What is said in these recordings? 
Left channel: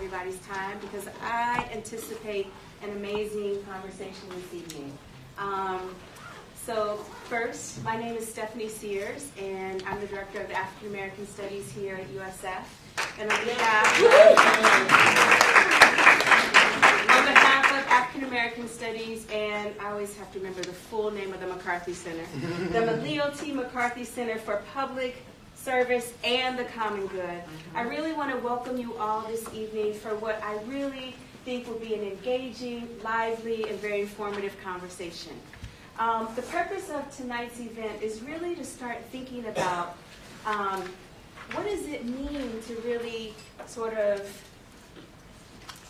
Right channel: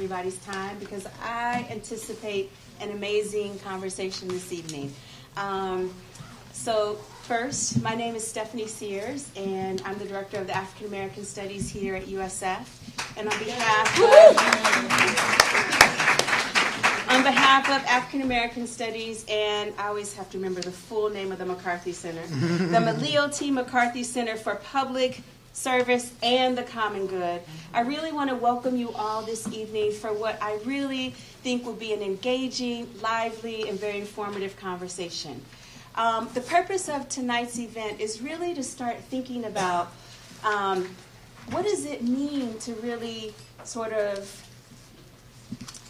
everybody's time because I anticipate an amazing conversation this evening. So first, my name is Stephanie Sears, and I'm the Director of the African American Studies here at USF. And on behalf of African American Studies, and I always have to remember the full name of the McCarthy Center, the Maleo T. McCarthy Center for Public Service and the Common Good. I really want to welcome you all this evening for what I really think will be an engaging, lively, and very informative conversation. The purpose of tonight's event is really to start thinking about what does it mean to really sort of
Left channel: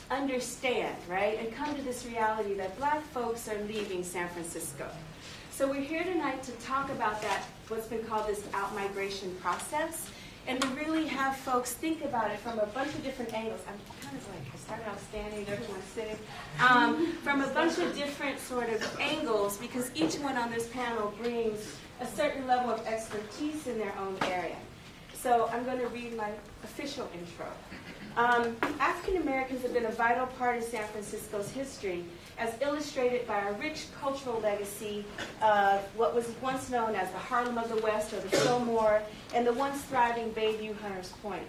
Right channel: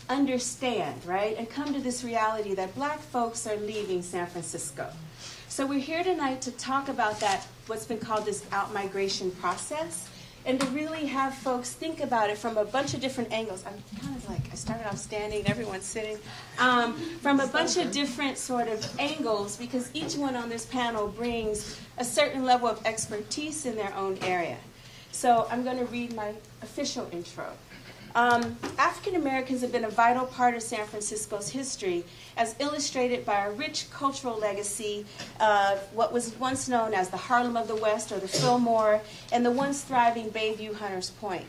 understand, right, and come to this reality that Black folks are leaving San Francisco. So we're here tonight to talk about that, what's been called this out-migration process, and to really have folks think about it from a bunch of different angles. I'm kind of like, I started off standing, everyone's sitting, from a bunch of different sort of angles, because each one on this panel brings a certain level of expertise in their own area. So I'm going to read my official intro. African Americans have been a vital part of San Francisco's history, as illustrated by a rich cultural legacy of what was once known as the Harlem of the West, or the Fillmore, and the once thriving Bayview Hunters Point.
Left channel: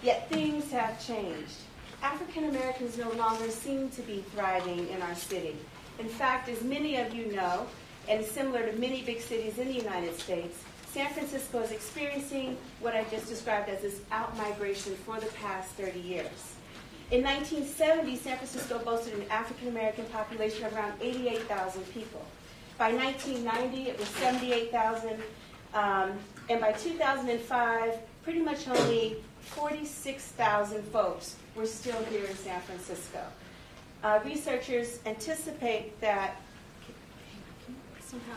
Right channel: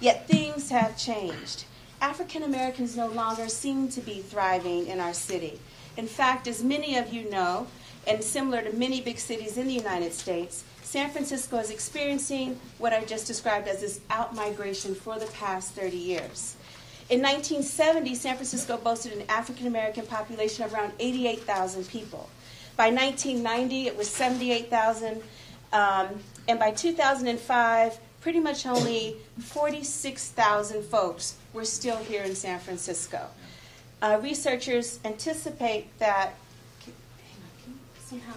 Yet things have changed. African Americans no longer seem to be thriving in our city. In fact, as many of you know, and similar to many big cities in the United States, San Francisco is experiencing what I just described as this out-migration for the past 30 years. In 1970, San Francisco boasted an African-American population of around 88,000 people. By 1990, it was 78,000, and by 2005, pretty much only 46,000 folks were still here in San Francisco. Researchers anticipate that, somehow,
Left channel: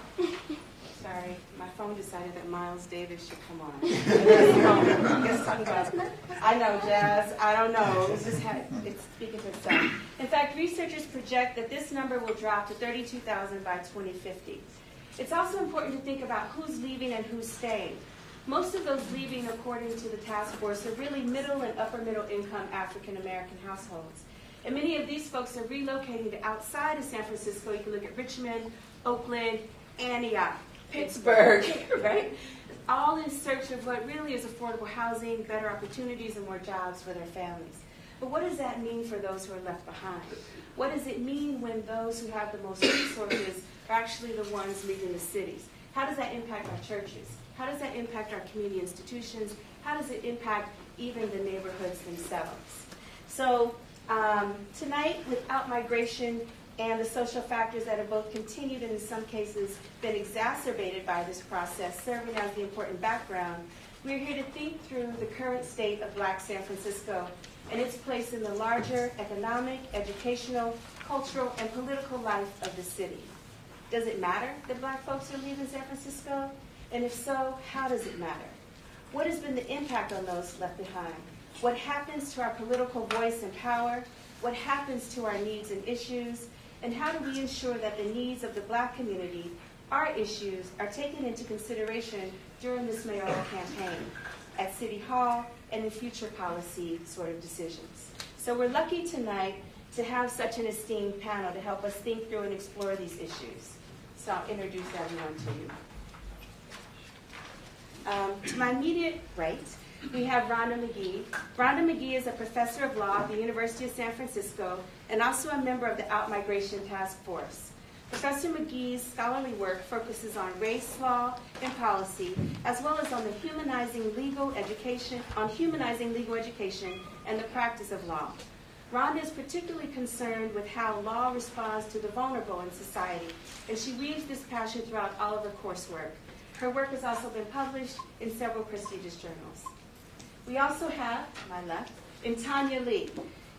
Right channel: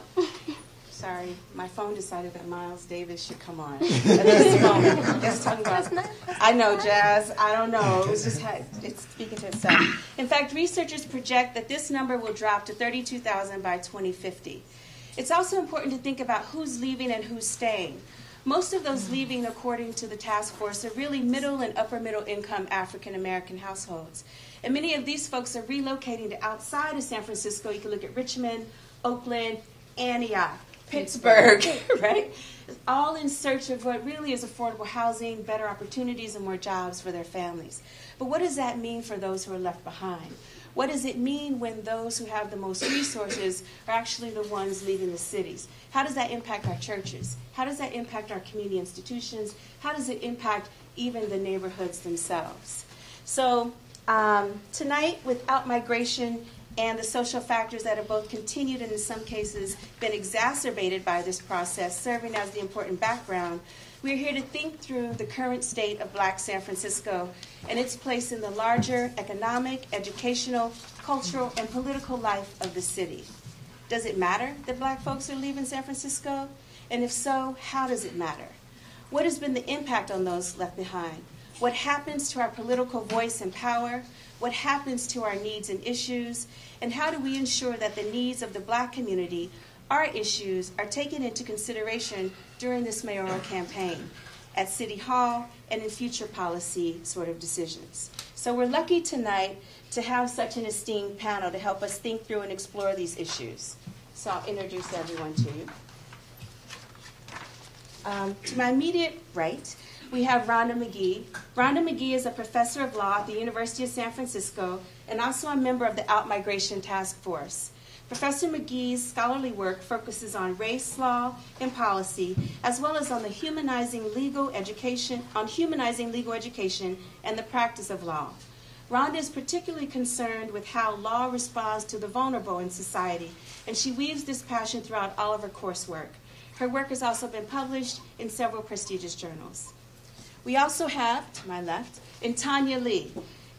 sorry, my phone decided that Miles Davis should come on. Let's talk about it. I know, Jazz. I don't know. It's speaking to itself. In fact, researchers project that this number will drop to 32,000 by 2050. It's also important to think about who's leaving and who's staying. Most of those leaving, according to the task force, are really middle and upper middle income African American households. And many of these folks are relocating to outside of San Francisco. You can look at Richmond, Oakland, Antioch, Pittsburgh, right? All in search of what really is affordable housing, better opportunities, and more jobs for their families. But what does that mean for those who are left behind? What does it mean when those who have the most resources are actually the ones leaving the cities? How does that impact our churches? How does that impact our community institutions? How does it impact even the neighborhoods themselves? So tonight, with out-migration and the social factors that have both continued and in some cases been exacerbated by this process, serving as the important background, we're here to think through the current state of Black San Francisco and its place in the larger economic, educational, cultural, and political life of the city. Does it matter that Black folks are leaving San Francisco? And if so, how does it matter? What has been the impact on those left behind? What happens to our political voice and power? What happens to our needs and issues? And how do we ensure that the needs of the Black community, our issues, are taken into consideration during this mayoral campaign, at City Hall, and in future policy sort of decisions? So we're lucky tonight to have such an esteemed panel to help us think through and explore these issues. So I'll introduce everyone to you. To my immediate right, we have Rhonda McGee. Rhonda McGee is a professor of law at the University of San Francisco and also a member of the Out-Migration Task Force. Professor McGee's scholarly work focuses on race, law, and policy, as well as on humanizing legal education and the practice of law. Rhonda is particularly concerned with how law responds to the vulnerable in society, and she weaves this passion throughout all of her coursework. Her work has also been published in several prestigious journals. We also have, to my left, Intanya Lee.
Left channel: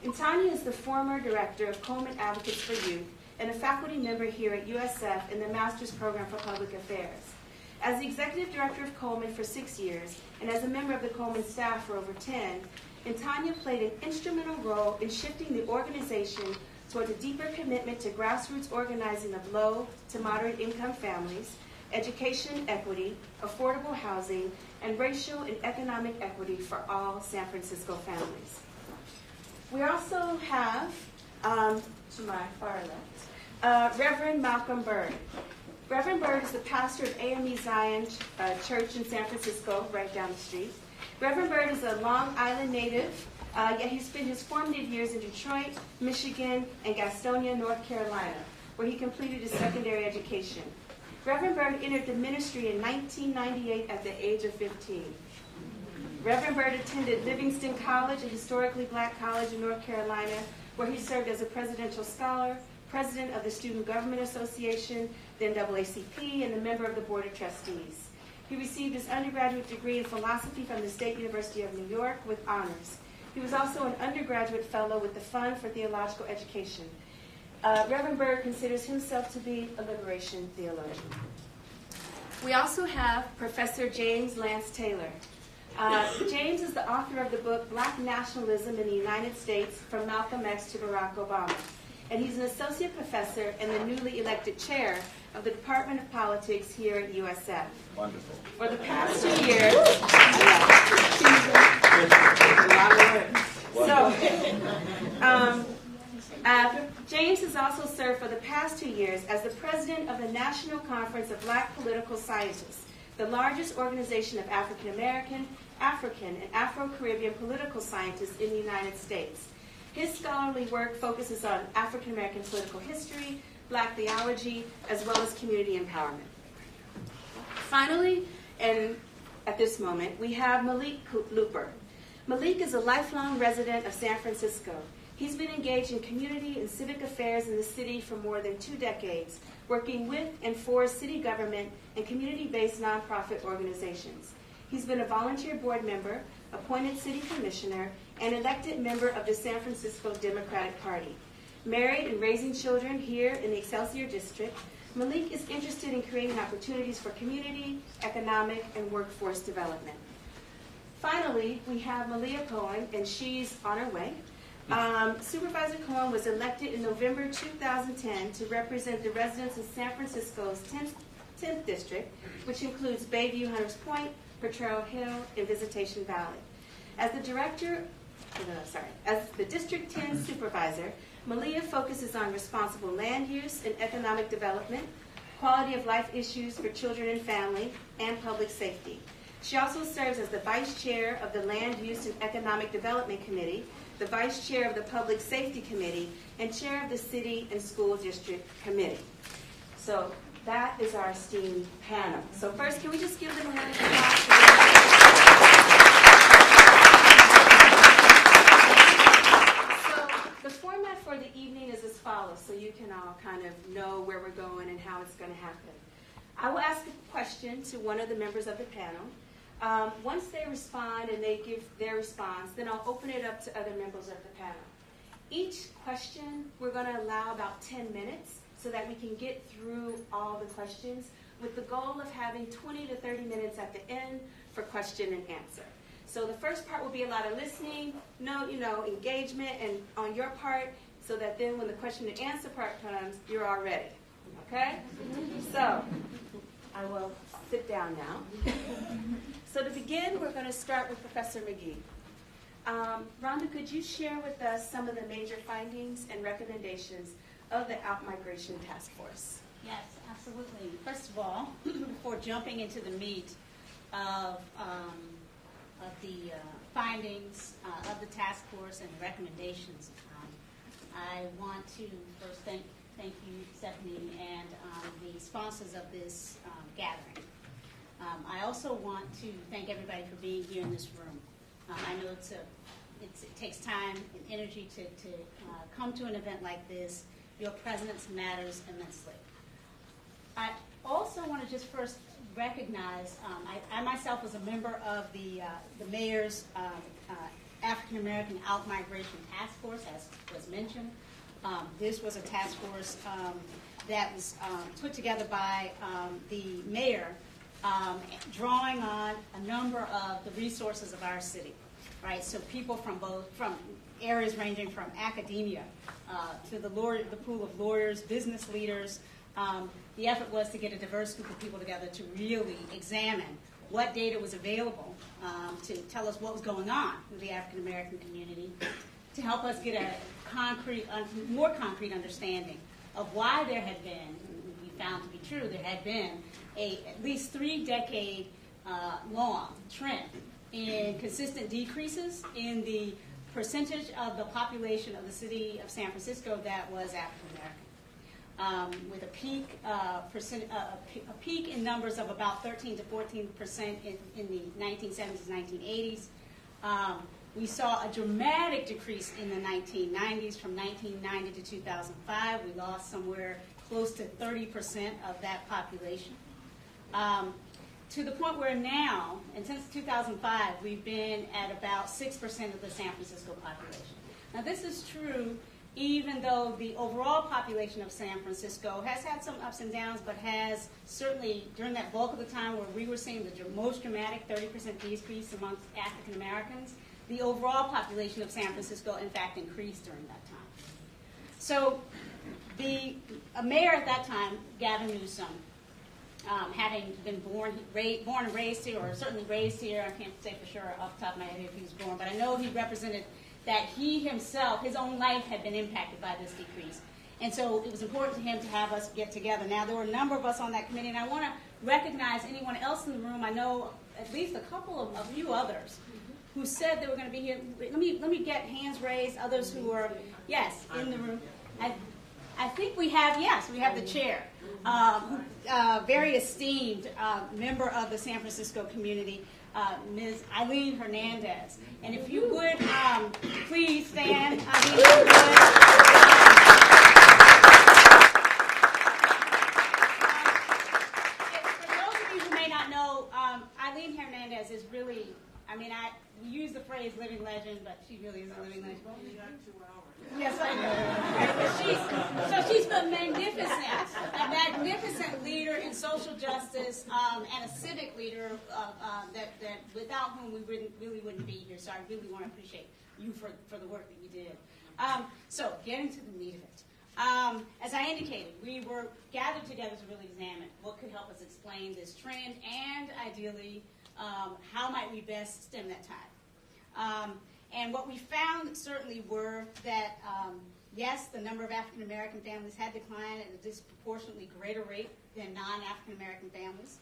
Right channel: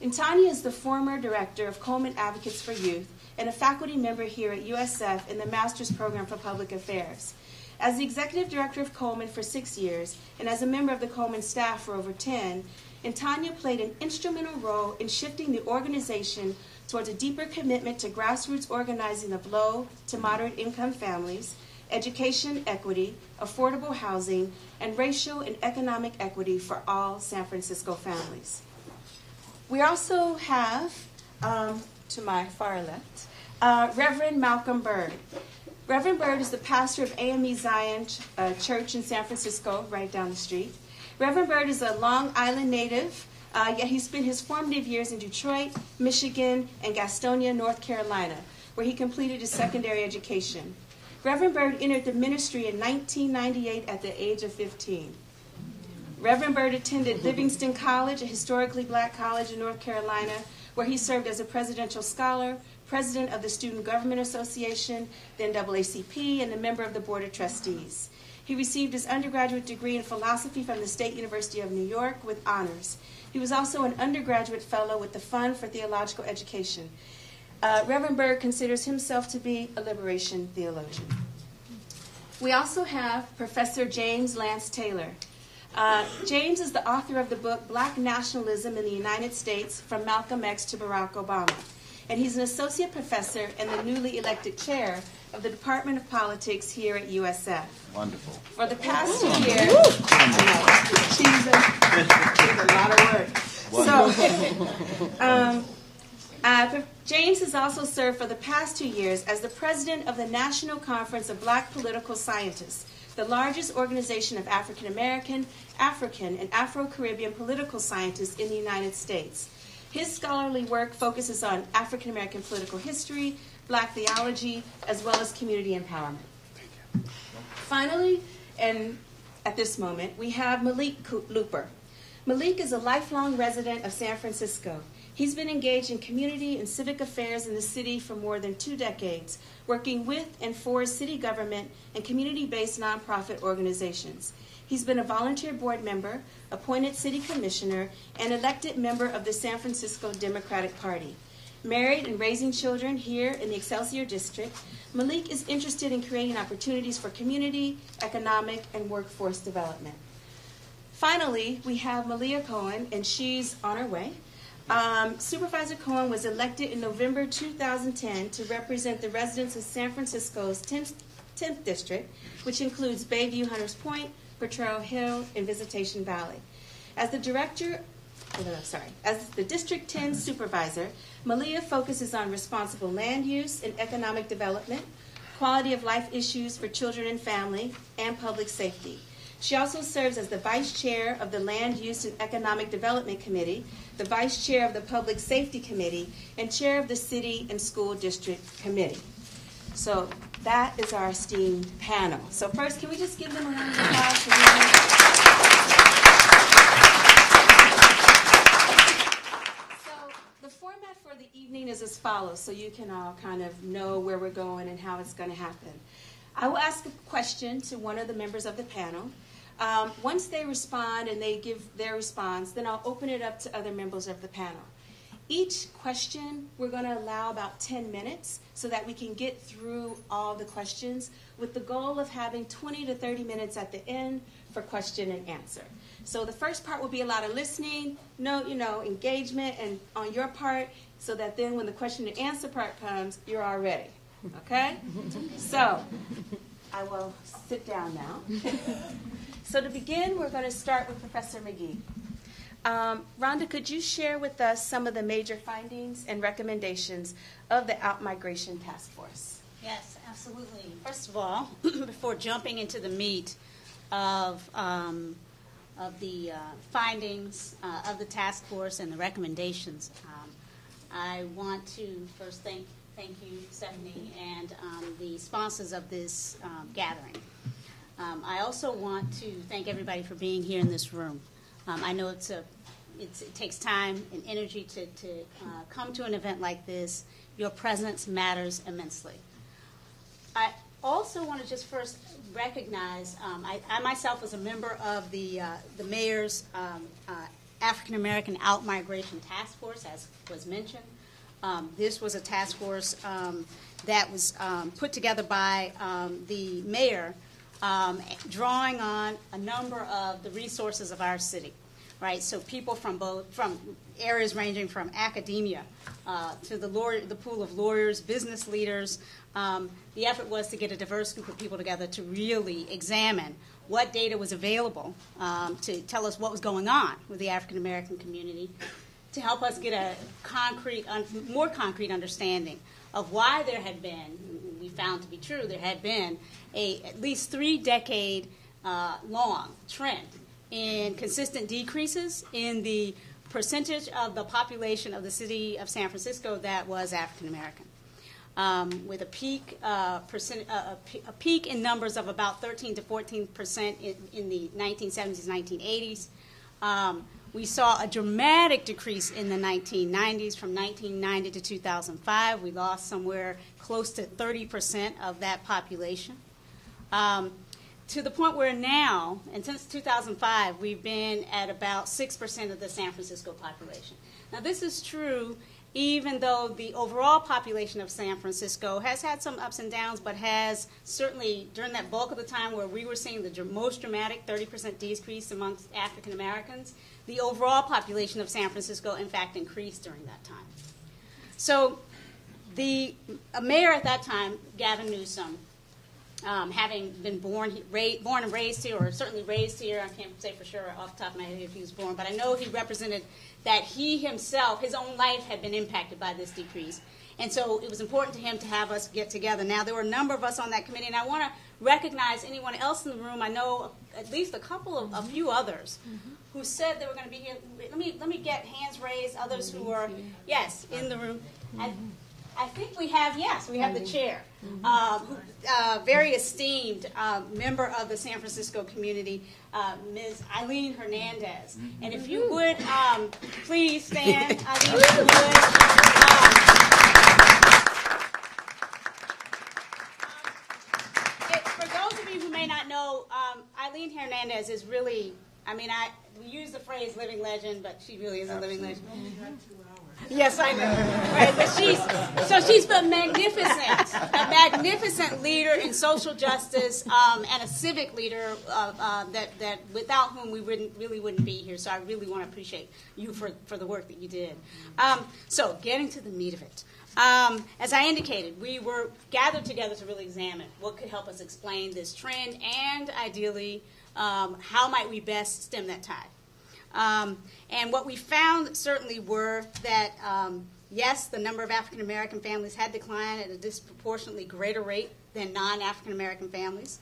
Intanya is the former director of Coleman Advocates for Youth and a faculty member here at USF in the Master's Program for Public Affairs. As the executive director of Coleman for 6 years and as a member of the Coleman staff for over 10, Intanya played an instrumental role in shifting the organization towards a deeper commitment to grassroots organizing of low to moderate income families, education equity, affordable housing, and racial and economic equity for all San Francisco families. We also have, to my far left, Reverend Malcolm Byrd. Reverend Byrd is the pastor of AME Zion Church in San Francisco, right down the street. Reverend Byrd is a Long Island native, yet he spent his formative years in Detroit, Michigan, and Gastonia, North Carolina, where he completed his secondary education. Reverend Byrd entered the ministry in 1998 at the age of 15. Reverend Byrd attended Livingston College, a historically black college in North Carolina, where he served as a presidential scholar, president of the Student Government Association, the NAACP, and a member of the Board of Trustees. He received his undergraduate degree in philosophy from the State University of New York with honors. He was also an undergraduate fellow with the Fund for Theological Education. Reverend Byrd considers himself to be a liberation theologian. We also have Professor James Lance Taylor. James is the author of the book Black Nationalism in the United States, From Malcolm X to Barack Obama. And he's an associate professor and the newly elected chair of the Department of Politics here at USF. Wonderful. For the past 2 years, a lot of work. James has also served for the past 2 years as the president of the National Conference of Black Political Scientists, the largest organization of African American, African, and Afro-Caribbean political scientists in the United States. His scholarly work focuses on African American political history, black theology, as well as community empowerment. Finally, and at this moment, we have Malik Looper. Malik is a lifelong resident of San Francisco. He's been engaged in community and civic affairs in the city for more than 2 decades, working with and for city government and community-based nonprofit organizations. He's been a volunteer board member, appointed city commissioner, and elected member of the San Francisco Democratic Party. Married and raising children here in the Excelsior District, Malik is interested in creating opportunities for community, economic, and workforce development. Finally, we have Malia Cohen, and she's on her way. Supervisor Cohen was elected in November 2010 to represent the residents of San Francisco's 10th District, which includes Bayview, Hunters Point, Potrero Hill, and Visitation Valley. As the District 10 Supervisor, Malia focuses on responsible land use and economic development, quality of life issues for children and family, and public safety. She also serves as the Vice Chair of the Land Use and Economic Development Committee, the Vice Chair of the Public Safety Committee, and Chair of the City and School District Committee. So that is our esteemed panel. So first, can we just give them a round of applause for being here? So the format for the evening is as follows, so you can all kind of know where we're going and how it's going to happen. I will ask a question to one of the members of the panel. Once they respond and they give their response, then I'll open it up to other members of the panel. Each question, we're going to allow about 10 minutes so that we can get through all the questions with the goal of having 20 to 30 minutes at the end for question and answer. So the first part will be a lot of listening, engagement and on your part, so that then when the question and answer part comes, you're all ready. Okay? So I will sit down now. So to begin, we're going to start with Professor McGee. Rhonda, could you share with us some of the major findings and recommendations of the Outmigration Task Force? Yes, absolutely. First of all, before jumping into the meat of the findings of the task force and the recommendations, I want to first thank you, Stephanie, and the sponsors of this gathering. I also want to thank everybody for being here in this room. I know it takes time and energy to come to an event like this. Your presence matters immensely. I also want to just first recognize, I myself was a member of the mayor's African American Outmigration Task Force, as was mentioned. This was a task force that was put together by the mayor, drawing on a number of the resources of our city, right? So people from areas ranging from academia to the pool of lawyers, business leaders. The effort was to get a diverse group of people together to really examine what data was available to tell us what was going on with the African American community, to help us get a more concrete understanding of why there had been, we found to be true, there had been at least 3-decade long trend in consistent decreases in the percentage of the population of the city of San Francisco that was African American, with a peak in numbers of about 13 to 14% in the 1970s, 1980s. We saw a dramatic decrease in the 1990s. From 1990 to 2005, we lost somewhere close to 30% of that population. To the point where now, and since 2005, we've been at about 6% of the San Francisco population. Now, this is true even though the overall population of San Francisco has had some ups and downs, but has certainly, during that bulk of the time where we were seeing the most dramatic 30% decrease amongst African Americans, the overall population of San Francisco, in fact, increased during that time. So the mayor at that time, Gavin Newsom, having been born and raised here, or certainly raised here, I can't say for sure off the top of my head if he was born, but I know he represented that he himself, his own life had been impacted by this decrease. And so it was important to him to have us get together. Now, there were a number of us on that committee, and I want to recognize anyone else in the room. I know at least a few others who said they were going to be here. Let me get hands raised, others who were, yes, in the room. I think we have the chair, very esteemed member of the San Francisco community, Ms. Eileen Hernandez. And if you would please stand. For those of you who may not know, Eileen Hernandez is really, we use the phrase living legend, but she really is a living legend. Yes, I know. Right, but she's a magnificent leader in social justice and a civic leader that without whom we wouldn't be here. So I really want to appreciate you for the work that you did. So getting to the meat of it. As I indicated, we were gathered together to really examine what could help us explain this trend and ideally how might we best stem that tide. And what we found certainly were that, yes, the number of African American families had declined at a disproportionately greater rate than non-African American families,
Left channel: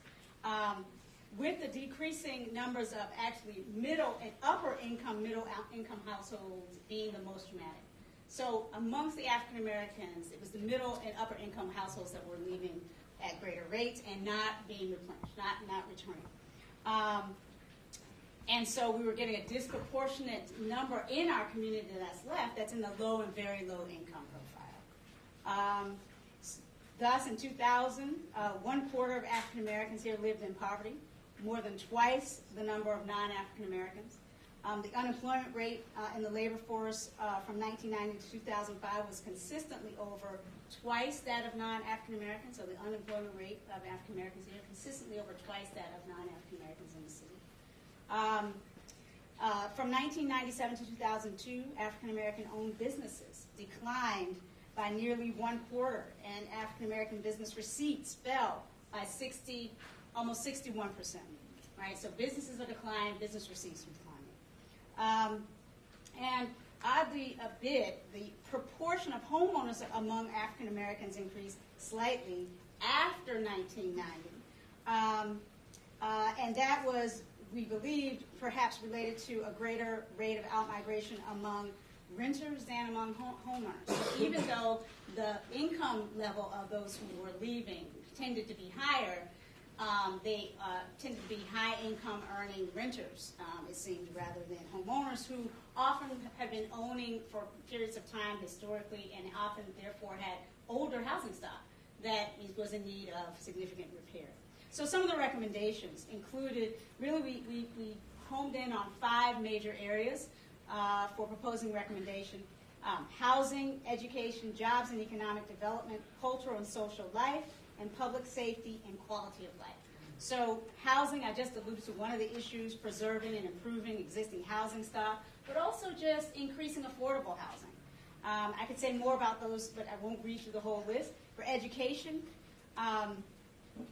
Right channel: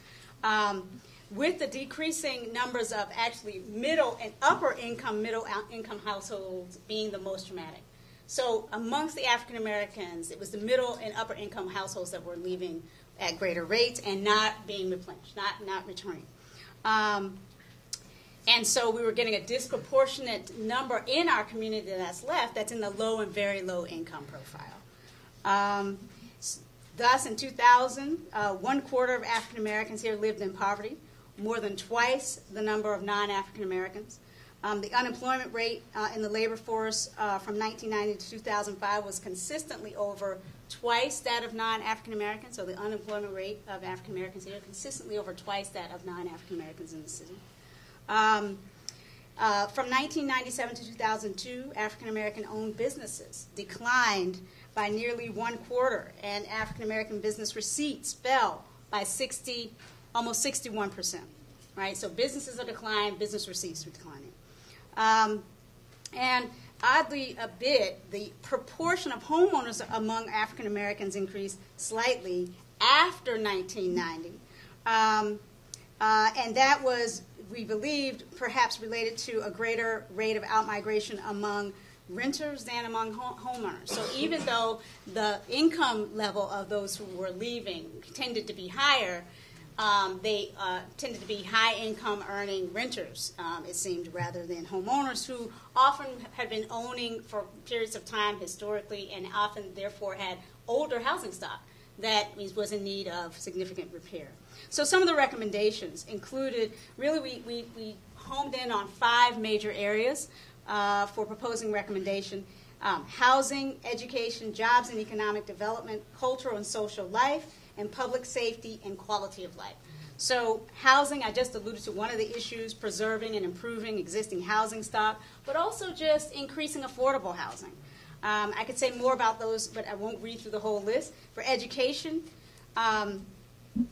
with the decreasing numbers of actually middle and upper income, middle income households being the most dramatic. So amongst the African Americans, it was the middle and upper income households that were leaving at greater rates and not being replenished, not returning. And so we were getting a disproportionate number in our community that's left that's in the low and very low income profile. Thus, in 2000, 1/4 of African Americans here lived in poverty, more than twice the number of non-African Americans. The unemployment rate in the labor force from 1990 to 2005 was consistently over twice that of non-African Americans. So the unemployment rate of African Americans here consistently over twice that of non-African Americans in the city. From 1997 to 2002, African American owned businesses declined by nearly 1/4, and African American business receipts fell by almost 61%. Right, so businesses are declining, business receipts are declining, and oddly a bit, the proportion of homeowners among African Americans increased slightly after 1990, and that was, we believed, perhaps related to a greater rate of outmigration among renters than among homeowners. So even though the income level of those who were leaving tended to be higher, they tended to be high-income earning renters, it seemed, rather than homeowners who often had been owning for periods of time historically and often, therefore, had older housing stock that was in need of significant repair. So some of the recommendations included, really we homed in on 5 major areas for proposing recommendation: housing, education, jobs and economic development, cultural and social life, and public safety and quality of life. So housing, I just alluded to one of the issues, preserving and improving existing housing stock, but also just increasing affordable housing. I could say more about those, but I won't read through the whole list. For education,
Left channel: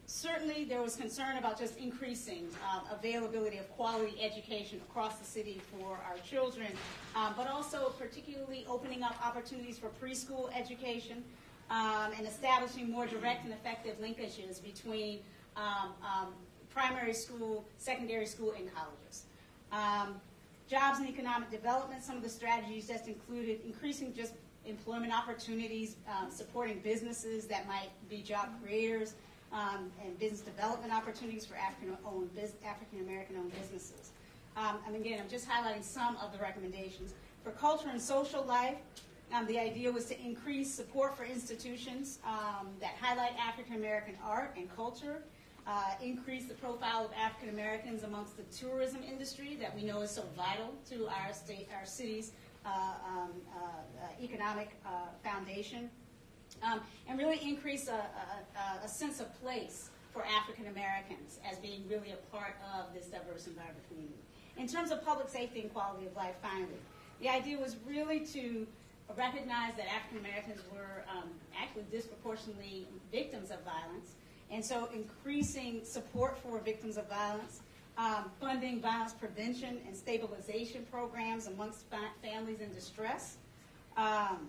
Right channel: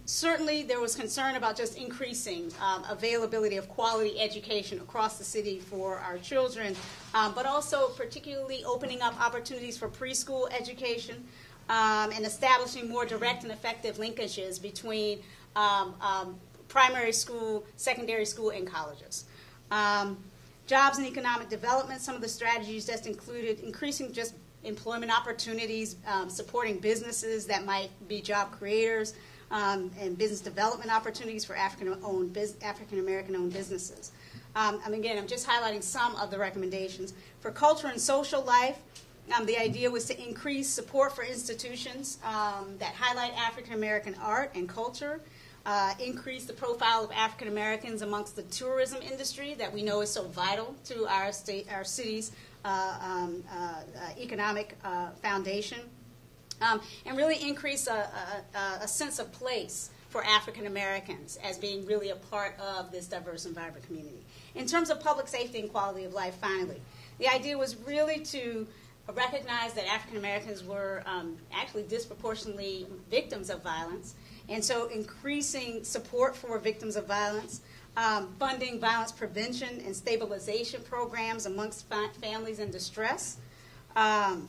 Certainly, there was concern about just increasing availability of quality education across the city for our children, but also particularly opening up opportunities for preschool education and establishing more direct and effective linkages between primary school, secondary school, and colleges. Jobs and economic development, some of the strategies just included increasing just employment opportunities, supporting businesses that might be job creators, and business development opportunities for African-American-owned businesses. Again, I'm just highlighting some of the recommendations. For culture and social life, the idea was to increase support for institutions that highlight African-American art and culture, increase the profile of African Americans amongst the tourism industry that we know is so vital to our city's economic foundation, and really increase a sense of place for African Americans as being really a part of this diverse and vibrant community. In terms of public safety and quality of life, finally, the idea was really to recognize that African Americans were actually disproportionately victims of violence. And so increasing support for victims of violence, funding violence prevention and stabilization programs amongst families in distress, and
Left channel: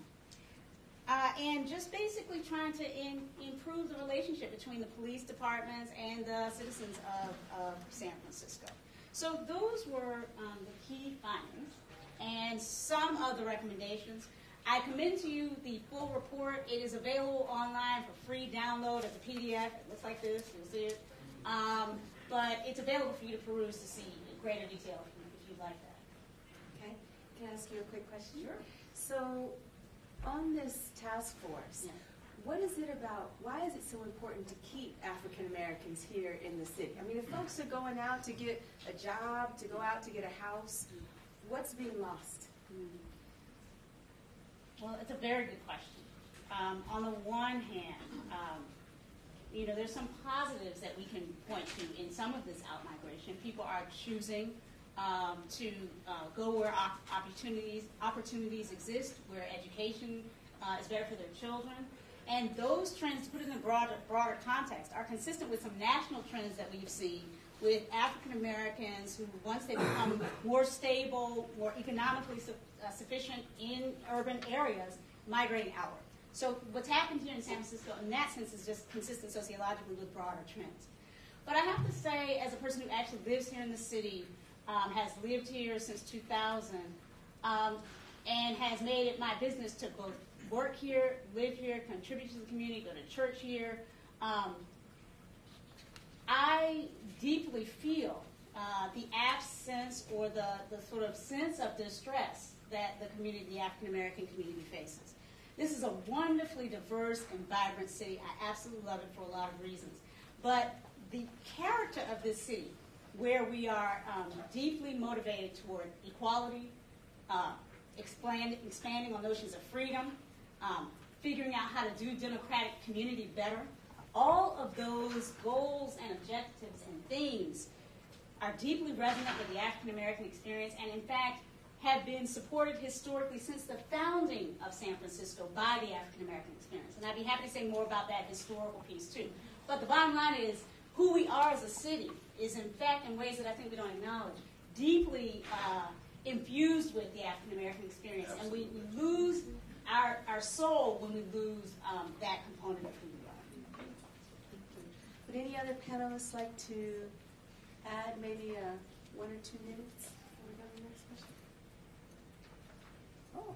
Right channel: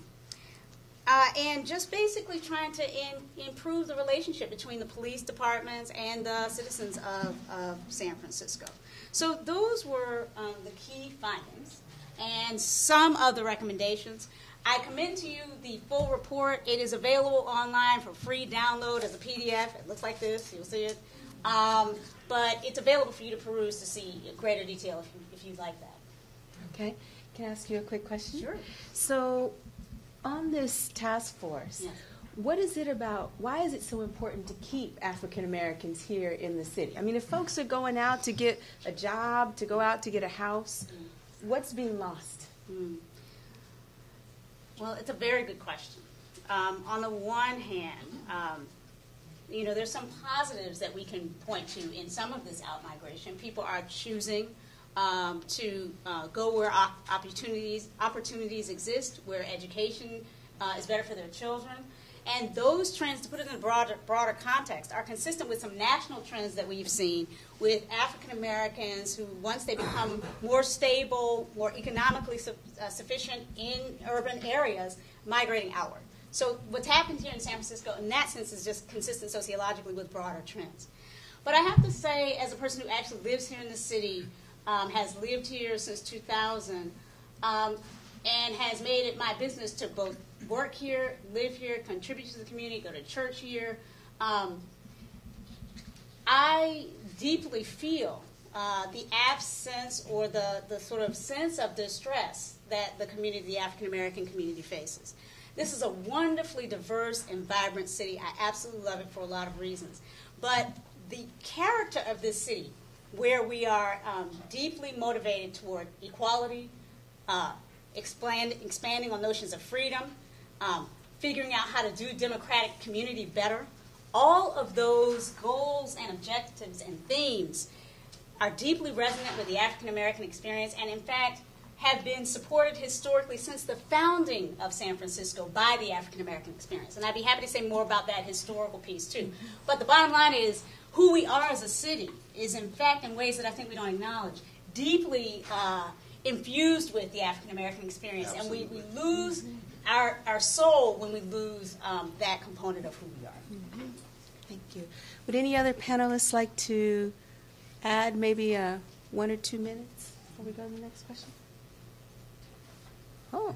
just basically trying to improve the relationship between the police departments and the citizens of San Francisco. So those were the key findings and some of the recommendations. I commend to you the full report. It is available online for free download as a PDF. It looks like this. You'll see it. But it's available for you to peruse to see in greater detail if you'd like that. Okay. Can I ask you a quick question? Sure. So on this task force, yes. What is it about, why is it so important to keep African Americans here in the city? I mean, if folks are going out to get a job, to go out to get a house, what's being lost? Well, it's a very good question. On the one hand, there's some positives that we can point to in some of this out-migration. People are choosing to go where opportunities exist, where education is better for their children. And those trends, to put it in a broader context, are consistent with some national trends that we've seen with African Americans who, once they become more stable, more economically sufficient in urban areas, migrating outward. So what's happened here in San Francisco, in that sense, is just consistent sociologically with broader trends. But I have to say, as a person who actually lives here in the city, has lived here since 2000, and has made it my business to both work here, live here, contribute to the community, go to church here, I deeply feel the absence or the sort of sense of distress that the African American community faces. This is a wonderfully diverse and vibrant city. I absolutely love it for a lot of reasons. But the character of this city, where we are deeply motivated toward equality, expanding on notions of freedom, figuring out how to do democratic community better, all of those goals and objectives and themes are deeply resonant with the African American experience, and in fact have been supported historically since the founding of San Francisco by the African American experience. And I'd be happy to say more about that historical piece too. But the bottom line is, who we are as a city is in fact, in ways that I think we don't acknowledge, deeply infused with the African American experience. Absolutely. And we lose our soul when we lose that component of who we are. Thank you. Would any other panelists like to add maybe 1 or 2 minutes before we go to the next question? Oh,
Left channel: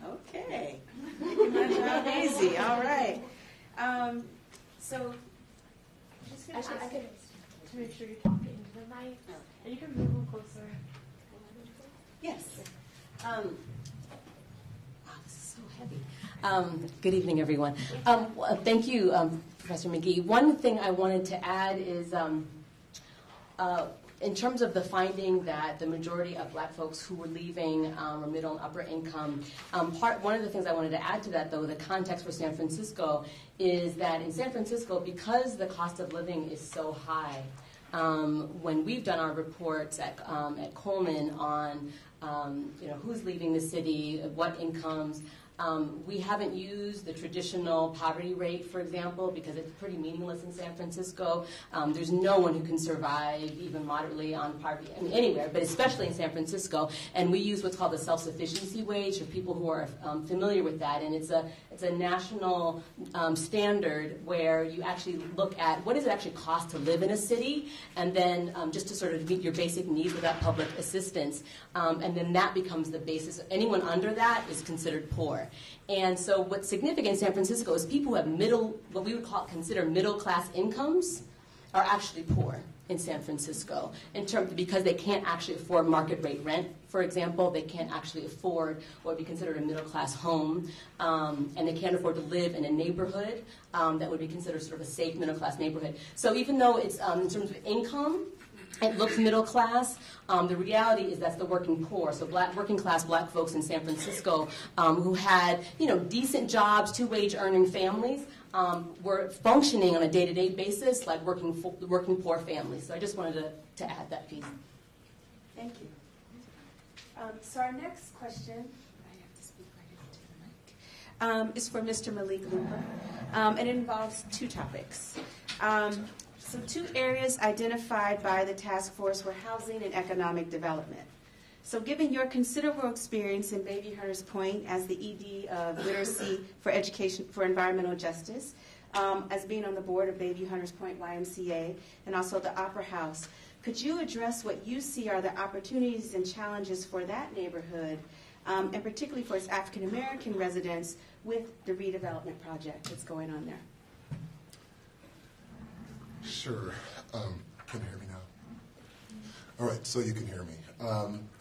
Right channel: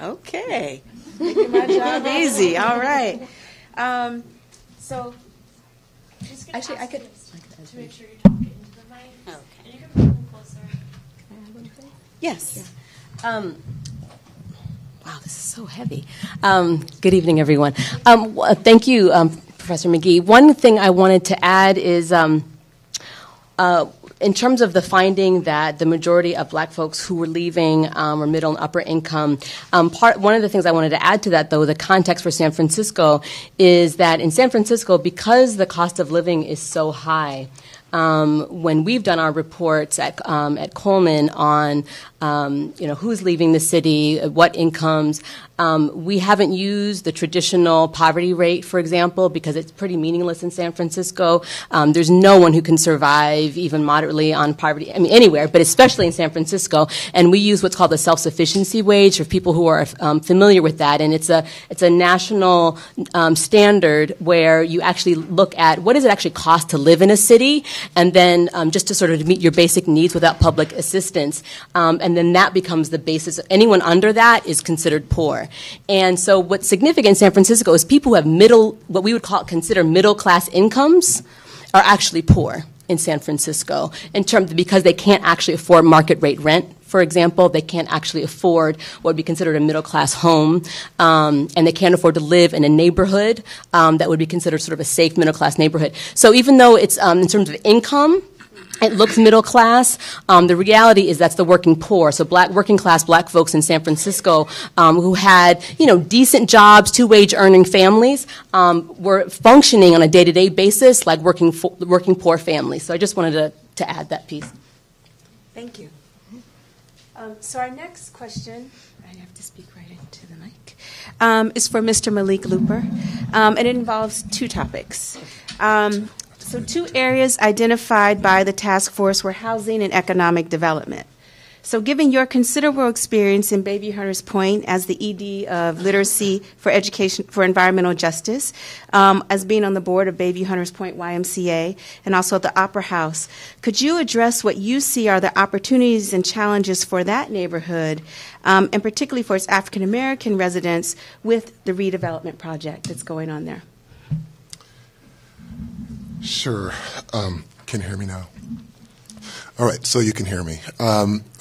okay. Making my job easy. All right. So, actually, I could to make sure you're talking into the mic. Okay. And you can move a little closer. Yes. Wow, this is so heavy. Good evening, everyone. Thank you, Professor McGee. One thing I wanted to add is in terms of the finding that the majority of black folks who were leaving were middle and upper income, one of the things I wanted to add to that, though, the context for San Francisco, is that in San Francisco, because the cost of living is so high, when we've done our reports at Coleman on who's leaving the city, what incomes. We haven't used the traditional poverty rate, for example, because it's pretty meaningless in San Francisco. There's no one who can survive even moderately on poverty, anywhere, but especially in San Francisco. And we use what's called the self-sufficiency wage for people who are familiar with that. And it's a national standard where you actually look at what does it actually cost to live in a city, and then just to sort of meet your basic needs without public assistance. And then that becomes the basis. Anyone under that is considered poor. And so what's significant in San Francisco is people who have what we would consider middle-class incomes are actually poor in San Francisco because they can't actually afford market rate rent. For example, they can't actually afford what would be considered a middle-class home, and they can't afford to live in a neighborhood that would be considered sort of a safe middle-class neighborhood. So even though it's in terms of income, it looks middle class. The reality is that's the working poor. So working class black folks in San Francisco who had decent jobs, two-wage earning families were functioning on a day-to-day basis like working poor families. So I just wanted to add that piece. Thank you. So our next question, I have to speak right into the mic, is for Mr. Malik Looper, and it involves two topics. So two areas identified by the task force were housing and economic development. So given your considerable experience in Bayview Hunters Point as the ED of Literacy for Education for Environmental Justice, as being on the board of Bayview Hunters Point YMCA, and also at the Opera House, could you address what you see are the opportunities and challenges for that neighborhood, and particularly for its African American residents with the redevelopment project that's going on there? Sure. Can you hear me now? All right, so you can hear me.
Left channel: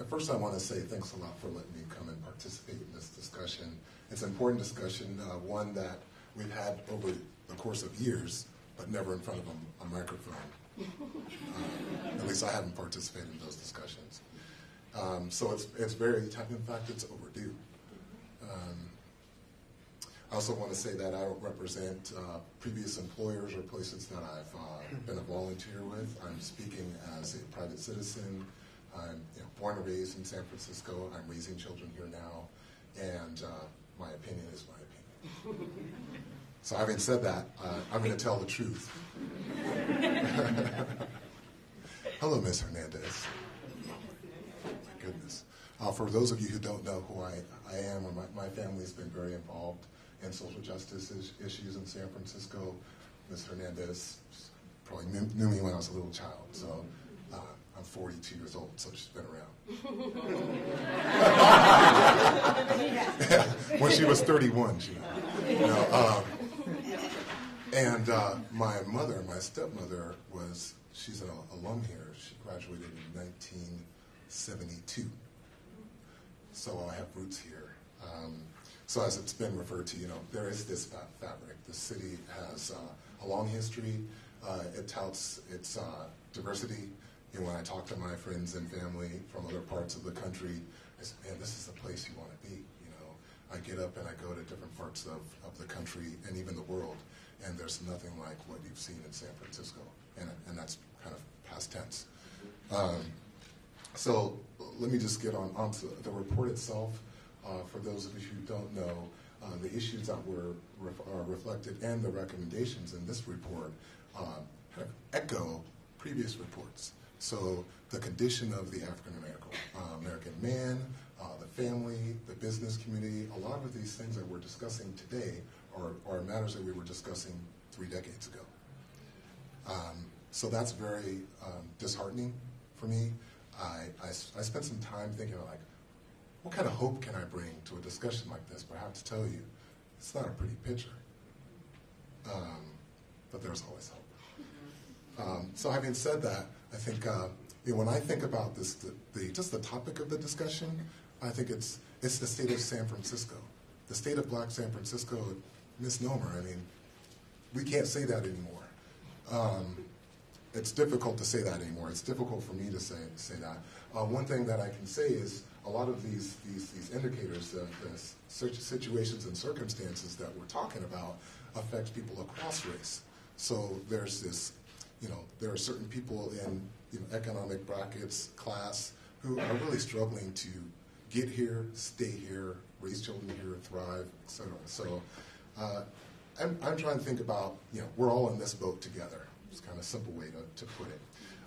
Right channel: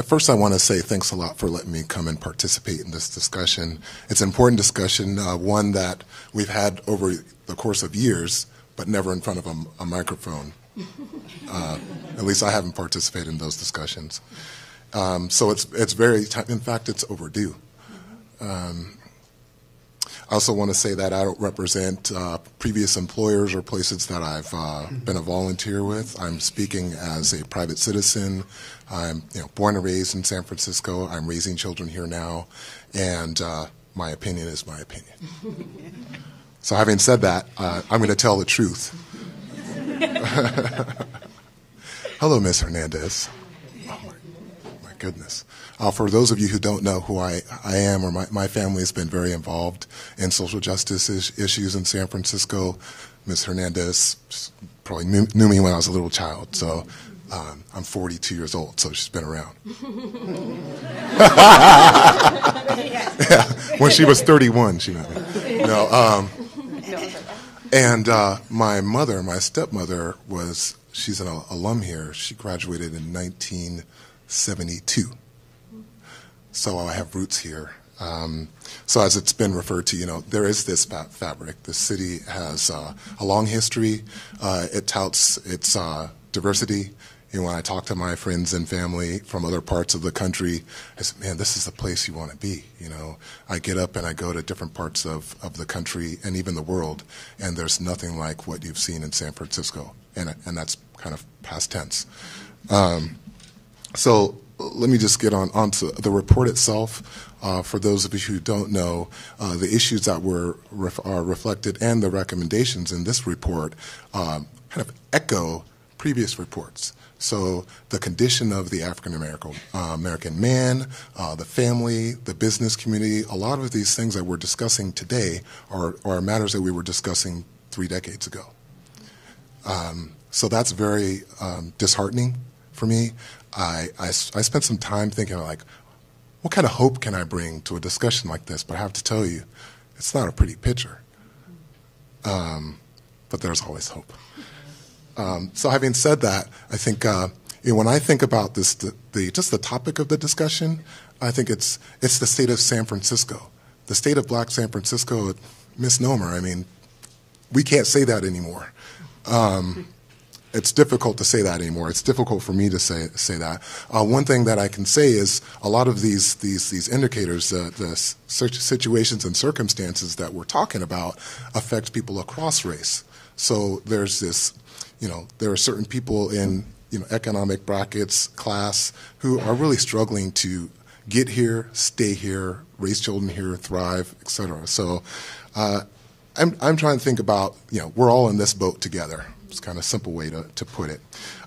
First, I want to say thanks a lot for letting me come and participate in this discussion. It's an important discussion, one that we've had over the course of years, but never in front of a microphone. At least I haven't participated in those discussions. So it's very time. In fact, it's overdue. I also want to say that I don't represent previous employers or places that I've been a volunteer with. I'm speaking as a private citizen. I'm born and raised in San Francisco. I'm raising children here now, and my opinion is my opinion. So having said that, I'm going to tell the truth. Hello, Ms. Hernandez. Oh, my goodness. For those of you who don't know who I am, or my family has been very involved in social justice issues in San Francisco. Ms. Hernandez probably knew me when I was a little child, so I'm 42 years old, so she's been around. Yeah, when she was 31, she met me. And my mother, my stepmother, she's an alum here. She graduated in 1972. So I have roots here. So as it's been referred to, there is this fabric. The city has a long history. It touts its diversity. When I talk to my friends and family from other parts of the country, I say, man, this is the place you want to be. I get up and I go to different parts of the country and even the world, and there's nothing like what you've seen in San Francisco. And that's kind of past tense. So let me just get on to the report itself. For those of you who don't know, the issues that are reflected and the recommendations in this report kind of echo previous reports. So the condition of the African American man, the family, the business community, a lot of these things that we're discussing today are matters that we were discussing 3 decades ago. So that's very disheartening for me. I spent some time thinking, what kind of hope can I bring to a discussion like this? But I have to tell you, it's not a pretty picture. But there's always hope. So having said that, I think when I think about this, just the topic of the discussion, I think it's the state of San Francisco. The state of Black San Francisco, misnomer. I mean, we can't say that anymore. It's difficult to say that anymore. It's difficult for me to say that. One thing that I can say is a lot of these indicators, the situations and circumstances that we're talking about affect people across race. So there's this, there are certain people in economic brackets, class, who are really struggling to get here, stay here, raise children here, thrive, et cetera. So I'm trying to think about, we're all in this boat together. It's kind of a simple way to put it.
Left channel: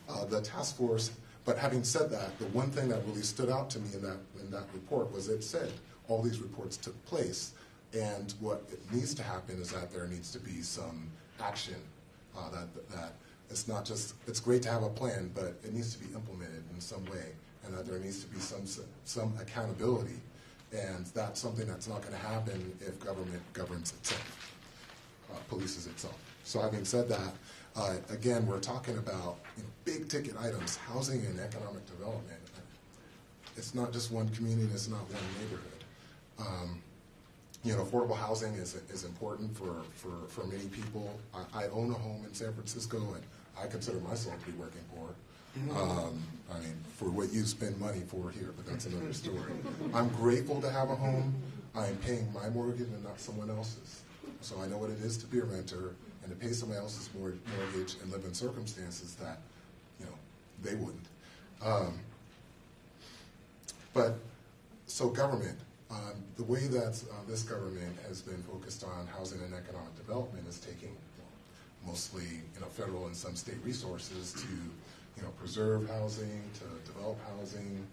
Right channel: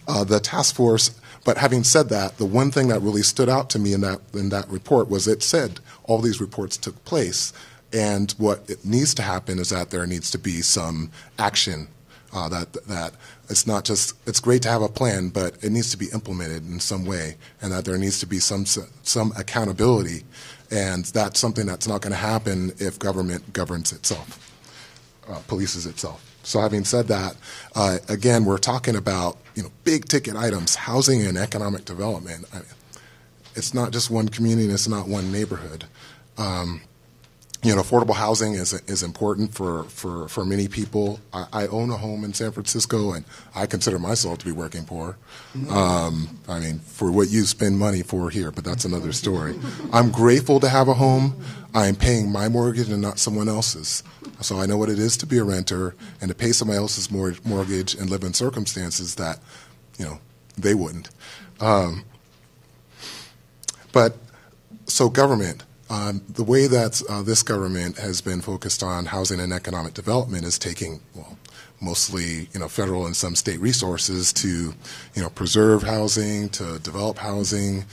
The task force, but having said that, the one thing that really stood out to me in that report was it said all these reports took place, and what it needs to happen is that there needs to be some action, that it's not just, it's great to have a plan, but it needs to be implemented in some way, and that there needs to be some accountability, and that's something that's not going to happen if government governs itself, polices itself. So having said that, again, we're talking about big ticket items, housing and economic development. It's not just one community, it's not one neighborhood. Affordable housing is important for many people. I own a home in San Francisco, and I consider myself to be working poor. For what you spend money for here, but that's another story. I'm grateful to have a home. I'm paying my mortgage and not someone else's. So I know what it is to be a renter and to pay somebody else's mortgage and live in circumstances that, they wouldn't. So government. The way that this government has been focused on housing and economic development is taking, mostly federal and some state resources to preserve housing, to develop housing,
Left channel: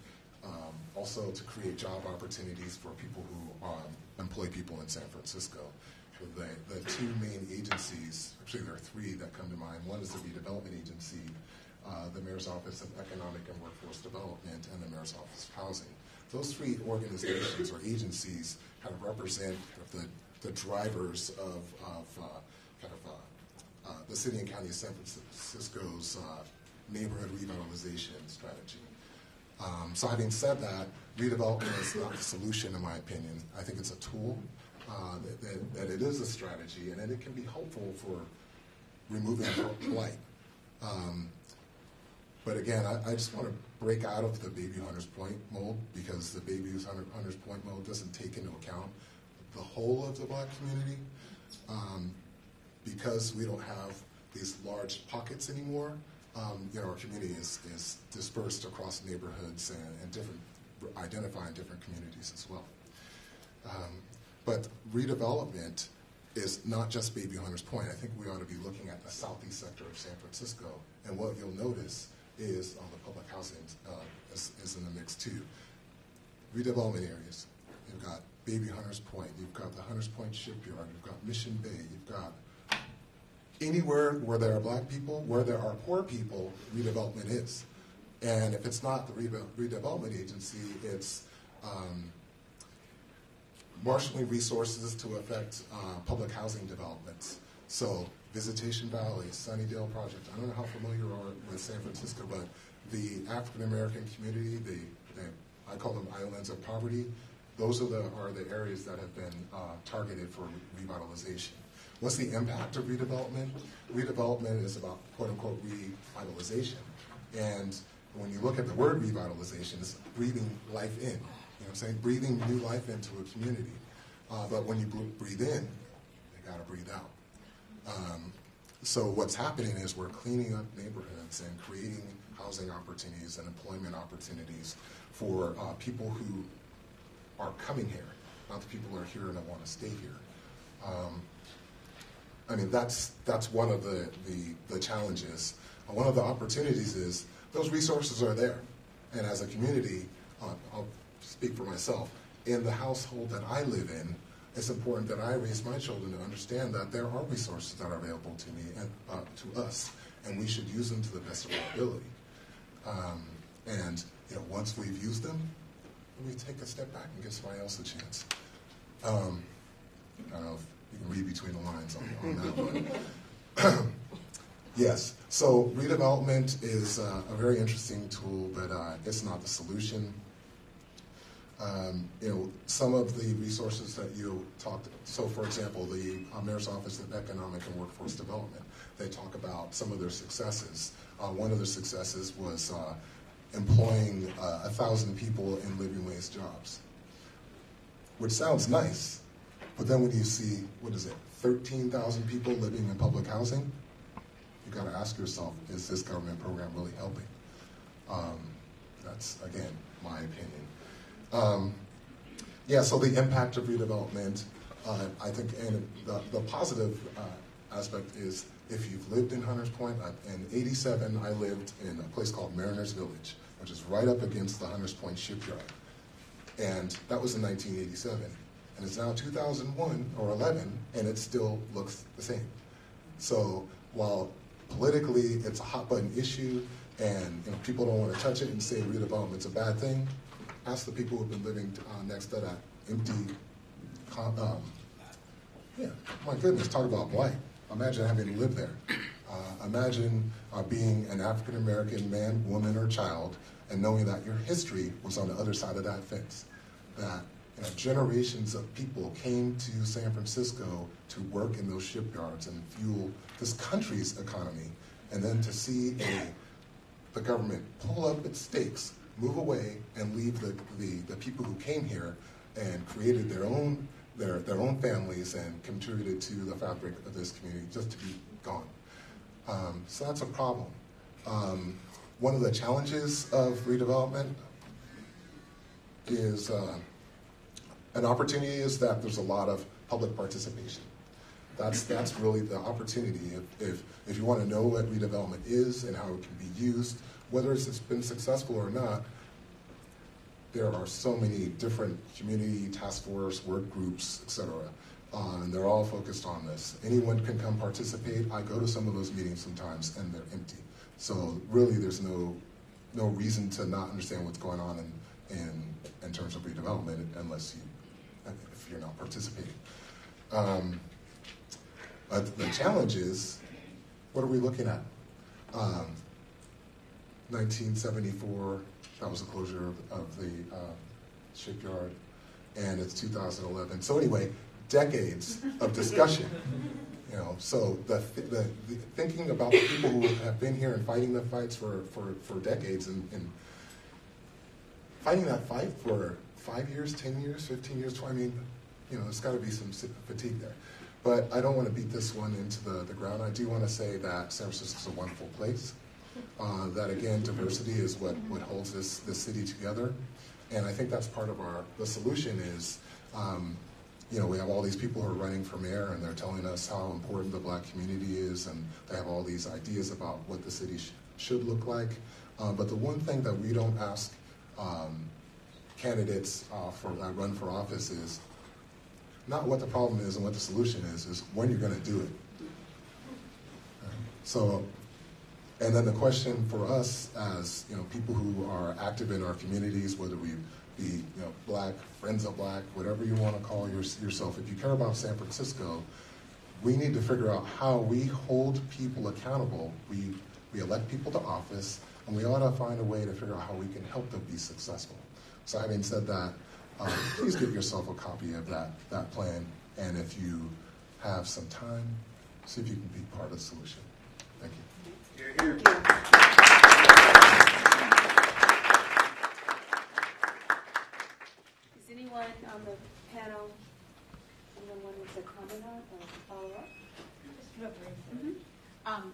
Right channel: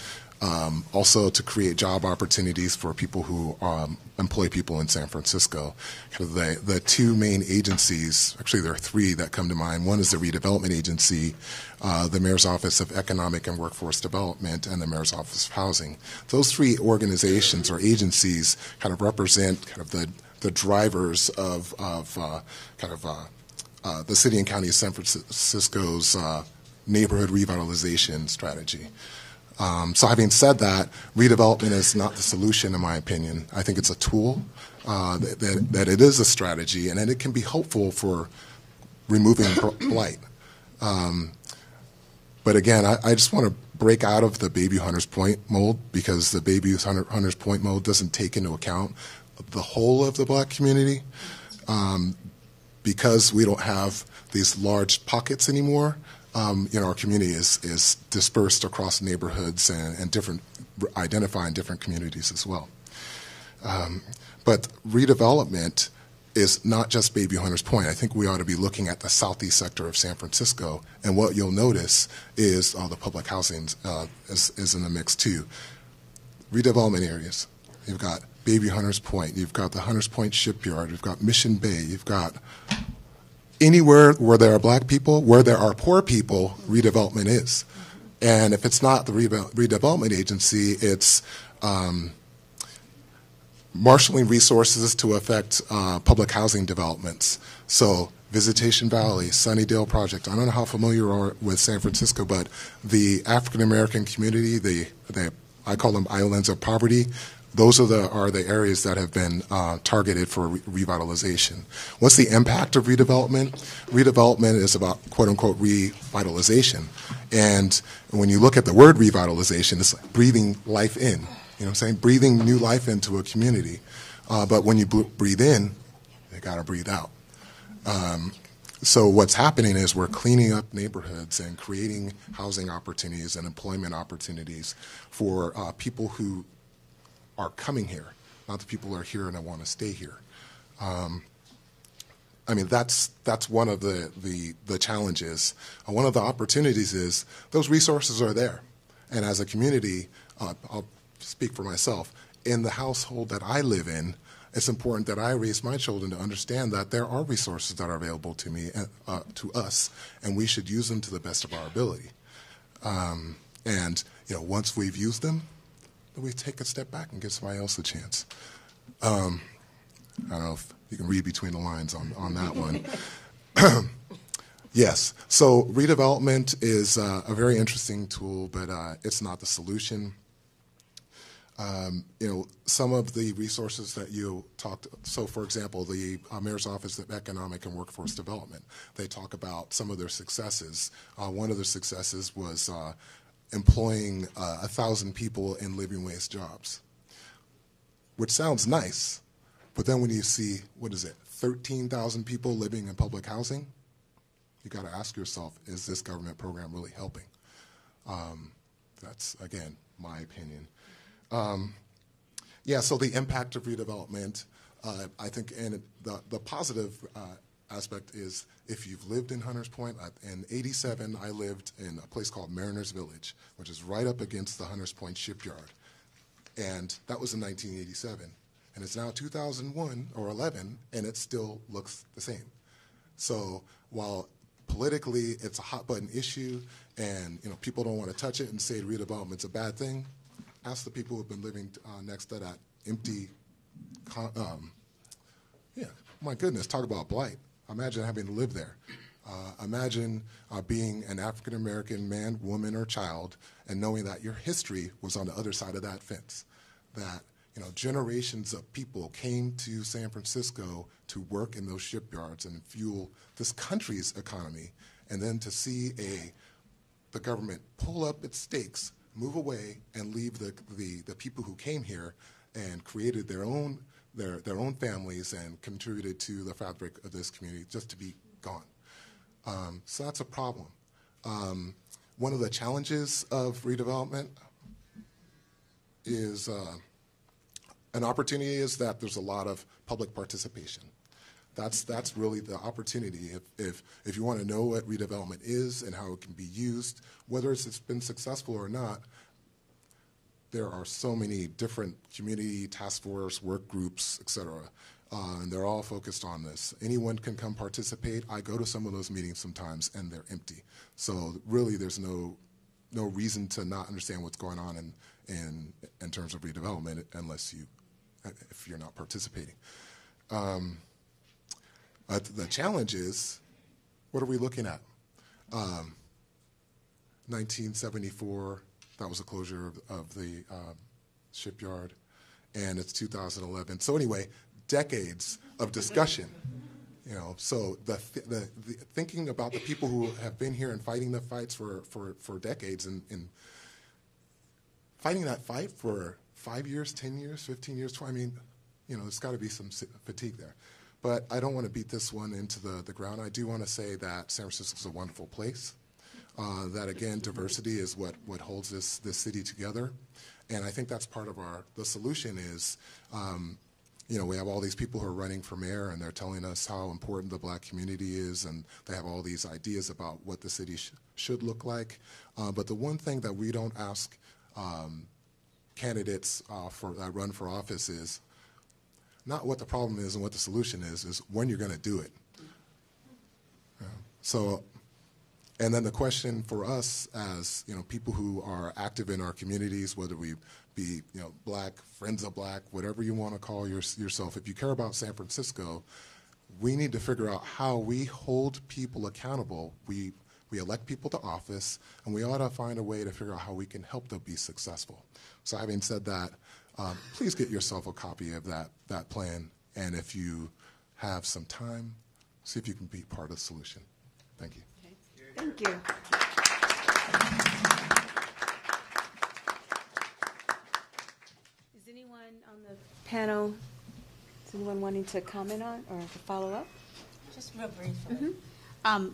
also to create job opportunities for people who employ people in San Francisco. The two main agencies, actually there are three that come to mind. One is the Redevelopment Agency, the Mayor's Office of Economic and Workforce Development, and the Mayor's Office of Housing. Those three organizations or agencies kind of represent the drivers of the city and county of San Francisco's neighborhood revitalization strategy. So having said that, redevelopment is not the solution, in my opinion. I think it's a tool, that it is a strategy, and that it can be helpful for removing blight. But again, I just want to break out of the Bayview Hunters Point mold, because the Bayview Hunters Point mold doesn't take into account the whole of the black community. Because we don't have these large pockets anymore, our community is dispersed across neighborhoods and identifying different communities as well. But redevelopment is not just Bayview Hunters Point. I think we ought to be looking at the southeast sector of San Francisco, and what you'll notice is the public housing is in the mix too. Redevelopment areas. You've got Bayview Hunters Point. You've got the Hunters Point Shipyard. You've got Mission Bay. You've got anywhere where there are black people, where there are poor people, redevelopment is. And if it's not the redevelopment agency, it's marshaling resources to affect public housing developments. So Visitation Valley, Sunnydale Project. I don't know how familiar you are with San Francisco, but the African American community, I call them islands of poverty. Those are the areas that have been targeted for revitalization. What's the impact of redevelopment? Redevelopment is about quote-unquote revitalization. And when you look at the word revitalization, it's like breathing life in. You know what I'm saying? Breathing new life into a community. But when you breathe in, you got to breathe out. So what's happening is we're cleaning up neighborhoods and creating housing opportunities and employment opportunities for people who are coming here, not the people who are here and that want to stay here. That's one of the challenges. One of the opportunities is those resources are there. And as a community, I'll speak for myself, in the household that I live in, it's important that I raise my children to understand that there are resources that are available to me, to us, and we should use them to the best of our ability. Once we've used them, we take a step back and give somebody else a chance. I don't know if you can read between the lines on that one. Yes, so redevelopment is a very interesting tool, but it's not the solution. Some of the resources that you talked, so for example, the Mayor's Office of Economic and Workforce Development, they talk about some of their successes. One of their successes was employing 1,000 people in living wage jobs, which sounds nice, but then when you see, 13,000 people living in public housing, you got to ask yourself, is this government program really helping? That's, again, my opinion. Yeah, so the impact of redevelopment, I think, and the positive aspect is if you've lived in Hunters Point, in '87 I lived in a place called Mariners Village, which is right up against the Hunters Point shipyard. And that was in 1987. And it's now 2001 or 11, and it still looks the same. So while politically it's a hot button issue, and people don't want to touch it and say redevelopment's a bad thing, ask the people who've been living next to that empty, my goodness, talk about blight. Imagine having lived there. Imagine being an African-American man, woman, or child, and knowing that your history was on the other side of that fence. That generations of people came to San Francisco to work in those shipyards and fuel this country's economy, and then to see the government pull up its stakes, move away, and leave the people who came here and created their own families and contributed to the fabric of this community just to be gone. So that's a problem. One of the challenges of redevelopment is an opportunity is that there's a lot of public participation. That's really the opportunity. If you want to know what redevelopment is and how it can be used, whether it's been successful or not, there are so many different community task force, work groups, etc. And they're all focused on this. Anyone can come participate. I go to some of those meetings sometimes, and they're empty. So really, there's no reason to not understand what's going on in terms of redevelopment if you're not participating. But the challenge is, what are we looking at? 1974, that was the closure of the shipyard, and it's 2011. So anyway, decades of discussion. So the thinking about the people who have been here and fighting the fights for decades and fighting that fight for 5 years, 10 years, 15 years, 20, there's got to be some fatigue there. But I don't want to beat this one into the ground. I do want to say that San Francisco is a wonderful place. That again, diversity is what holds this city together, and I think that's part of the solution is, we have all these people who are running for mayor, and they're telling us how important the black community is, and they have all these ideas about what the city should look like. But the one thing that we don't ask candidates that run for office is not what the problem is and what the solution is when you're going to do it. So. And then the question for us as people who are active in our communities, whether we be black, friends of black, whatever you want to call yourself, if you care about San Francisco, we need to figure out how we hold people accountable. We elect people to office, and we ought to find a way to figure out how we can help them be successful. So having said that, please get yourself a copy of that plan, and if you have some time, see if you can be part of the solution. Thank you. Thank you. Is anyone on the panel, is anyone wanting to comment on or to follow up? Just real briefly.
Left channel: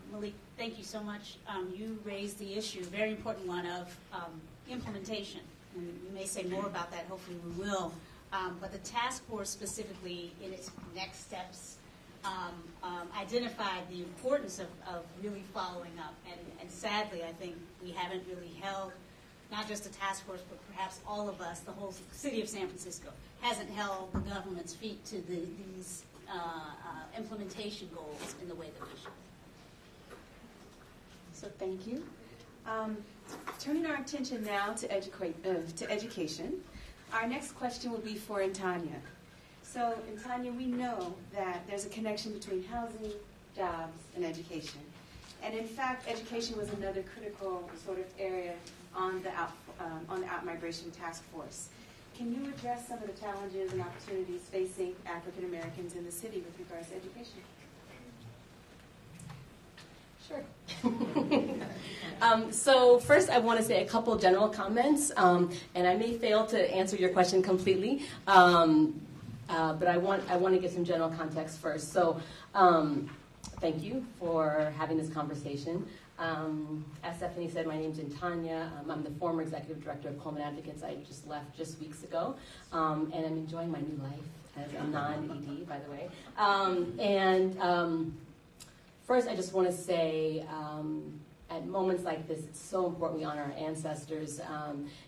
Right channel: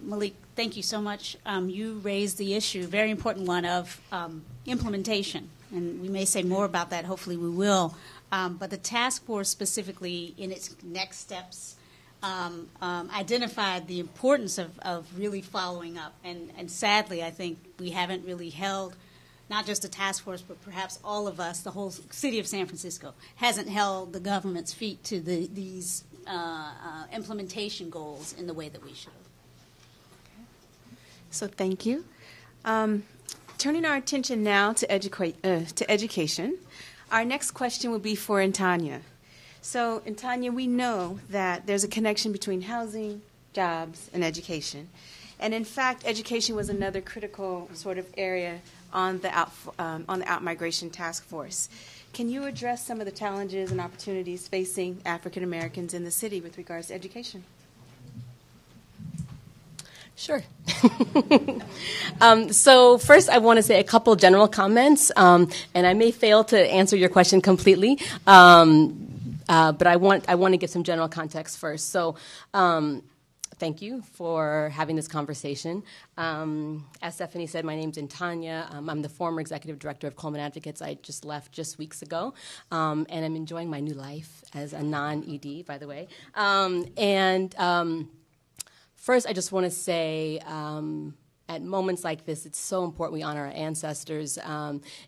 Malik, thank you so much. You raised the issue, very important one, of implementation. And we may say more about that, hopefully we will. But the task force specifically in its next steps identified the importance of really following up. And sadly, I think we haven't really held, not just the task force, but perhaps all of us, the whole city of San Francisco, hasn't held the government's feet to these implementation goals in the way that we should. So thank you. Turning our attention now to education, our next question will be for Antanya. So, Antanya, we know that there's a connection between housing, jobs, and education. And in fact, education was another critical sort of area on the out-migration task force. Can you address some of the challenges and opportunities facing African Americans in the city with regards to education? Sure. So first, I want to say a couple general comments, and I may fail to answer your question completely. But I want to give some general context first. So thank you for having this conversation. As Stephanie said, my name's Tanya. I'm the former executive director of Coleman Advocates. I just left just weeks ago, and I'm enjoying my new life as a non-ED, by the way. First, I just want to say, at moments like this, it's so important we honor our ancestors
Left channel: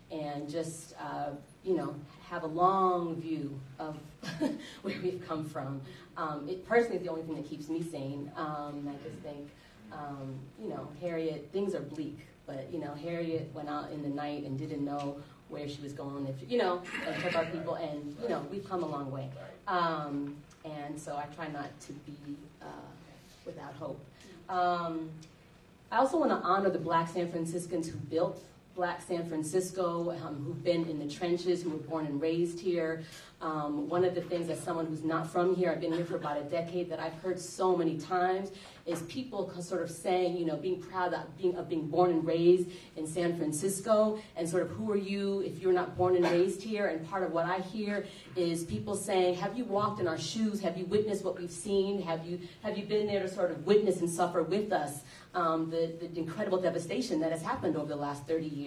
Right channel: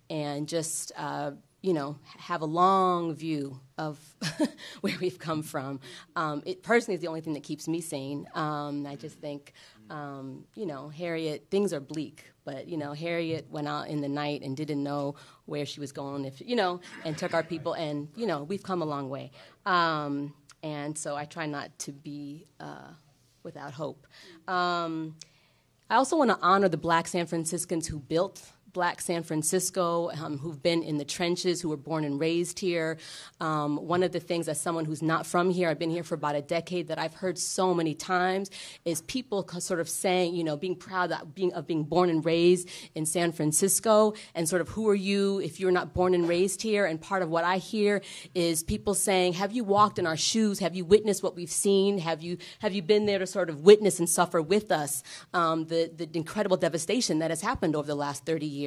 and just have a long view of where we've come from. It personally is the only thing that keeps me sane. I just think, Harriet, things are bleak, but, Harriet went out in the night and didn't know where she was going, and took our people, and, we've come a long way. And so I try not to be without hope. I also want to honor the Black San Franciscans who built Black San Francisco, who've been in the trenches, who were born and raised here. One of the things, as someone who's not from here, I've been here for about a decade, that I've heard so many times is people sort of saying, being proud of being born and raised in San Francisco, and sort of who are you if you're not born and raised here? And part of what I hear is people saying, have you walked in our shoes? Have you witnessed what we've seen? Have you been there to sort of witness and suffer with us the incredible devastation that has happened over the last 30 years?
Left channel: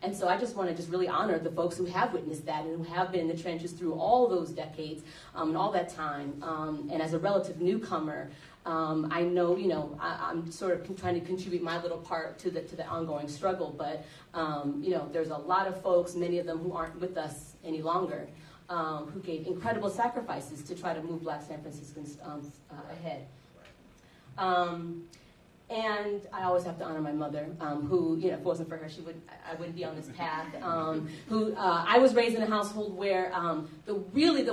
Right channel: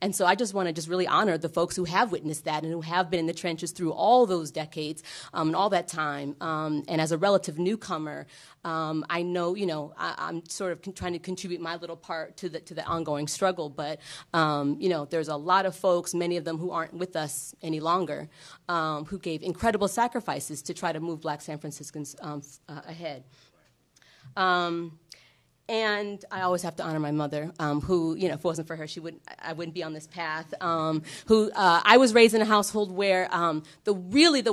And so I just want to really honor the folks who have witnessed that and who have been in the trenches through all those decades and all that time. And as a relative newcomer, I know, I'm sort of trying to contribute my little part to the ongoing struggle. But, there's a lot of folks, many of them who aren't with us any longer, who gave incredible sacrifices to try to move Black San Franciscans ahead. And I always have to honor my mother, who, if it wasn't for her, I wouldn't be on this path. I was raised in a household where the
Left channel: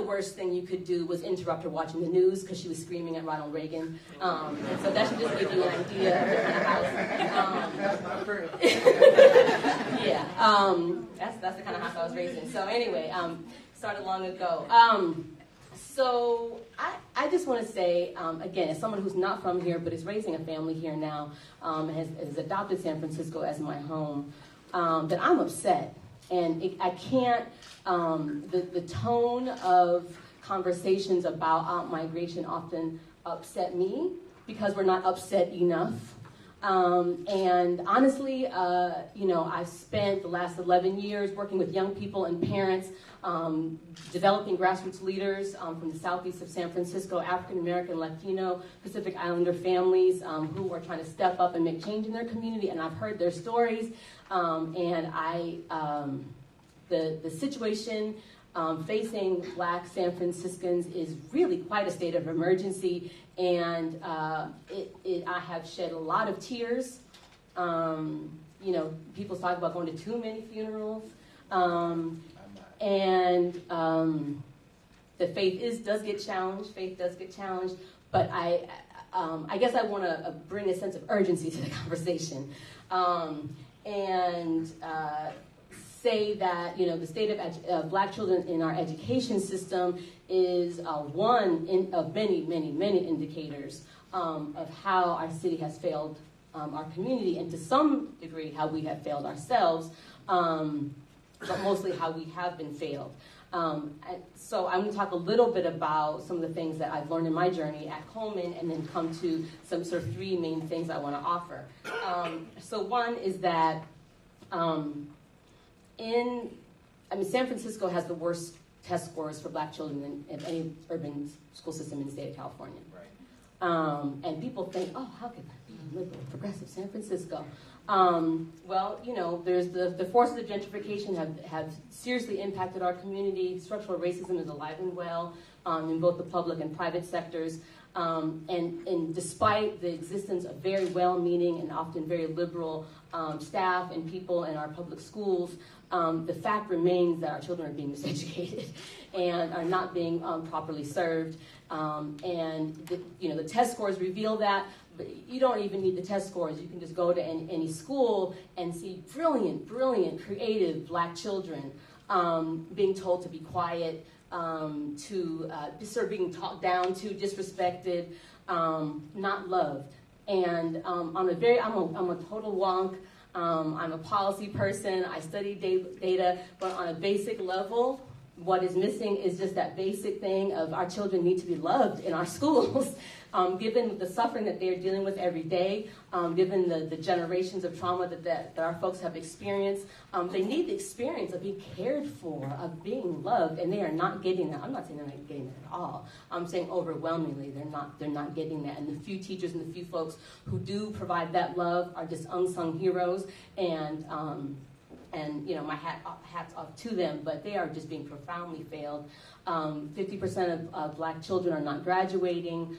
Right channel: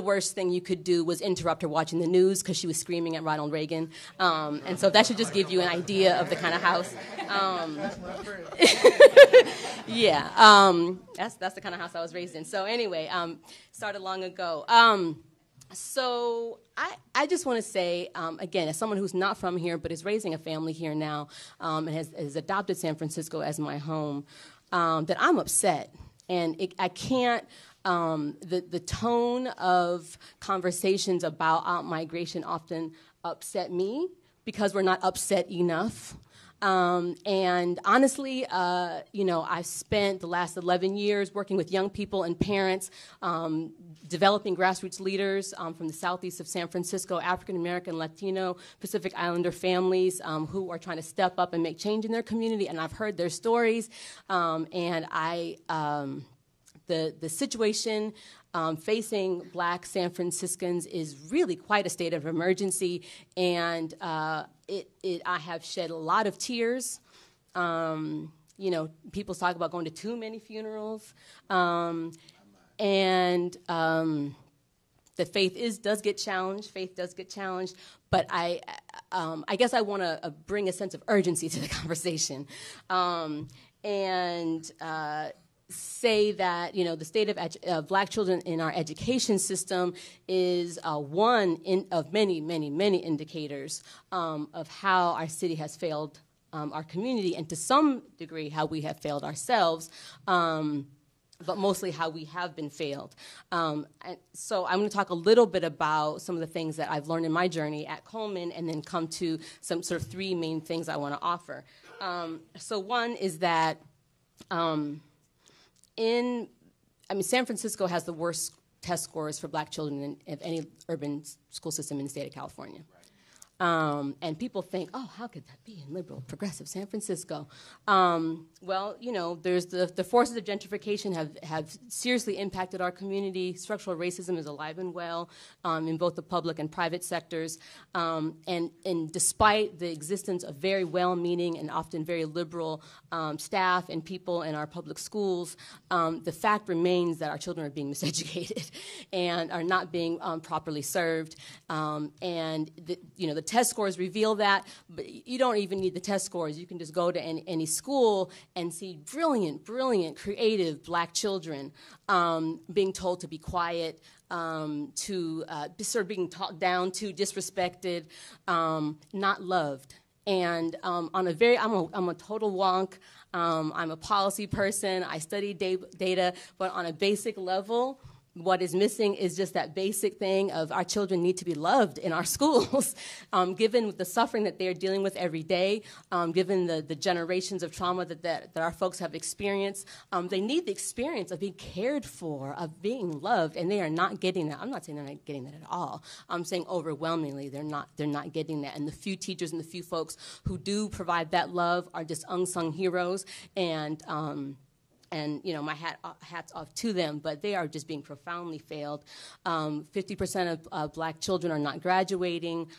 worst thing you could do was interrupt her watching the news because she was screaming at Ronald Reagan. And so that should just give you an idea of the kind of house. That's the kind of house I was raised in. So anyway, started long ago. So I just want to say, again, as someone who's not from here but is raising a family here now and has adopted San Francisco as my home, that I'm upset. And I can't, the tone of conversations about out-migration often upset me because we're not upset enough. And honestly, I've spent the last 11 years working with young people and parents, developing grassroots leaders from the southeast of San Francisco, African American, Latino, Pacific Islander families who are trying to step up and make change in their community. And I've heard their stories, the situation facing Black San Franciscans is really quite a state of emergency, and I have shed a lot of tears. People talk about going to too many funerals, and the faith does get challenged. But I guess I want to bring a sense of urgency to the conversation, and say that the state of Black children in our education system is one of many, many, many indicators of how our city has failed our community, and to some degree how we have failed ourselves, but mostly how we have been failed. So I'm going to talk a little bit about some of the things that I've learned in my journey at Coleman, and then come to some sort of three main things I want to offer. So one is that San Francisco has the worst test scores for Black children of any urban school system in the state of California. Right. And people think, oh, how could that be in liberal, progressive San Francisco? There's the forces of gentrification have seriously impacted our community. Structural racism is alive and well in both the public and private sectors. And despite the existence of very well-meaning and often very liberal staff and people in our public schools, the fact remains that our children are being miseducated and are not being properly served. And the test scores reveal that, but you don't even need the test scores. You can just go to any school and see brilliant, creative Black children being told to be quiet, sort of being talked down to, disrespected, not loved. And I'm a total wonk. I'm a policy person. I study data, but on a basic level, What is missing is just that basic thing of our children need to be loved in our schools, given the suffering that they're dealing with every day, given the generations of trauma that our folks have experienced. They need the experience of being cared for, of being loved, and they are not getting that. I'm not saying they're not getting that at all. I'm saying overwhelmingly they're not getting that. And the few teachers and the few folks who do provide that love are just unsung heroes, and my hats off to them, but they are just being profoundly failed. 50% of black children are not graduating.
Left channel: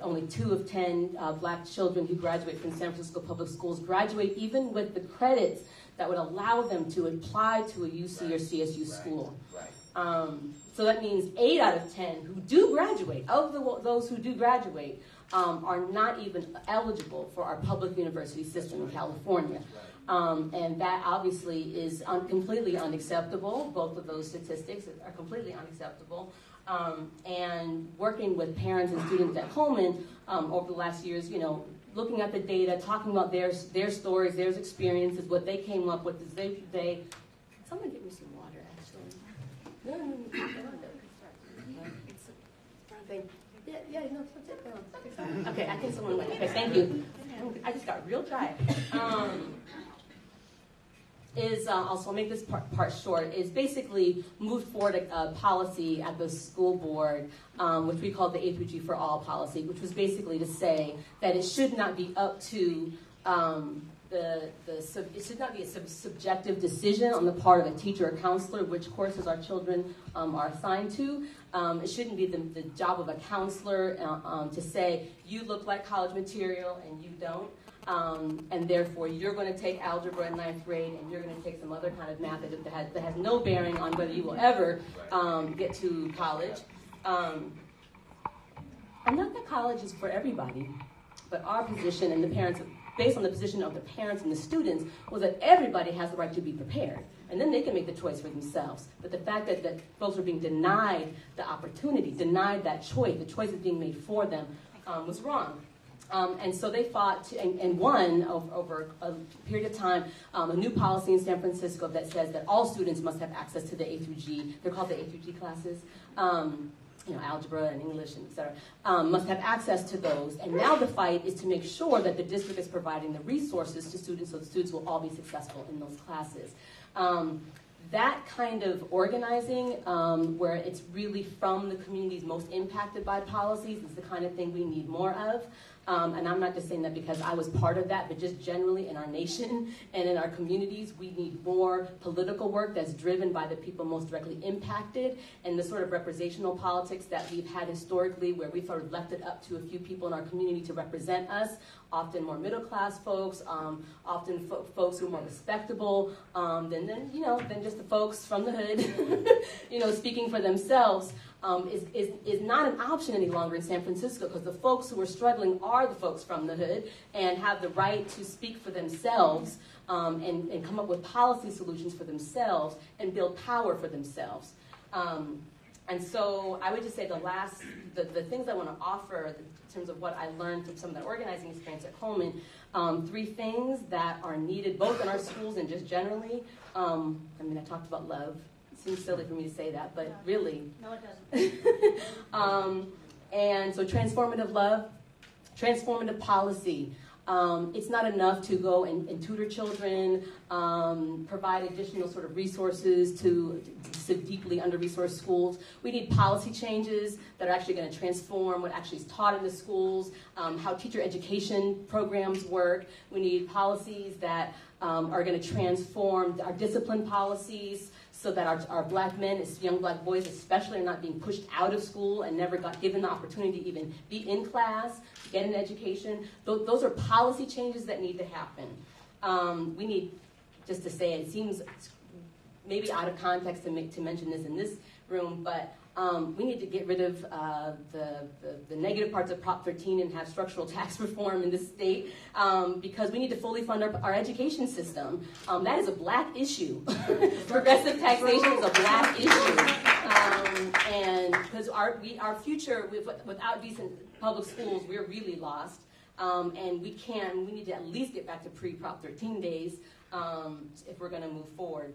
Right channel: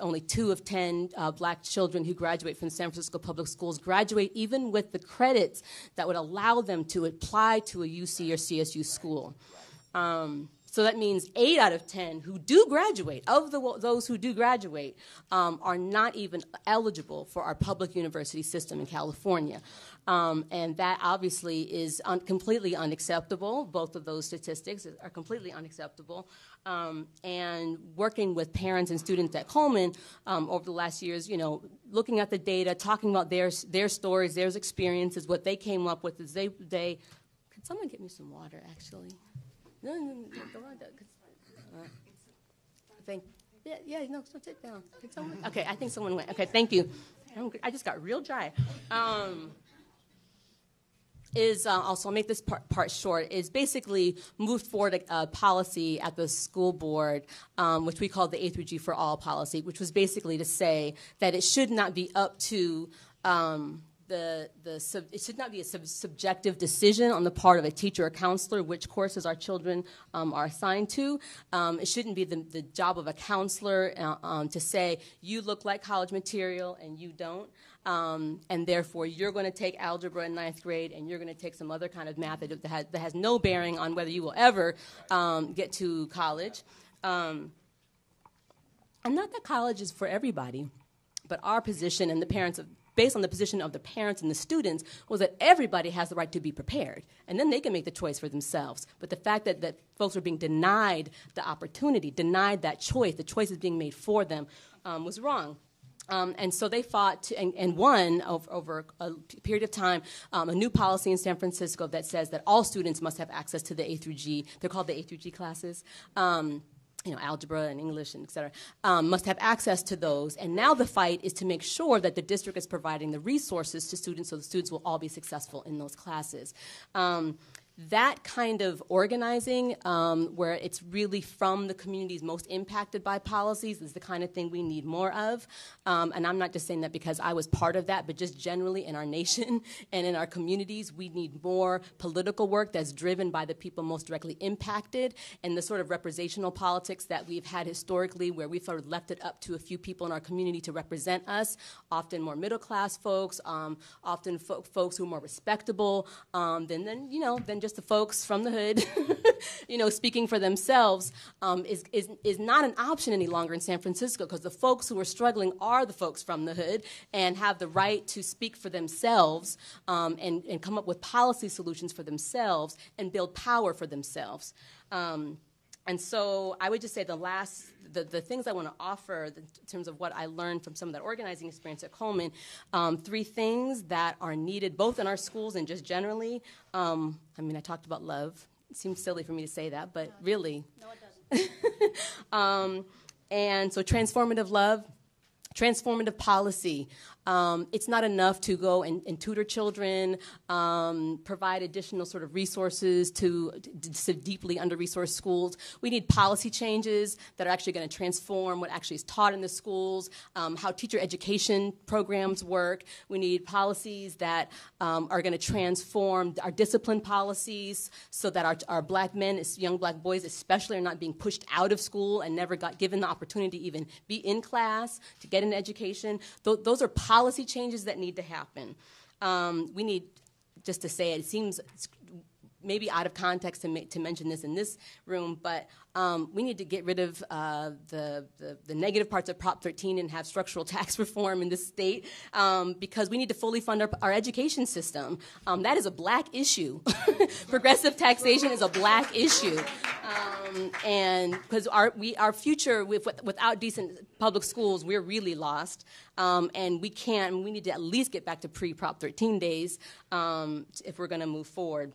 Only 2 of 10 black children who graduate from San Francisco public schools graduate even with the credits that would allow them to apply to a UC or CSU school. So that means 8 out of 10 who do graduate, those who do graduate, are not even eligible for our public university system in California. And that obviously is completely unacceptable. Both of those statistics are completely unacceptable. And working with parents and students at Coleman over the last years, looking at the data, talking about their stories, their experiences, what they came up with is they could someone get me some water, actually? No, sit down. Okay, I think someone went. Okay, thank you. I just got real dry. I'll make this part short, is basically moved forward a policy at the school board, which we call the A through G for All policy, which was basically to say that it should not be up to it should not be a subjective decision on the part of a teacher or counselor which courses our children are assigned to. It shouldn't be the job of a counselor to say, you look like college material and you don't. And therefore, you're going to take algebra in 9th grade, and you're going to take some other kind of math that has no bearing on whether you will ever get to college. And not that college is for everybody, but our position and the parents, based on the position of the parents and the students, was that everybody has the right to be prepared. And then they can make the choice for themselves. But the fact that folks are being denied the opportunity, denied that choice, the choice is being made for them, was wrong. And so they fought and won over a period of time a new policy in San Francisco that says that all students must have access to the A through G. They're called the A through G classes. Algebra and English and et cetera, must have access to those. And now the fight is to make sure that the district is providing the resources to students so the students will all be successful in those classes. That kind of organizing, where it's really from the communities most impacted by policies, is the kind of thing we need more of. And I'm not just saying that because I was part of that, but just generally in our nation and in our communities, we need more political work that's driven by the people most directly impacted, and the sort of representational politics that we've had historically, where we've sort of left it up to a few people in our community to represent us, often more middle-class folks, often folks who are more respectable than just the folks from the hood, speaking for themselves, is not an option any longer in San Francisco, because the folks who are struggling are the folks from the hood and have the right to speak for themselves and come up with policy solutions for themselves and build power for themselves. And so I would just say the things I want to offer in terms of what I learned from some of that organizing experience at Coleman, 3 things that are needed both in our schools and just generally. I talked about love. It seems silly for me to say that, but really. No, it doesn't. And so transformative love, transformative policy. It's not enough to go and tutor children, provide additional sort of resources to deeply under-resourced schools. We need policy changes that are actually going to transform what actually is taught in the schools, how teacher education programs work. We need policies that are going to transform our discipline policies so that our black men, young black boys especially, are not being pushed out of school and never got given the opportunity to even be in class, to get an education. Those are policy changes that need to happen. We need, just to say it seems maybe out of context to mention this in this room, but we need to get rid of the negative parts of Prop 13 and have structural tax reform in this state, because we need to fully fund our education system. That is a black issue. Progressive taxation is a black issue. And because our future, without decent public schools, we're really lost. And we need to at least get back to pre-Prop 13 days if we're going to move forward.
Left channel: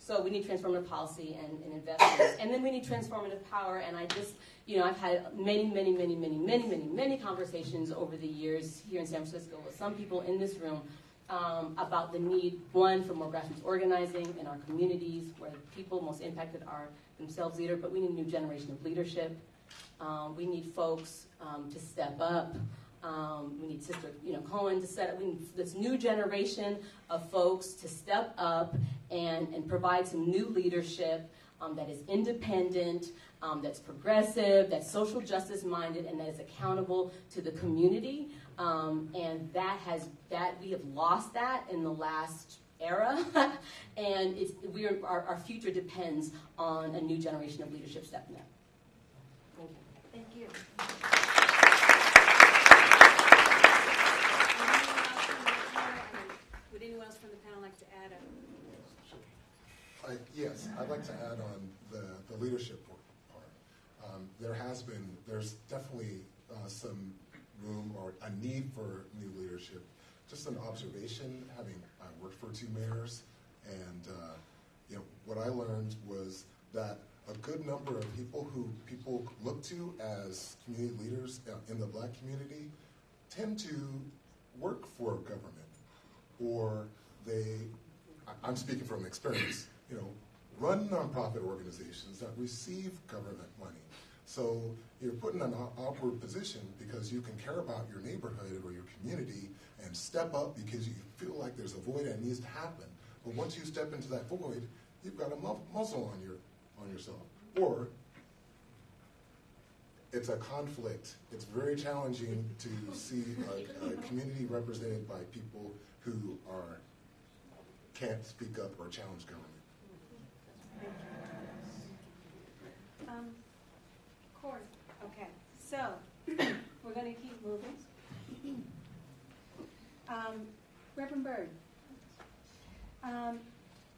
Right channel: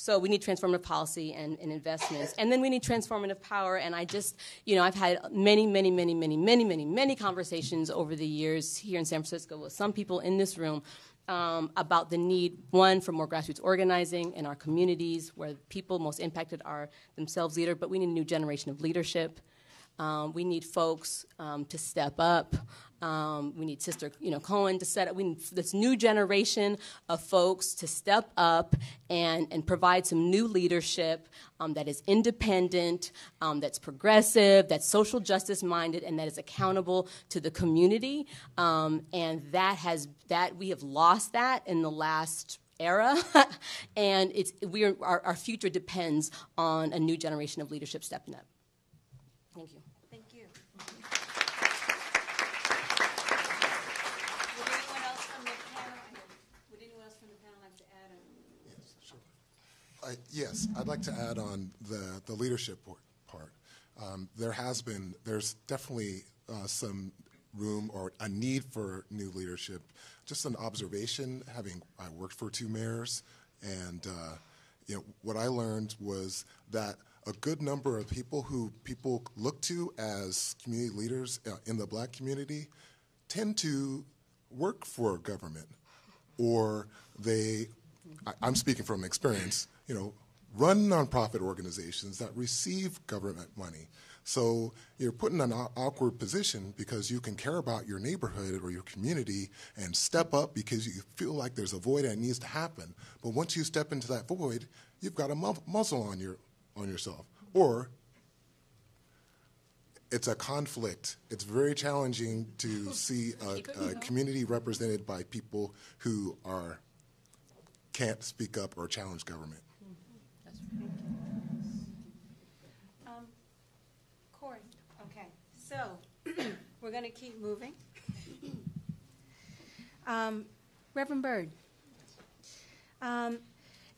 So we need transformative policy and investments. And then we need transformative power. And I just, I've had many conversations over the years here in San Francisco with some people in this room about the need, one, for more grassroots organizing in our communities where people most impacted are themselves leaders, but we need a new generation of leadership. We need folks to step up. We need Sister Cohen to set up. We need this new generation of folks to step up and provide some new leadership that is independent, that's progressive, that's social justice minded, and that is accountable to the community. And that we have lost that in the last era, and our future depends on a new generation of leadership stepping up. Thank you. Thank you. Would anyone else from the panel like to add? Yes, I'd like to add on the leadership part. There's definitely some room or a need for new leadership. Just an observation, I worked for 2 mayors, and what I learned was that a good number of people who people look to as community leaders in the Black community tend to work for government, or I'm speaking from experience, run nonprofit organizations that receive government money. So you're put in an awkward position because you can care about your neighborhood or your community and step up because you feel like there's a void that needs to happen. But once you step into that void, you've got a muzzle on yourself. Or it's a conflict. It's very challenging to see a community represented by people who can't speak up or challenge government. Corey. Okay, so we're going to keep moving. Reverend Byrd,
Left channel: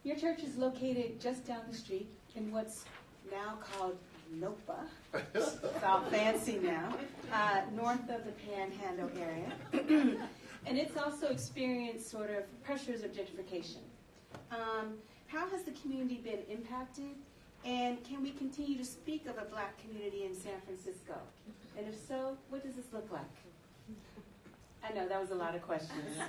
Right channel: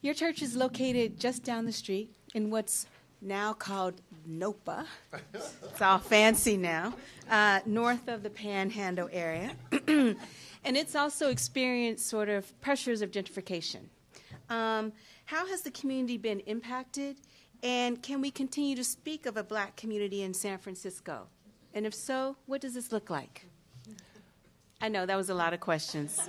your church is located just down the street in what's now called NOPA. It's all fancy now, north of the Panhandle area. And it's also experienced sort of pressures of gentrification. How has the community been impacted? And can we continue to speak of a Black community in San Francisco? And if so, what does this look like? I know that was a lot of questions.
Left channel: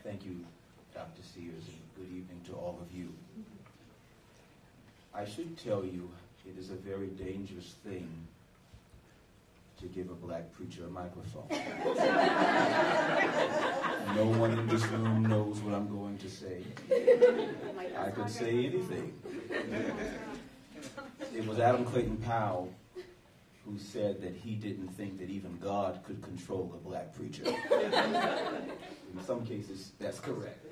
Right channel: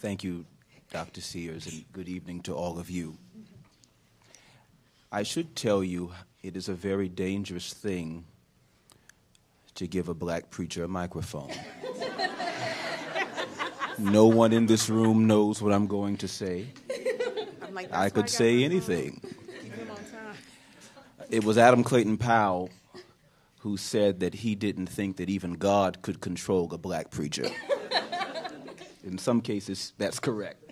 Thank you, Dr. Sears, and good evening to all of you. I should tell you it is a very dangerous thing to give a Black preacher a microphone. No one in this room knows what I'm going to say. I could say anything. It was Adam Clayton Powell who said that he didn't think that even God could control a Black preacher. In some cases, that's correct.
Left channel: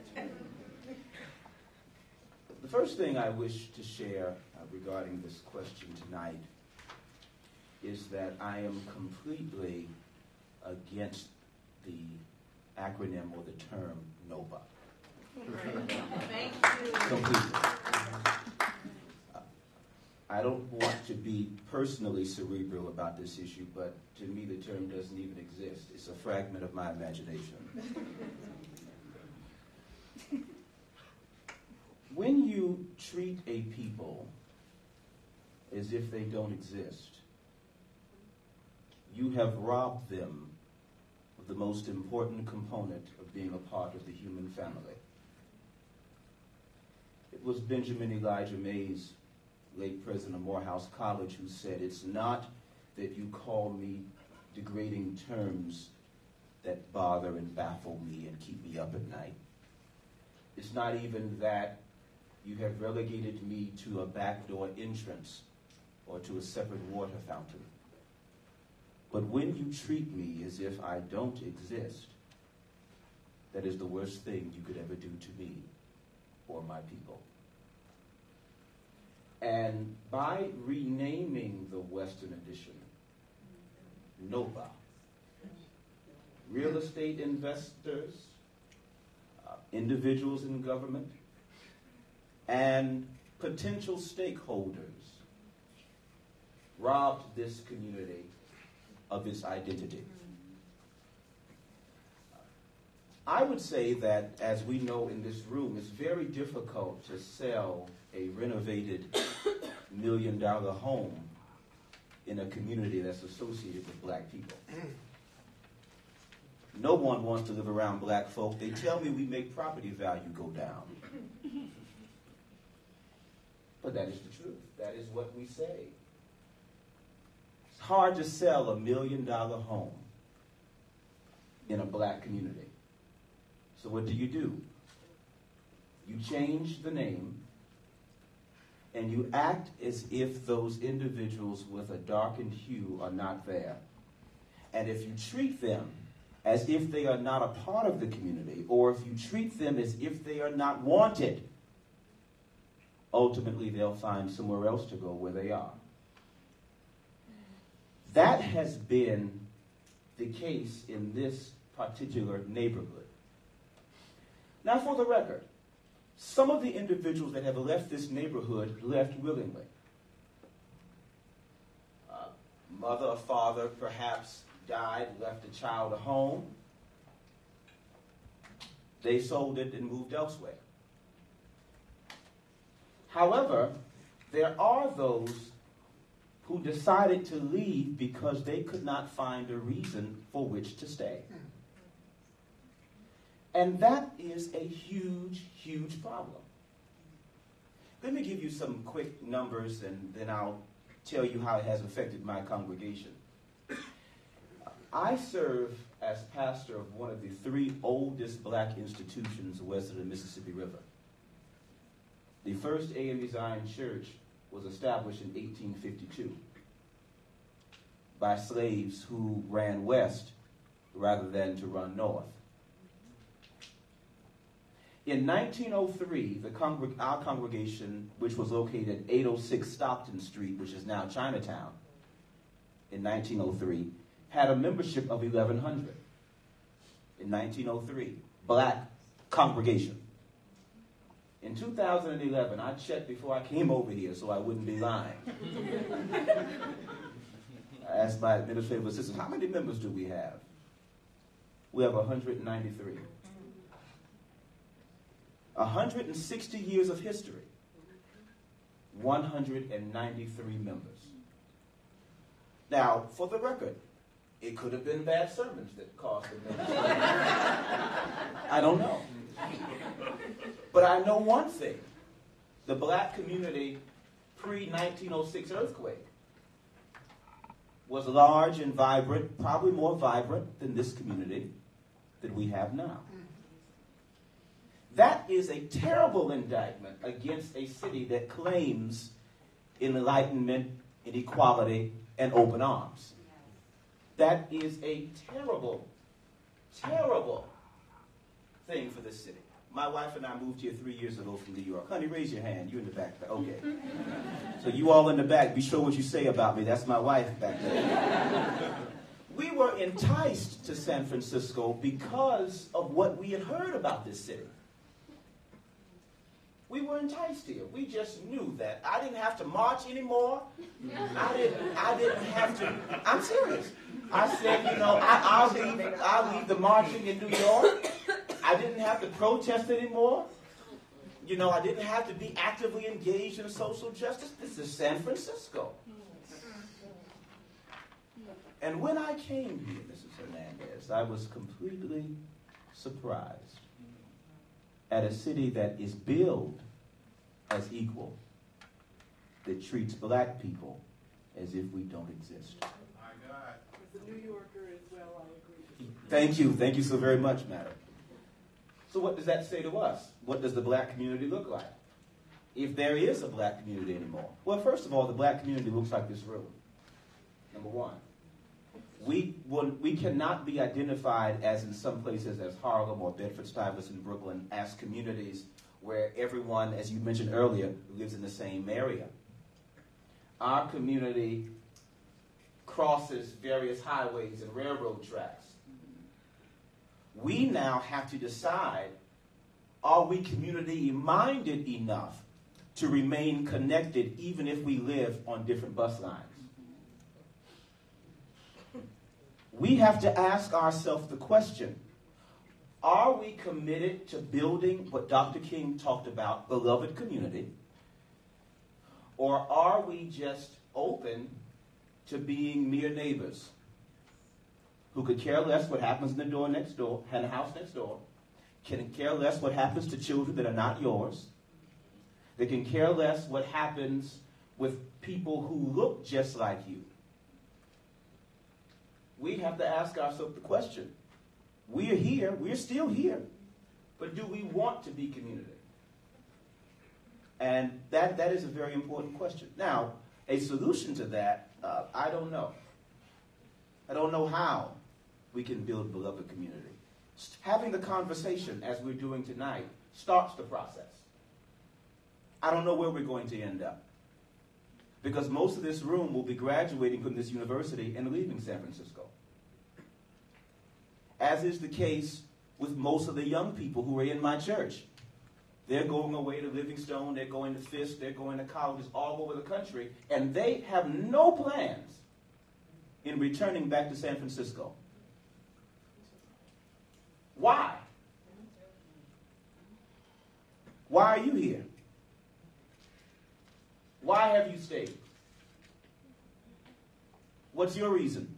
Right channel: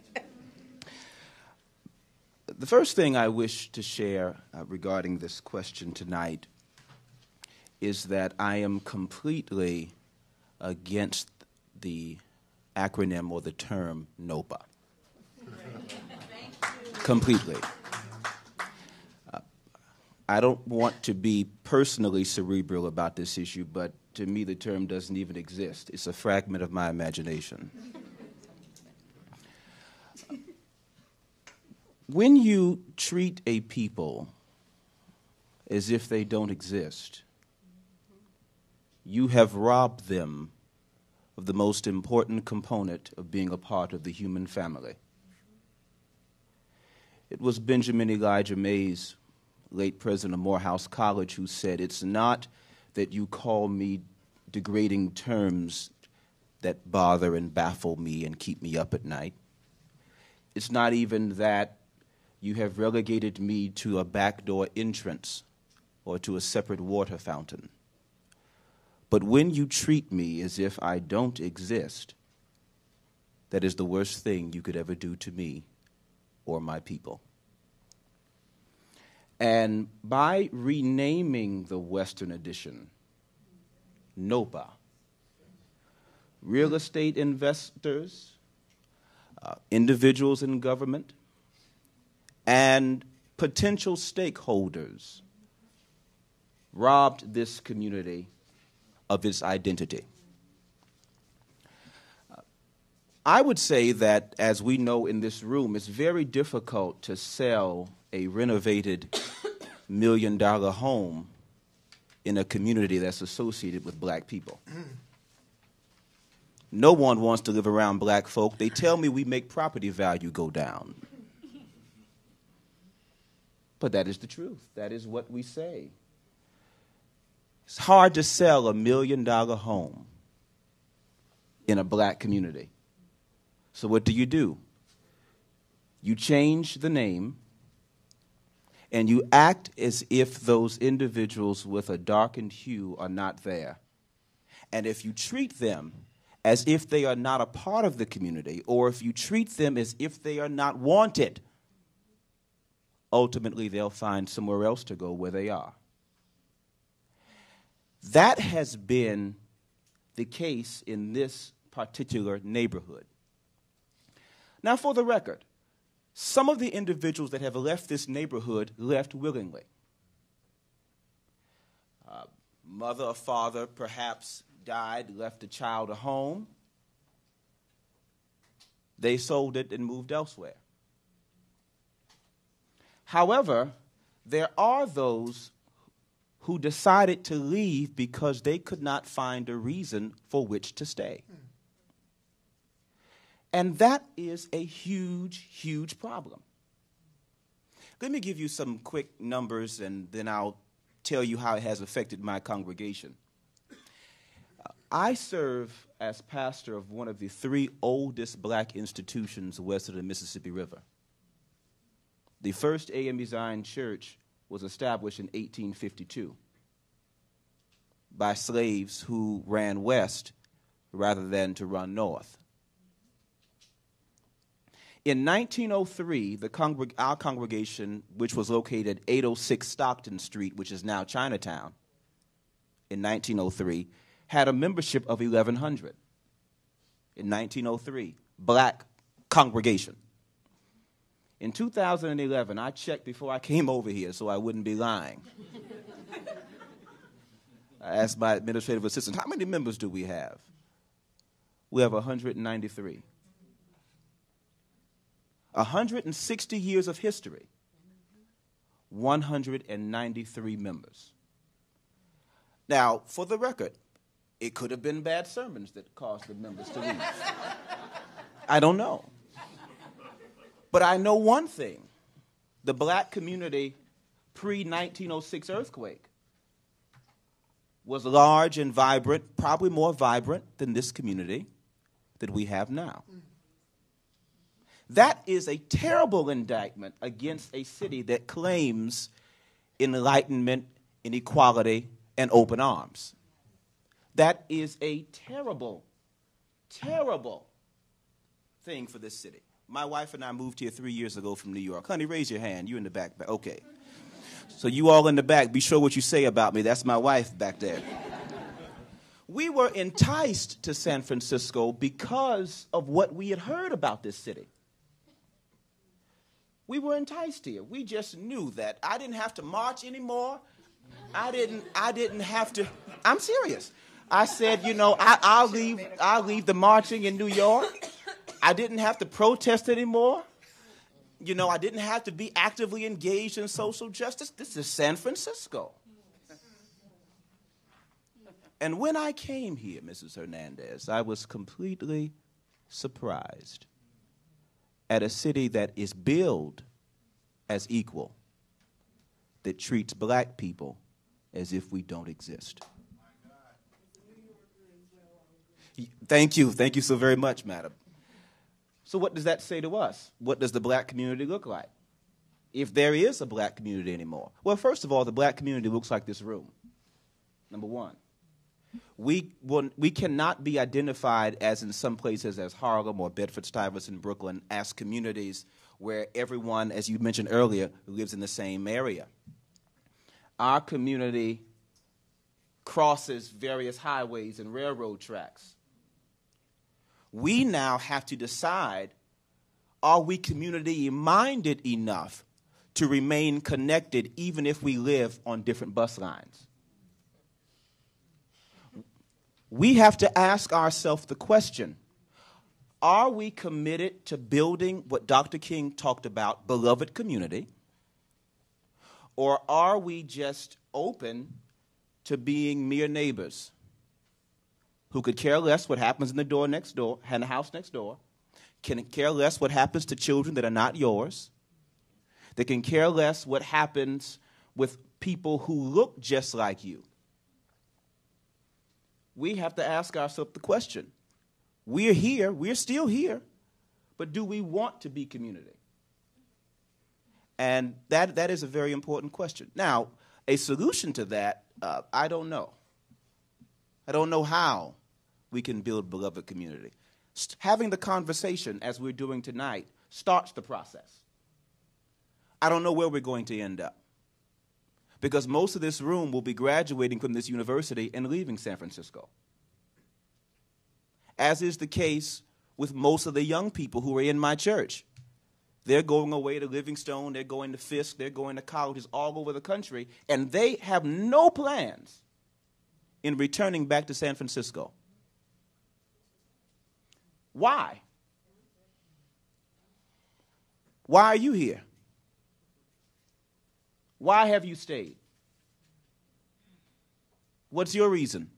The first thing I wish to share regarding this question tonight is that I am completely against the acronym or the term NOPA. Completely. I don't want to be personally cerebral about this issue, but to me the term doesn't even exist. It's a fragment of my imagination. When you treat a people as if they don't exist, you have robbed them of the most important component of being a part of the human family. It was Benjamin Elijah Mays, late president of Morehouse College, who said, "It's not that you call me degrading terms that bother and baffle me and keep me up at night. It's not even that you have relegated me to a backdoor entrance or to a separate water fountain. But when you treat me as if I don't exist, that is the worst thing you could ever do to me or my people." And by renaming the Western Edition NOPA, real estate investors, individuals in government, and potential stakeholders robbed this community of its identity. I would say that, as we know in this room, it's very difficult to sell a renovated $1 million home in a community that's associated with black people. No one wants to live around black folk. They tell me we make property value go down. But that is the truth. That is what we say. It's hard to sell a $1 million home in a black community. So what do? You change the name, and you act as if those individuals with a darkened hue are not there. And if you treat them as if they are not a part of the community, or if you treat them as if they are not wanted, ultimately they'll find somewhere else to go where they are. That has been the case in this particular neighborhood. Now, for the record, some of the individuals that have left this neighborhood left willingly. Mother or father perhaps died, left a child at home. They sold it and moved elsewhere. However, there are those who decided to leave because they could not find a reason for which to stay. And that is a huge, huge problem. Let me give you some quick numbers, and then I'll tell you how it has affected my congregation. I serve as pastor of one of the 3 oldest black institutions west of the Mississippi River. The first AME Zion Church was established in 1852 by slaves who ran west rather than to run north. In 1903, our congregation, which was located at 806 Stockton Street, which is now Chinatown, in 1903, had a membership of 1,100. In 1903, black congregation. In 2011, I checked before I came over here so I wouldn't be lying. I asked my administrative assistant, how many members do we have? We have 193. 160 years of history, 193 members. Now, for the record, it could have been bad sermons that caused the members to leave. I don't know. But I know one thing. The black community pre-1906 earthquake was large and vibrant, probably more vibrant than this community that we have now. That is a terrible indictment against a city that claims enlightenment, inequality, and open arms. That is a terrible, terrible thing for this city. My wife and I moved here 3 years ago from New York. Honey, raise your hand. You in the back. Okay. So you all in the back, be sure what you say about me. That's my wife back there. We were enticed to San Francisco because of what we had heard about this city. We were enticed here. We just knew that I didn't have to march anymore. I didn't have to. I'm serious. I said, you know, I'll leave the marching in New York. I didn't have to protest anymore. You know, I didn't have to be actively engaged in social justice. This is San Francisco. And when I came here, Mrs. Hernandez, I was completely surprised at a city that is billed as equal, that treats black people as if we don't exist. My God. As a New Yorker as well, I agree. Thank you so very much, madam. So what does that say to us? What does the black community look like? If there is a black community anymore. Well, first of all, the black community looks like this room. Number one. We cannot be identified as in some places as Harlem or Bedford-Stuyvesant, Brooklyn, as communities where everyone, as you mentioned earlier, lives in the same area. Our community crosses various highways and railroad tracks. We now have to decide, are we community-minded enough to remain connected even if we live on different bus lines? We have to ask ourselves the question, Are we committed to building what Dr. King talked about, beloved community? Or are we just open to being mere neighbors who could care less what happens in the door next door, in the house next door, can care less what happens to children that are not yours, that can care less what happens with people who look just like you? We have to ask ourselves the question. We're here, we're still here, but do we want to be community? And that is a very important question. Now, a solution to that, I don't know. I don't know how we can build beloved community. Having the conversation, as we're doing tonight, starts the process. I don't know where we're going to end up, because most of this room will be graduating from this university and leaving San Francisco, as is the case with most of the young people who are in my church. They're going away to Livingstone, they're going to Fisk, they're going to colleges all over the country, and they have no plans in returning back to San Francisco. Why? Why are you here? Why have you stayed? What's your reason?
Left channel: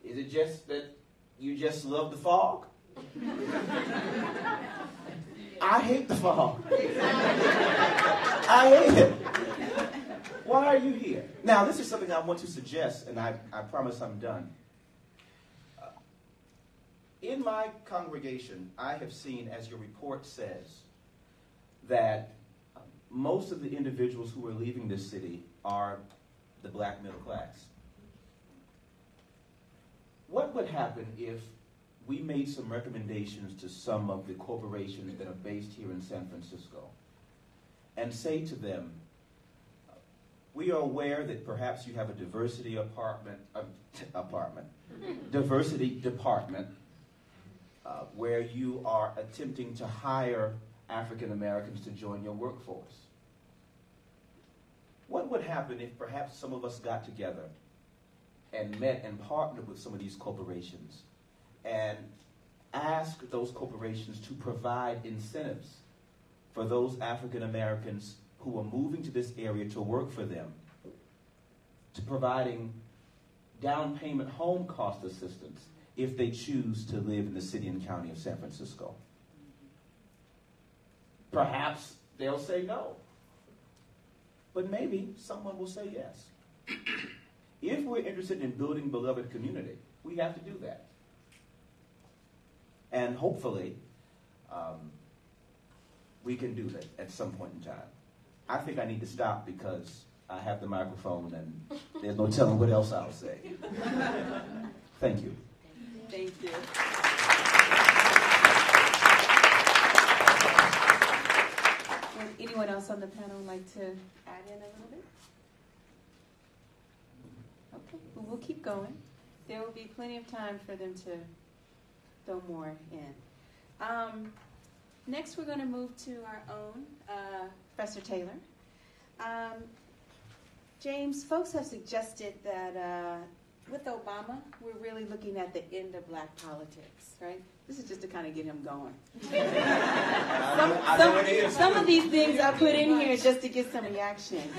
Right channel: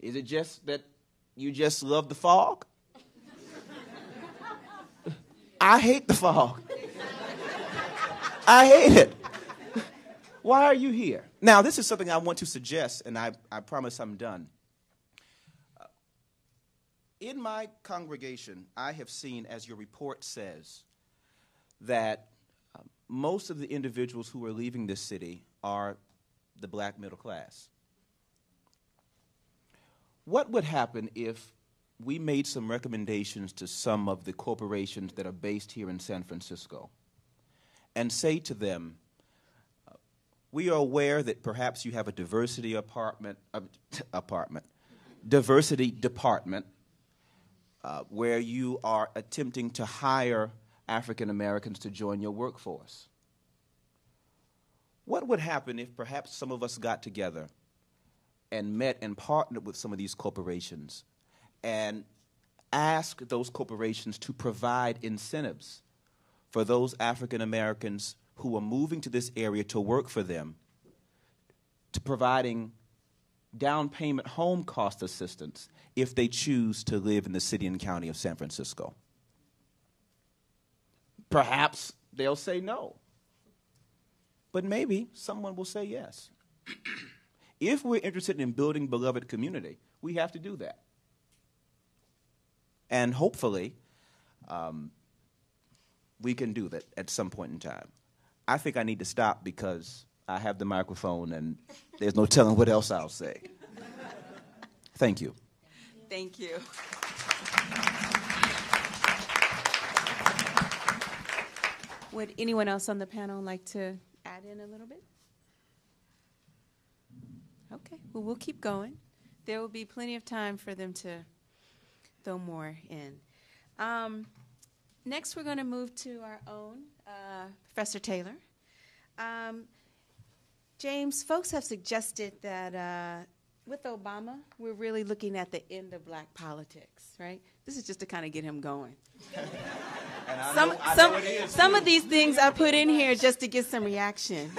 Is it just that you just love the fog? I hate the fog. I hate it. Why are you here? Now, this is something I want to suggest, and I promise I'm done. In my congregation, I have seen, as your report says, that most of the individuals who are leaving this city are the black middle class. What would happen if we made some recommendations to some of the corporations that are based here in San Francisco and say to them, we are aware that perhaps you have a diversity diversity department where you are attempting to hire African Americans to join your workforce. What would happen if perhaps some of us got together and met and partnered with some of these corporations and asked those corporations to provide incentives for those African Americans who are moving to this area to work for them, to providing down payment home cost assistance if they choose to live in the city and county of San Francisco? Perhaps they'll say no, but maybe someone will say yes. If we're interested in building beloved community, we have to do that. And hopefully, we can do that at some point in time. I think I need to stop because I have the microphone and there's no telling what else I'll say. Thank you. Thank you. Would anyone else on the panel like to add in a little bit? Okay, well, we'll keep going. There will be plenty of time for them to throw more in. Next, we're going to move to our own Professor Taylor. James, folks have suggested that with Obama, we're really looking at the end of black politics, right? This is just to kind of get him going. Some of these things I put in here just to get some reaction.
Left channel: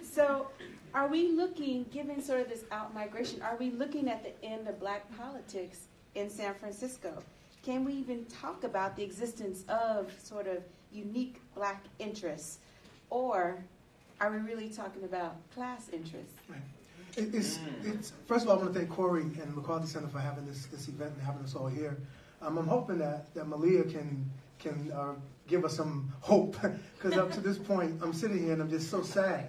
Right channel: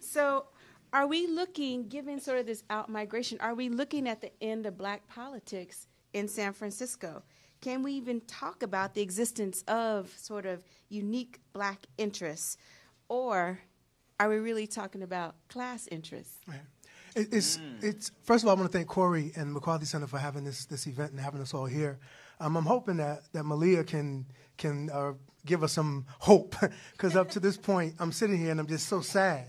So are we looking, given sort of this out-migration, are we looking at the end of black politics in San Francisco? Can we even talk about the existence of sort of unique black interests? Or are we really talking about class interests? Right. It's first of all, I want to thank Corey and McCarthy Center for having this event and having us all here. I'm hoping that Malia can give us some hope, because up to this point, I'm sitting here and I'm just so sad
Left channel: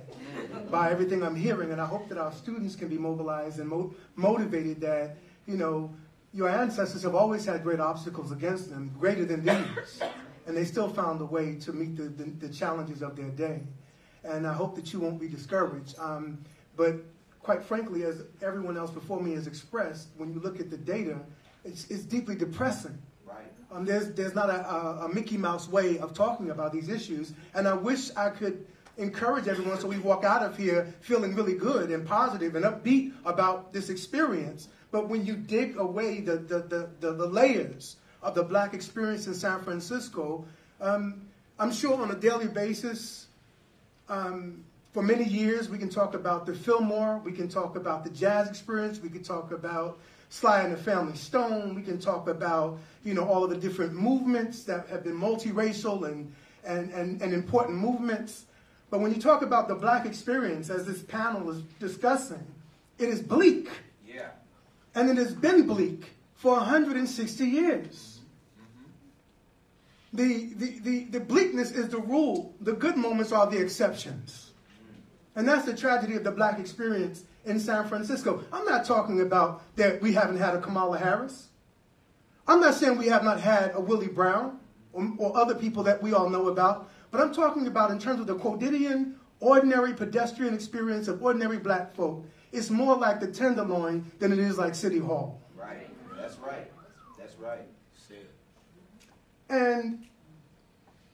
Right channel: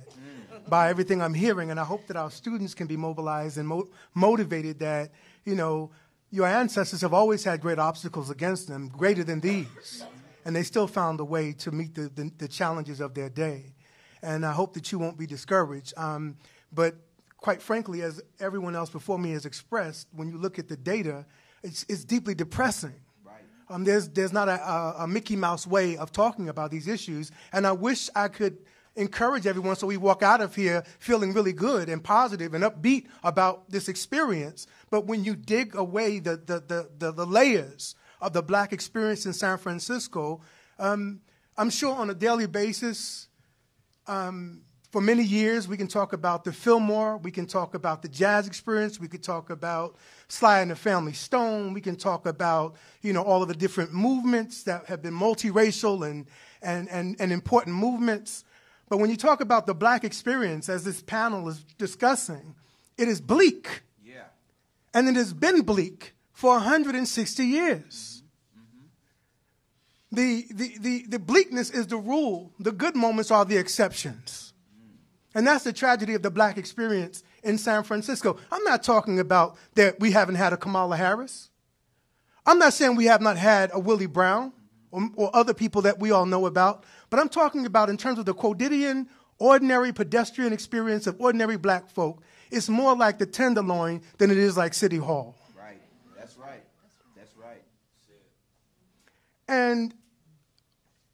by everything I'm hearing, and I hope that our students can be mobilized and motivated that, you know, your ancestors have always had great obstacles against them, greater than these, and they still found a way to meet the challenges of their day. And I hope that you won't be discouraged. But quite frankly, as everyone else before me has expressed, when you look at the data, it's deeply depressing. Right. There's not a Mickey Mouse way of talking about these issues, and I wish I could encourage everyone so we walk out of here feeling really good and positive and upbeat about this experience. But when you dig away the layers of the black experience in San Francisco, I'm sure on a daily basis, for many years, we can talk about the Fillmore, we can talk about the jazz experience, we can talk about Sly and the Family Stone, we can talk about, all of the different movements that have been multiracial and important movements. But when you talk about the black experience, as this panel is discussing, it is bleak. Yeah. And it has been bleak for 160 years. The bleakness is the rule. The good moments are the exceptions. And that's the tragedy of the black experience in San Francisco. I'm not talking about that we haven't had a Kamala Harris. I'm not saying we have not had a Willie Brown or other people that we all know about. But I'm talking about in terms of the quotidian, ordinary pedestrian experience of ordinary black folk. It's more like the Tenderloin than it is like City Hall. Right. That's right. That's right. And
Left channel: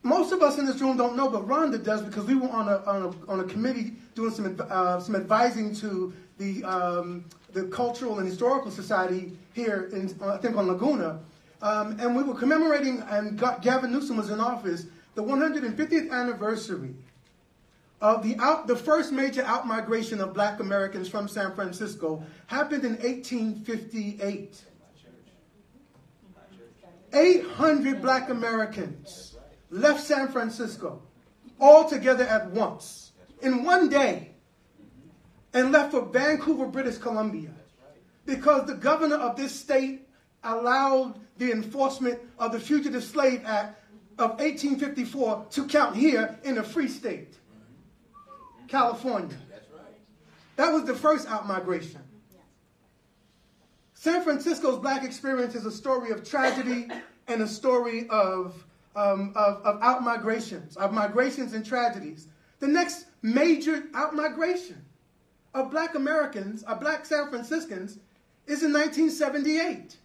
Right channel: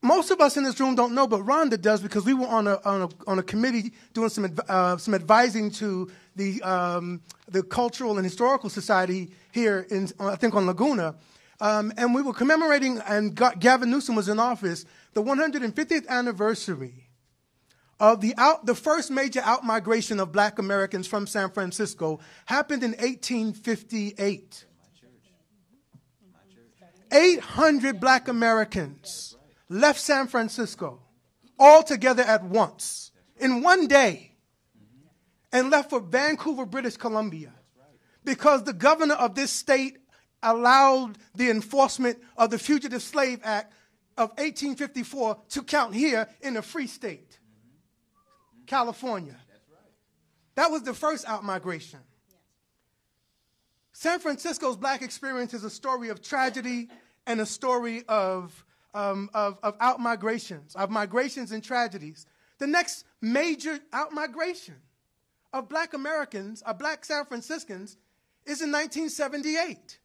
most of us in this room don't know, but Rhonda does because we were on a committee doing some advising to the Cultural and Historical Society here in I think on Laguna, and we were commemorating, and Gavin Newsom was in office, the 150th anniversary of the first major outmigration of black Americans from San Francisco happened in 1858. 800 black Americans left San Francisco all together at once in one day and left for Vancouver, British Columbia, because the governor of this state allowed the enforcement of the Fugitive Slave Act of 1854 to count here in a free state, California. That was the first outmigration. San Francisco's black experience is a story of tragedy and a story of outmigrations, of migrations and tragedies. The next major outmigration of black Americans, of black San Franciscans, is in 1978.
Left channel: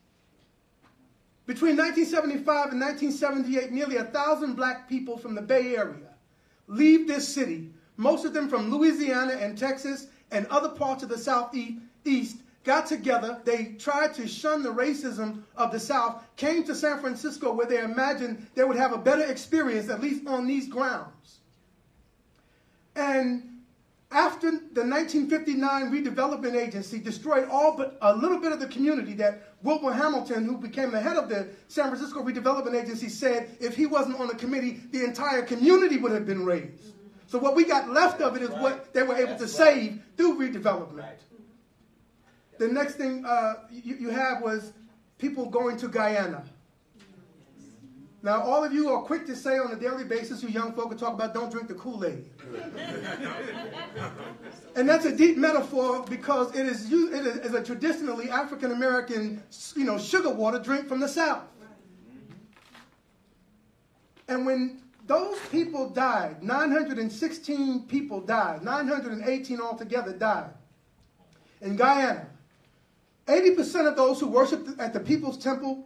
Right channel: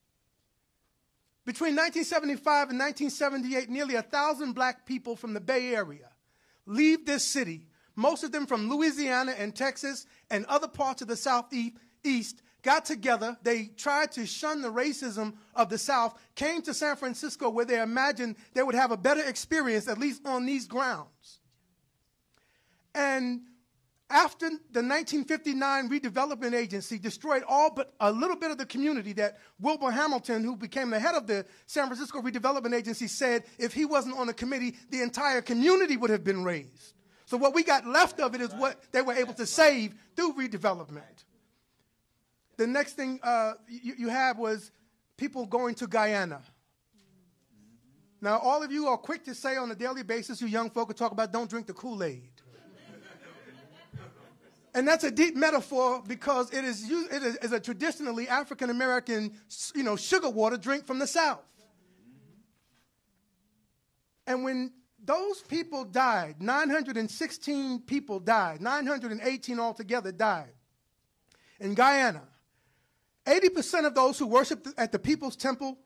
Between 1975 and 1978, nearly 1,000 black people from the Bay Area leave this city, most of them from Louisiana and Texas and other parts of the Southeast, got together. They tried to shun the racism of the South, came to San Francisco where they imagined they would have a better experience, at least on these grounds. And after the 1959 Redevelopment Agency destroyed all but a little bit of the community, that Wilbur Hamilton, who became the head of the San Francisco Redevelopment Agency, said if he wasn't on the committee, the entire community would have been razed. So what we got left of it is what they were able to save through redevelopment. The next thing you had was people going to Guyana. Now, all of you are quick to say on a daily basis, you young folk, talk about don't drink the Kool-Aid. And that's a deep metaphor because it is a traditionally African-American, sugar water drink from the South. And when those people died, 916 people died, 918 altogether died in Guyana. 80% of those who worshiped at the People's Temple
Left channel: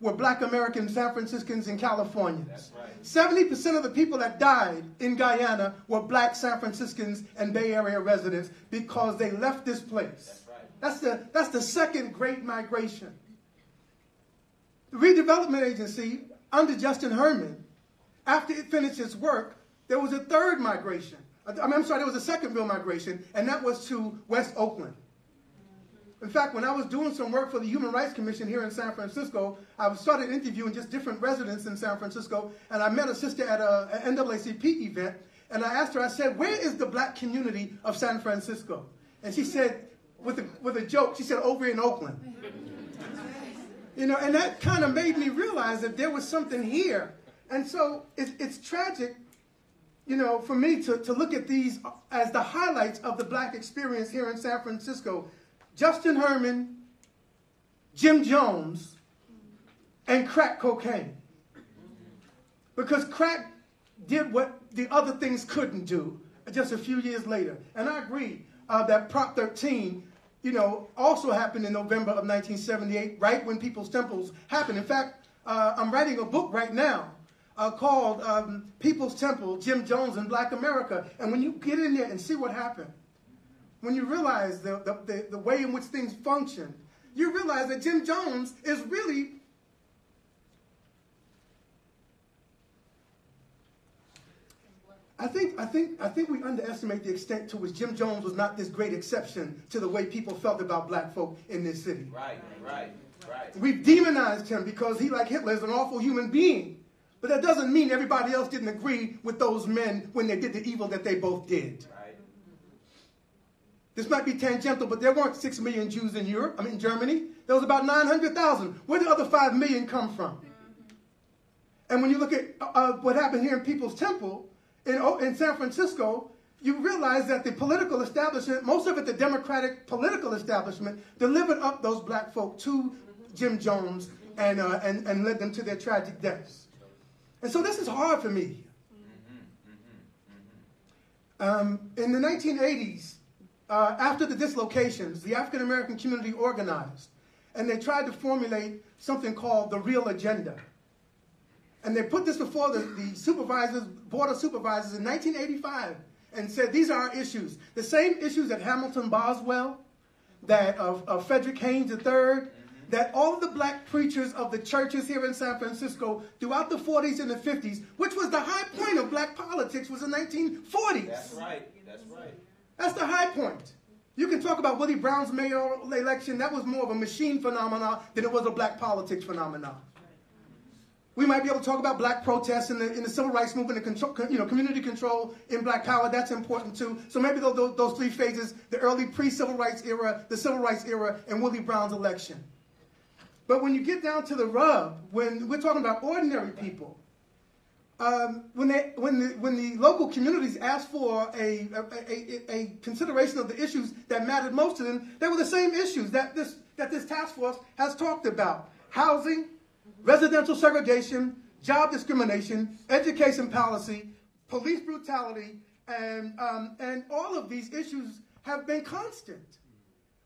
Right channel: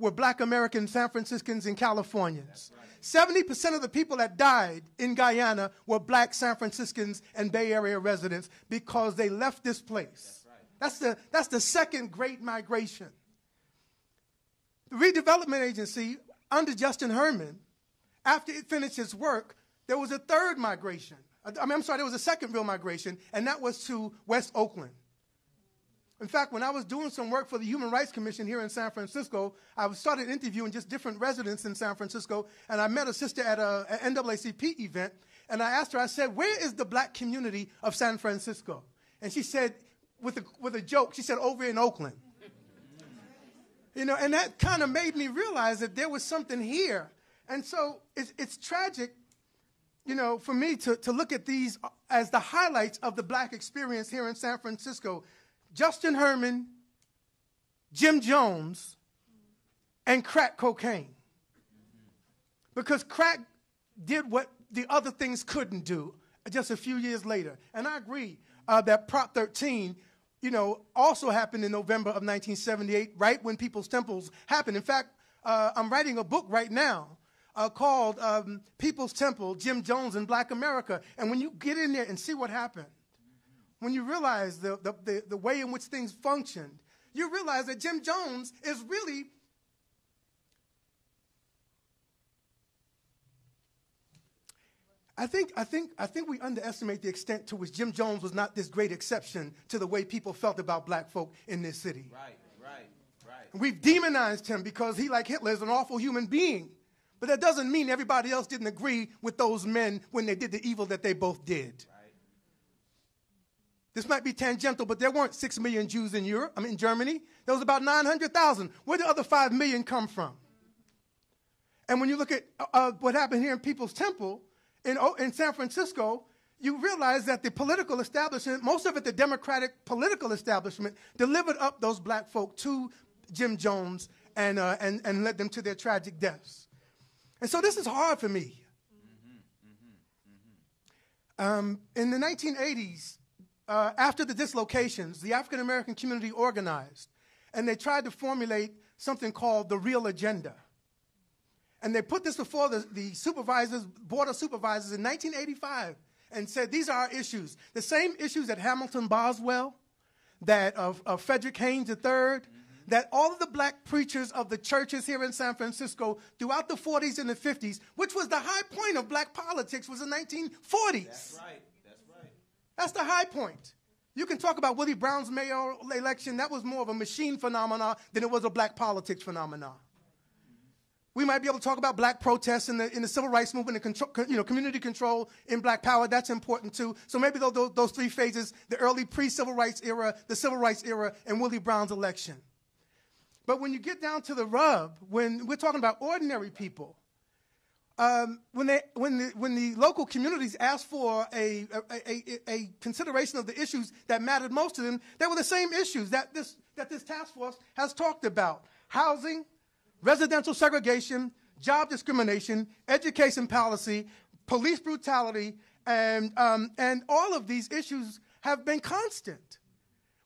were black American San Franciscans and Californians. 70% of the people that died in Guyana were black San Franciscans and Bay Area residents because they left this place. That's the second great migration. The Redevelopment Agency, under Justin Herman, after it finished its work, there was a third migration. There was a second real migration, and that was to West Oakland. In fact, when I was doing some work for the Human Rights Commission here in San Francisco, I started interviewing just different residents in San Francisco, and I met a sister at an NAACP event, and I asked her, I said, where is the black community of San Francisco? And she said, with a joke, she said, over in Oakland. And that kind of made me realize that there was something here. And so it's tragic, for me to look at these as the highlights of the black experience here in San Francisco. Justin Herman, Jim Jones, and crack cocaine. Because crack did what the other things couldn't do just a few years later. And I agree that Prop 13, also happened in November of 1978, right when People's Temples happened. In fact, I'm writing a book right now called People's Temple, Jim Jones and Black America. And when you get in there and see what happened, when you realize the way in which things functioned, you realize that Jim Jones is really I think we underestimate the extent to which Jim Jones was not this great exception to the way people felt about black folk in this city. Right. We've demonized him because he, like Hitler, is an awful human being. But that doesn't mean everybody else didn't agree with those men when they did the evil that they both did. Right. This might be tangential, but there weren't 6 million Jews in Germany. There was about 900,000. Where did the other 5 million come from? And when you look at what happened here in People's Temple in San Francisco, you realize that the political establishment, most of it the Democratic political establishment, delivered up those black folk to Jim Jones and led them to their tragic deaths. And so this is hard for me. In the 1980s, after the dislocations, the African American community organized, and they tried to formulate something called the Real Agenda. And they put this before the supervisors, Board of Supervisors in 1985, and said, these are our issues. The same issues that Hamilton Boswell, that of Frederick Haynes III, that all of the black preachers of the churches here in San Francisco throughout the 40s and the 50s, which was the high point of black politics, was the 1940s. That's right. That's the high point. You can talk about Willie Brown's mayoral election. That was more of a machine phenomenon than it was a black politics phenomenon. We might be able to talk about black protests in the civil rights movement, and community control in black power. That's important too. So maybe those 3 phases: the early pre-civil rights era, the civil rights era, and Willie Brown's election. But when you get down to the rub, when we're talking about ordinary people, when the local communities asked for a consideration of the issues that mattered most to them, they were the same issues that this task force has talked about: housing, residential segregation, job discrimination, education policy, police brutality, and all of these issues have been constant.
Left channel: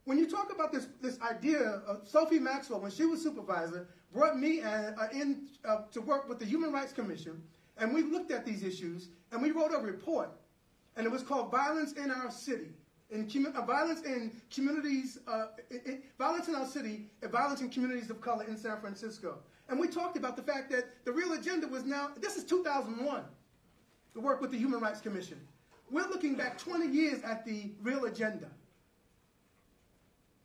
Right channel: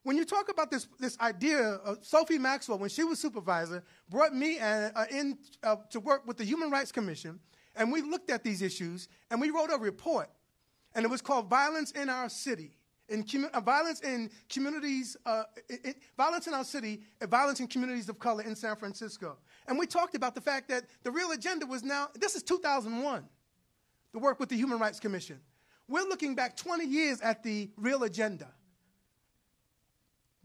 When you talk about this idea of Sophie Maxwell, when she was supervisor, brought me in to work with the Human Rights Commission, and we looked at these issues, and we wrote a report, and it was called Violence in Our City. Violence in communities, violence in our city, and violence in communities of color in San Francisco. And we talked about the fact that the Real Agenda was now, this is 2001, the work with the Human Rights Commission. We're looking back 20 years at the Real Agenda,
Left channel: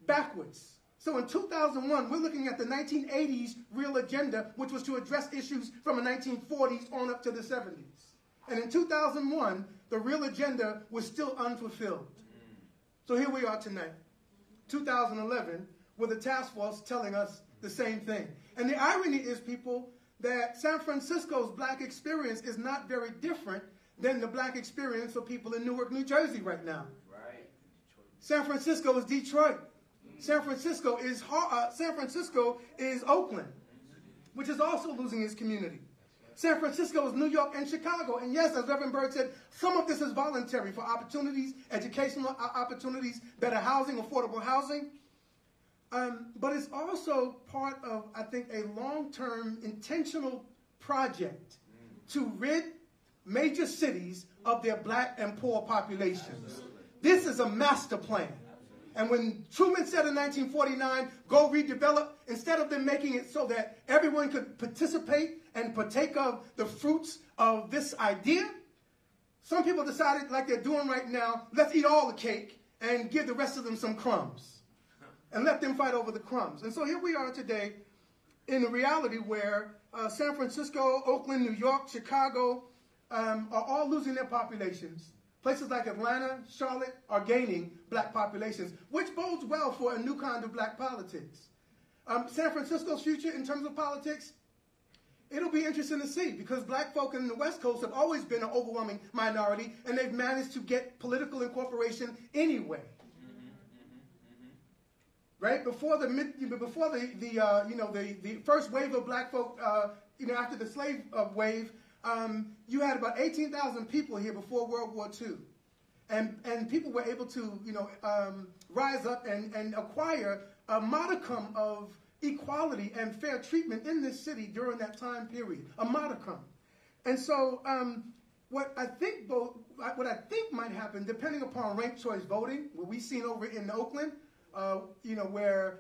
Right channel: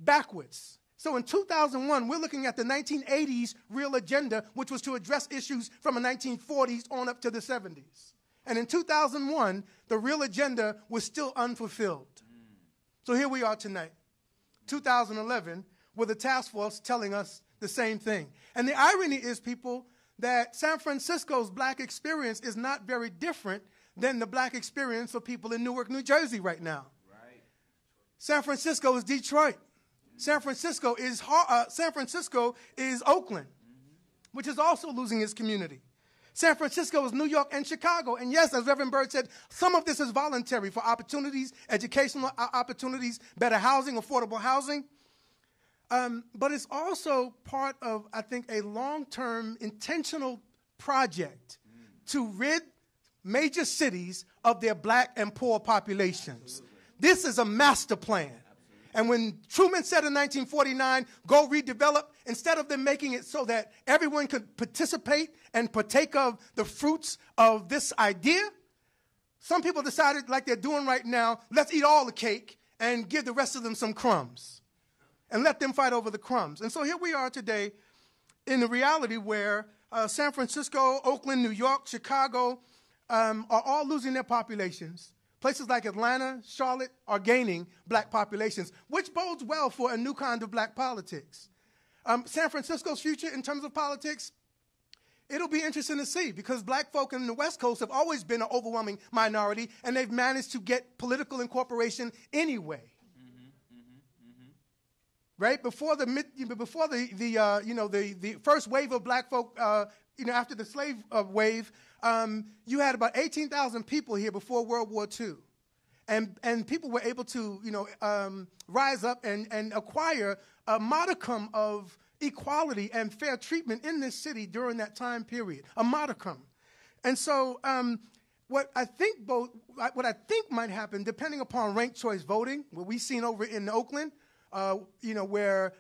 backwards. So in 2001, we're looking at the 1980s Real Agenda, which was to address issues from the 1940s on up to the 70s. And in 2001, the Real Agenda was still unfulfilled. So here we are tonight, 2011, with a task force telling us the same thing. And the irony is, people, that San Francisco's black experience is not very different than the black experience for people in Newark, New Jersey right now. Right. San Francisco is Detroit. San Francisco is Oakland, which is also losing its community. San Francisco is New York and Chicago. And yes, as Reverend Bird said, some of this is voluntary for opportunities, educational opportunities, better housing, affordable housing. But it's also part of, I think, a long-term intentional project to rid major cities of their black and poor populations. This is a master plan. And when Truman said in 1949, go redevelop, instead of them making it so that everyone could participate and partake of the fruits of this idea, some people decided, like they're doing right now, let's eat all the cake and give the rest of them some crumbs and let them fight over the crumbs. And so here we are today in the reality where San Francisco, Oakland, New York, Chicago are all losing their populations. Places like Atlanta, Charlotte are gaining black populations, which bodes well for a new kind of black politics. San Francisco's future in terms of politics, it'll be interesting to see, because black folk in the West Coast have always been an overwhelming minority, and they've managed to get political incorporation anyway. Right before the first wave of black folk, after the slave wave. You had about 18,000 people here before World War II. And people were able to, rise up and acquire a modicum of equality and fair treatment in this city during that time period, a modicum. And so what I think might happen, depending upon ranked choice voting, what we've seen over in Oakland, where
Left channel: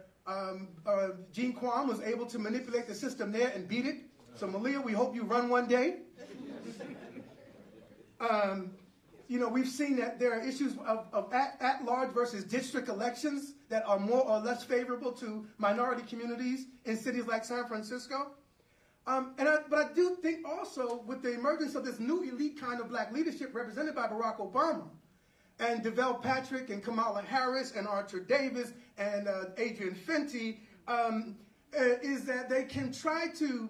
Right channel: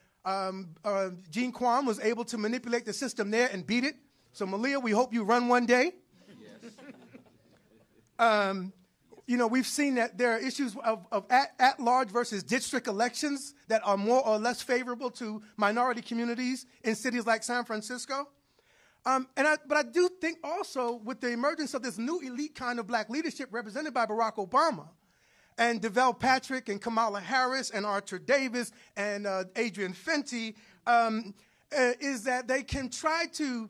Gene Kwan was able to manipulate the system there and beat it. So Malia, we hope you run one day. We've seen that there are issues of at-large versus district elections that are more or less favorable to minority communities in cities like San Francisco. But I do think also with the emergence of this new elite kind of black leadership represented by Barack Obama and DeVale Patrick and Kamala Harris and Arthur Davis and Adrian Fenty, is that they can try to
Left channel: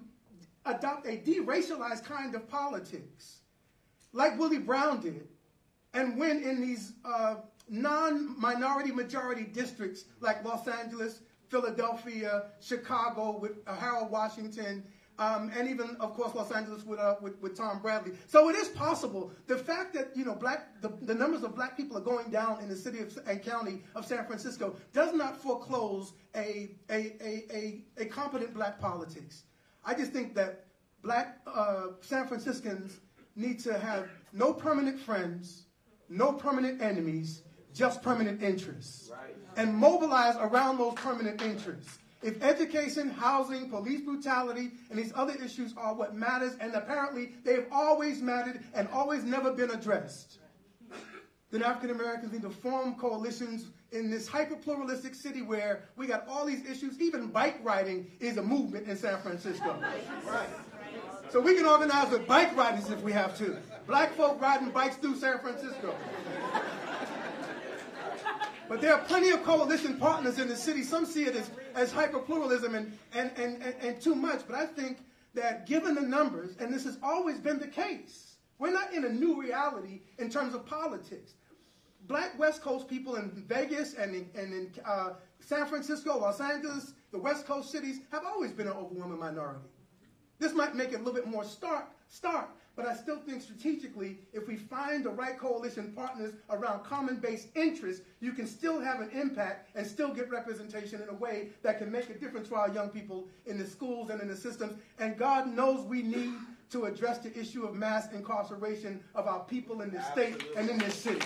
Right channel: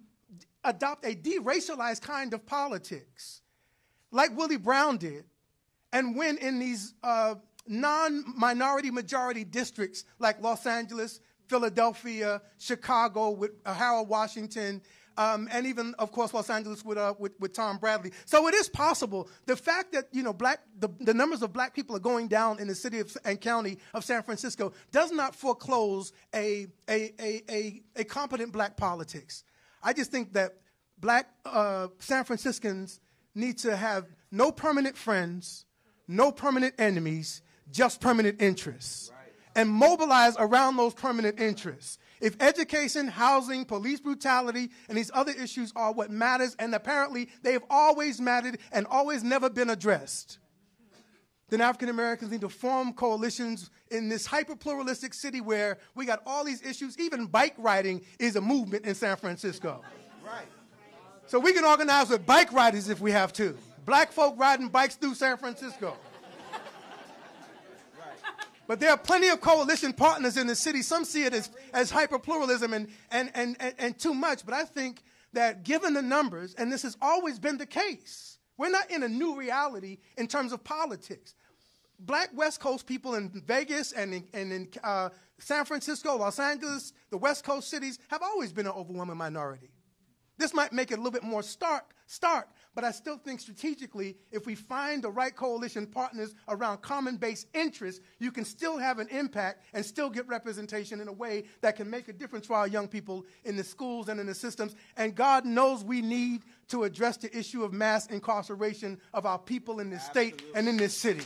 adopt a de-racialized kind of politics like Willie Brown did and win in these non-minority majority districts like Los Angeles, Philadelphia, Chicago with Harold Washington, and even, of course, Los Angeles with Tom Bradley. So it is possible. The fact that the numbers of black people are going down in the city and county of San Francisco does not foreclose a competent black politics. I just think that black San Franciscans need to have no permanent friends, no permanent enemies, just permanent interests, and mobilize around those permanent interests. If education, housing, police brutality, and these other issues are what matters, and apparently they have always mattered and always never been addressed, then African Americans need to form coalitions in this hyper-pluralistic city where we got all these issues. Even bike riding is a movement in San Francisco. So we can organize with bike riders if we have to. Black folk riding bikes through San Francisco. But there are plenty of coalition partners in the city. Some see it as hyper-pluralism and too much. But I think that given the numbers, and this has always been the case, we're not in a new reality in terms of politics. Black West Coast people in Vegas and in San Francisco, Los Angeles, the West Coast cities have always been an overwhelming minority. This might make it a little bit more stark, but I still think strategically, if we find the right coalition partners around common-based interests, you can still have an impact and still get representation in a way that can make a difference for our young people in the schools and in the systems. And God knows we need to address the issue of mass incarceration of our people in this state and in this city.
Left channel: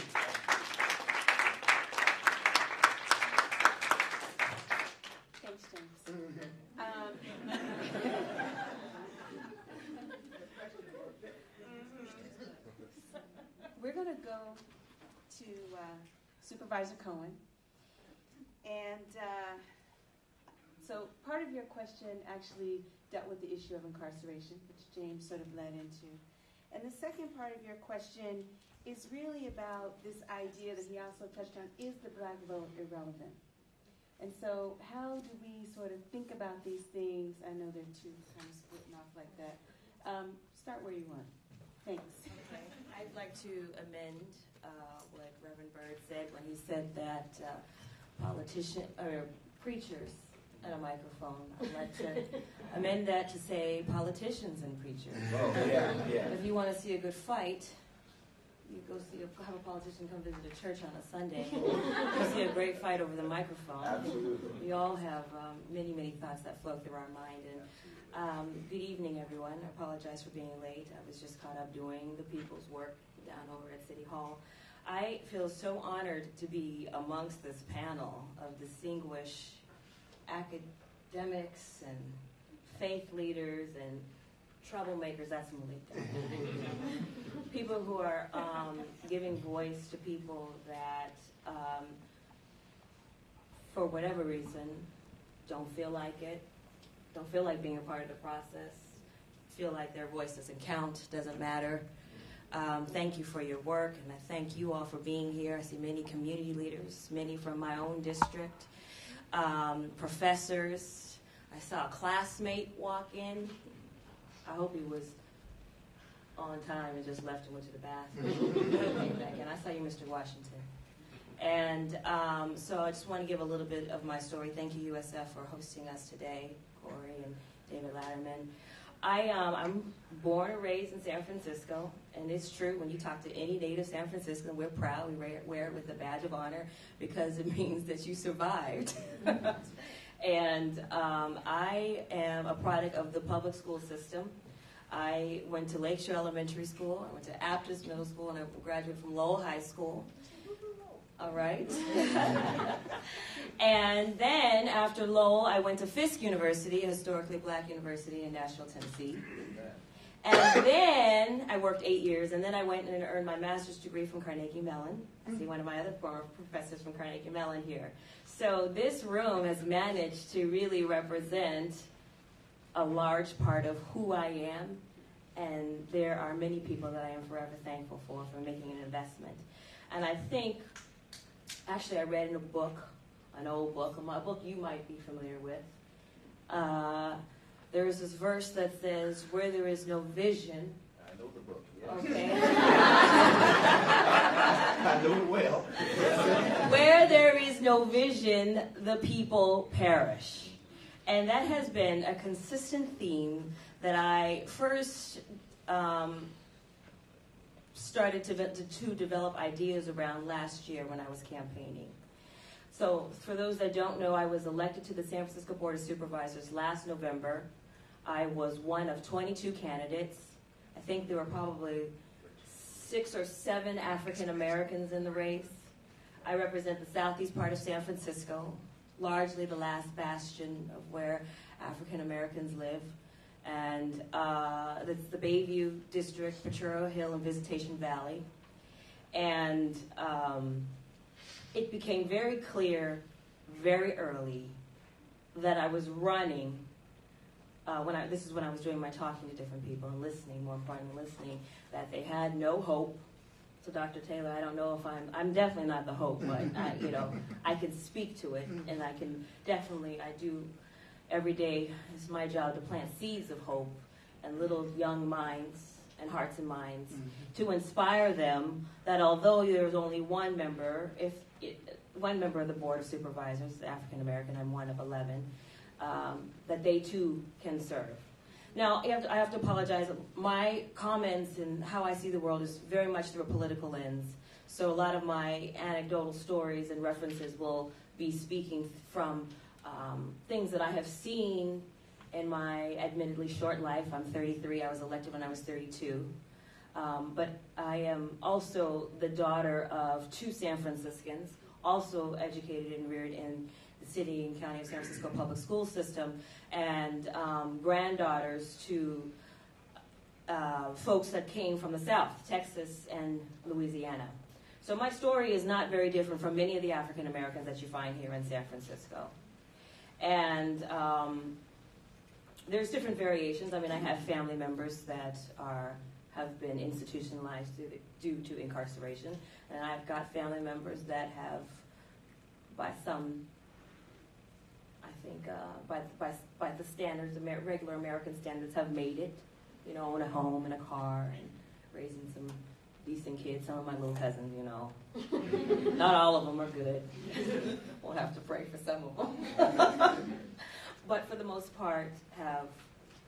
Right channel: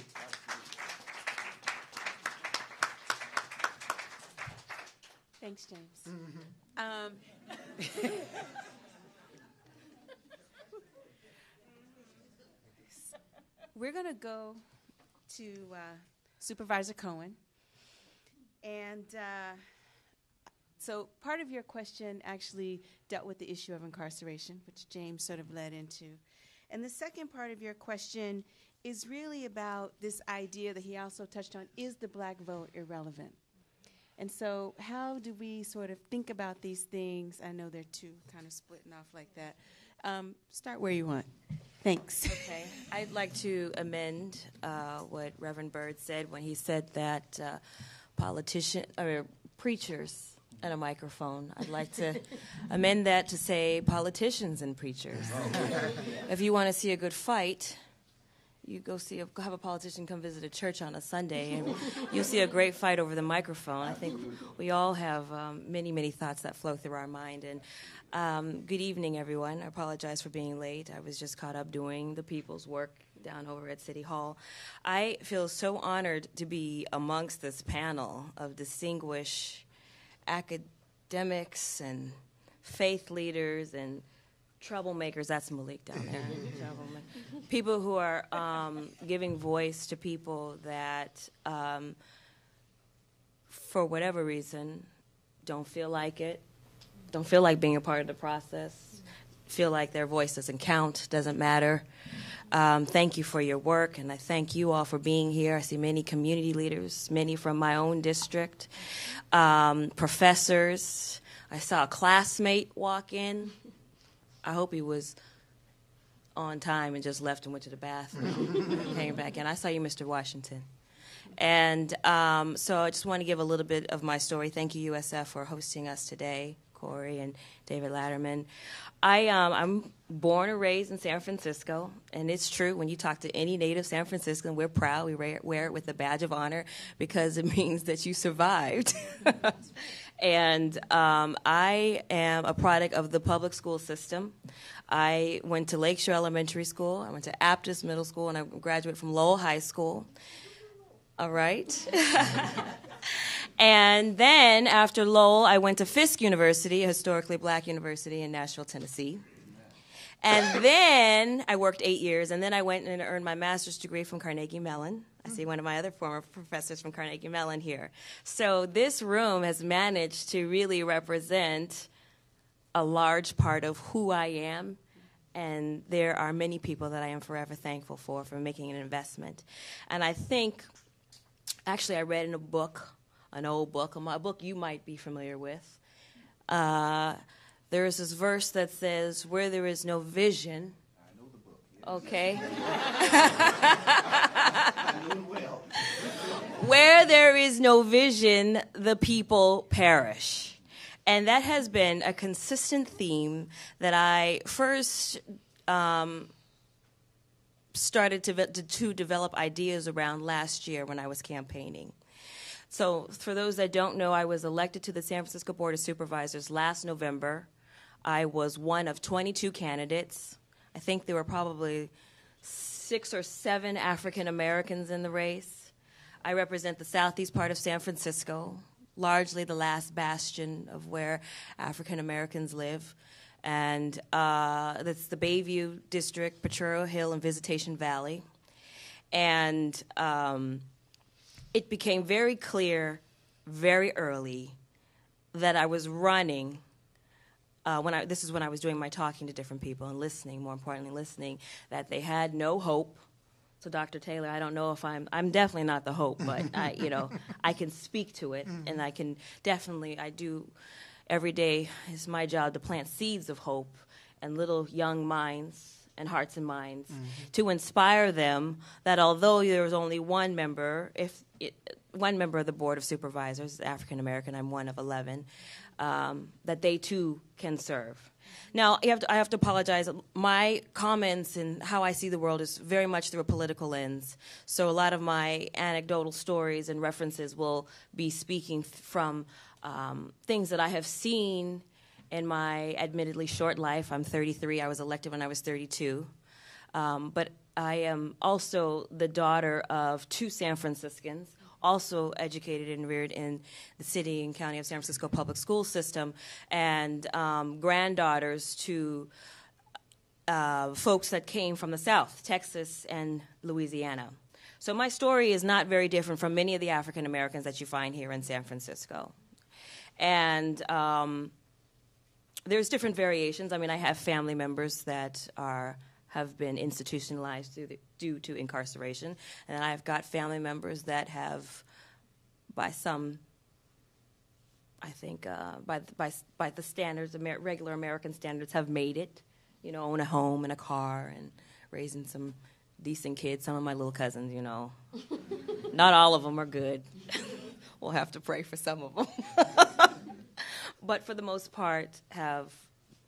Thanks, James. We're going to go to Supervisor Cohen. And so part of your question actually dealt with the issue of incarceration, which James sort of led into. And the second part of your question is really about this idea that he also touched on, is the black vote irrelevant? And so how do we sort of think about these things? I know they're two kind of splitting off like that. Start where you want. Thanks. Okay. I'd like to amend what Reverend Byrd said when he said that preachers and a microphone. I'd like to amend that to say politicians and preachers. Oh, yeah. If you want to see a good fight, you go have a politician come visit a church on a Sunday, and you'll see a great fight over the microphone. I think we all have many, many thoughts that flow through our mind. And good evening, everyone. I apologize for being late. I was just caught up doing the people's work down over at City Hall. I feel so honored to be amongst this panel of distinguished academics and faith leaders and troublemakers. That's Malik down there. People who are giving voice to people that, for whatever reason, don't feel like it, don't feel like being a part of the process, feel like their voice doesn't count, doesn't matter. Thank you for your work, and I thank you all for being here. I see many community leaders, many from my own district, professors. I saw a classmate walk in. I hope he was on time and just left and went to the bathroom, came back in. I saw you, Mr. Washington. And so I just want to give a little bit of my story. Thank you, USF, for hosting us today, Corey and David Latterman. I'm born and raised in San Francisco, and it's true, when you talk to any native San Franciscan, we're proud. We wear it with a badge of honor because it means that you survived. And I am a product of the public school system. I went to Lakeshore Elementary School. I went to Aptis Middle School, and I graduated from Lowell High School. All right. And then after Lowell, I went to Fisk University, a historically black university in Nashville, Tennessee. And then I worked 8 years, and then I went and earned my master's degree from Carnegie Mellon. I see one of my other former professors from Carnegie Mellon here. So this room has managed to really represent a large part of who I am, and there are many people that I am forever thankful for making an investment. And I think, actually I read in a book, an old book, a book you might be familiar with, there is this verse that says, where there is no vision, I know the book. Yeah. Okay. I know it well. Where there is no vision, the people perish. And that has been a consistent theme that I first started to develop ideas around last year when I was campaigning. So for those that don't know, I was elected to the San Francisco Board of Supervisors last November. I was one of 22 candidates. I think there were probably 6 or 7 African Americans in the race. I represent the southeast part of San Francisco, largely the last bastion of where African Americans live. And that's the Bayview District, Potrero Hill, and Visitation Valley. And it became very clear very early that I was running, this is when I was doing my talking to different people and listening, more importantly listening, that they had no hope. So Dr. Taylor, I don't know if I'm definitely not the hope, but I can speak to it, and I can definitely, I do every day, it's my job to plant seeds of hope in little young minds and hearts and minds to inspire them that although there's only one member, one member of the Board of Supervisors, African American, I'm one of 11, that they too can serve. Now, I have to apologize. My comments and how I see the world is very much through a political lens. So a lot of my anecdotal stories and references will be speaking from things that I have seen in my admittedly short life. I'm 33. I was elected when I was 32. But I am also the daughter of 2 San Franciscans, also educated and reared in the city and county of San Francisco public school system, and granddaughters to folks that came from the South, Texas and Louisiana. So my story is not very different from many of the African Americans that you find here in San Francisco. And there's different variations. I mean, I have family members that have been institutionalized due to incarceration, and I've got family members that have, by some, I think, by the standards, regular American standards, have made it, own a home and a car and raising some decent kids. Some of my little cousins, not all of them are good. We'll have to pray for some of them. But for the most part,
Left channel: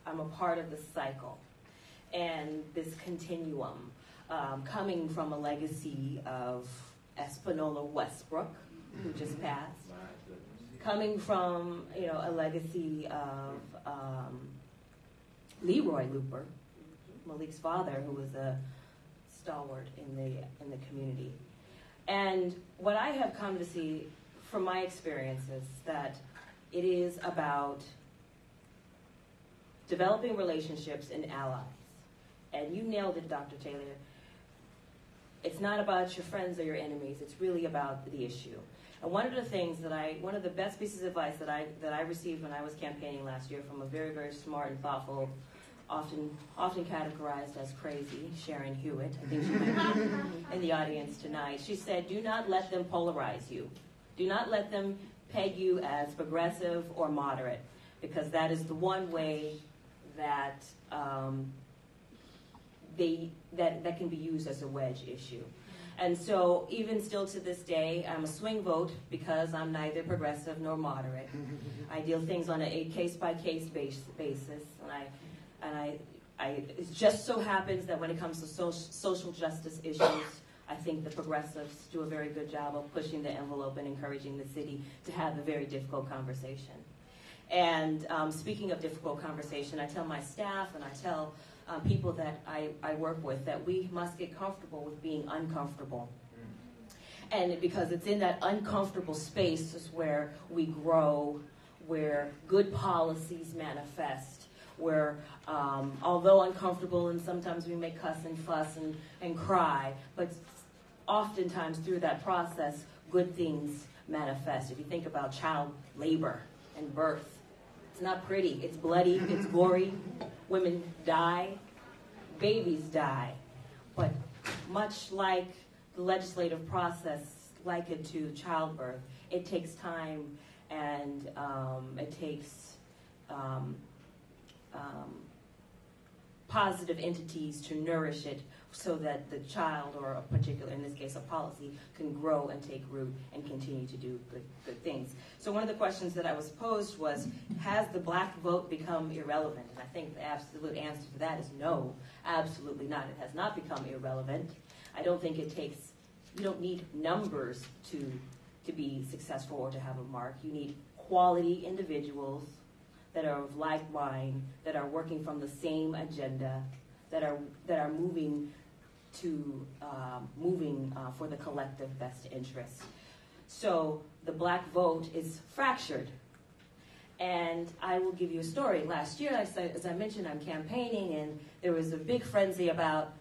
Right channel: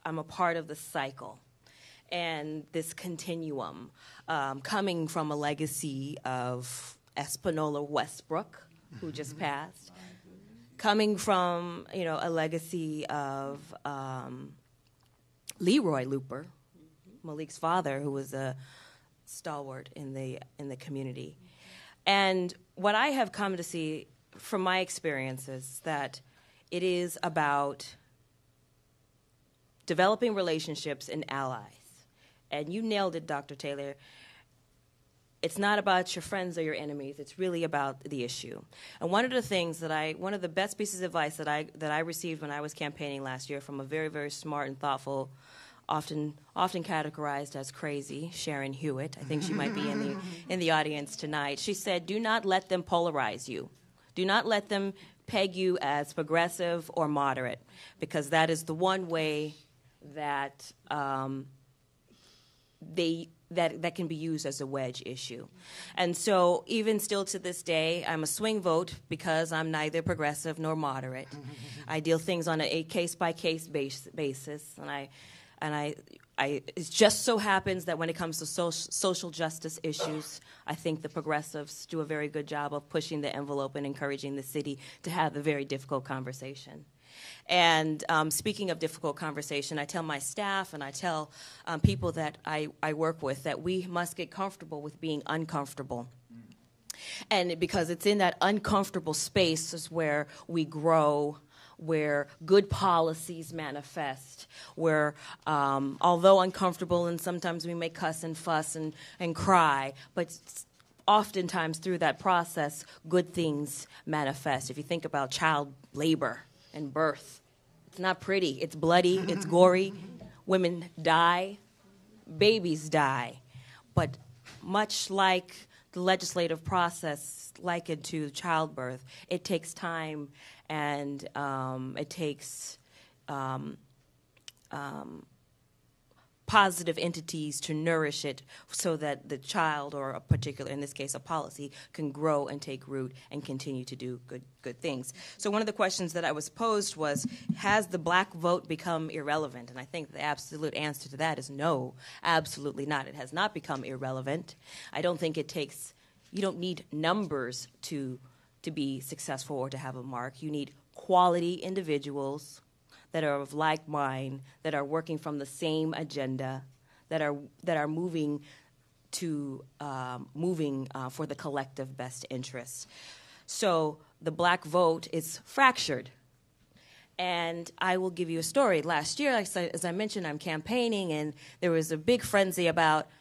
I'm a part of the cycle and this continuum, coming from a legacy of Espanola Westbrook, who just passed, coming from a legacy of Leroy Looper, Malik's father, who was a stalwart in the community. And what I have come to see from my experiences that it is about developing relationships and allies. And you nailed it, Dr. Taylor. It's not about your friends or your enemies. It's really about the issue. And one of the best pieces of advice that I received when I was campaigning last year from a very, very smart and thoughtful, often categorized as crazy, Sharon Hewitt. I think she might be in the audience tonight. She said, do not let them polarize you. Do not let them peg you as progressive or moderate, because that is the one way that that can be used as a wedge issue. And so even still to this day, I'm a swing vote because I'm neither progressive nor moderate. I deal things on a case-by-case basis, and it just so happens that when it comes to social justice issues, I think the progressives do a very good job of pushing the envelope and encouraging the city to have the very difficult conversation. And speaking of difficult conversation, I tell my staff and I tell people that I work with that we must get comfortable with being uncomfortable. And because it's in that uncomfortable space is where we grow, where good policies manifest, where although uncomfortable and sometimes we may cuss and fuss and cry, but oftentimes through that process, good things manifest. If you think about child labor and birth, it's not pretty. It's bloody. It's gory. Women die. Babies die. But much like the legislative process, likened to childbirth, it takes time and it takes positive entities to nourish it so that the child, or a particular, in this case, a policy, can grow and take root and continue to do good things. So one of the questions that I was posed was, has the black vote become irrelevant? And I think the absolute answer to that is no, absolutely not. It has not become irrelevant. I don't think it takes, you don't need numbers to be successful or to have a mark. You need quality individuals that are of like mind, that are working from the same agenda, that are moving for the collective best interest. So the black vote is fractured. And I will give you a story. Last year, as I mentioned, I'm campaigning, and there was a big frenzy about,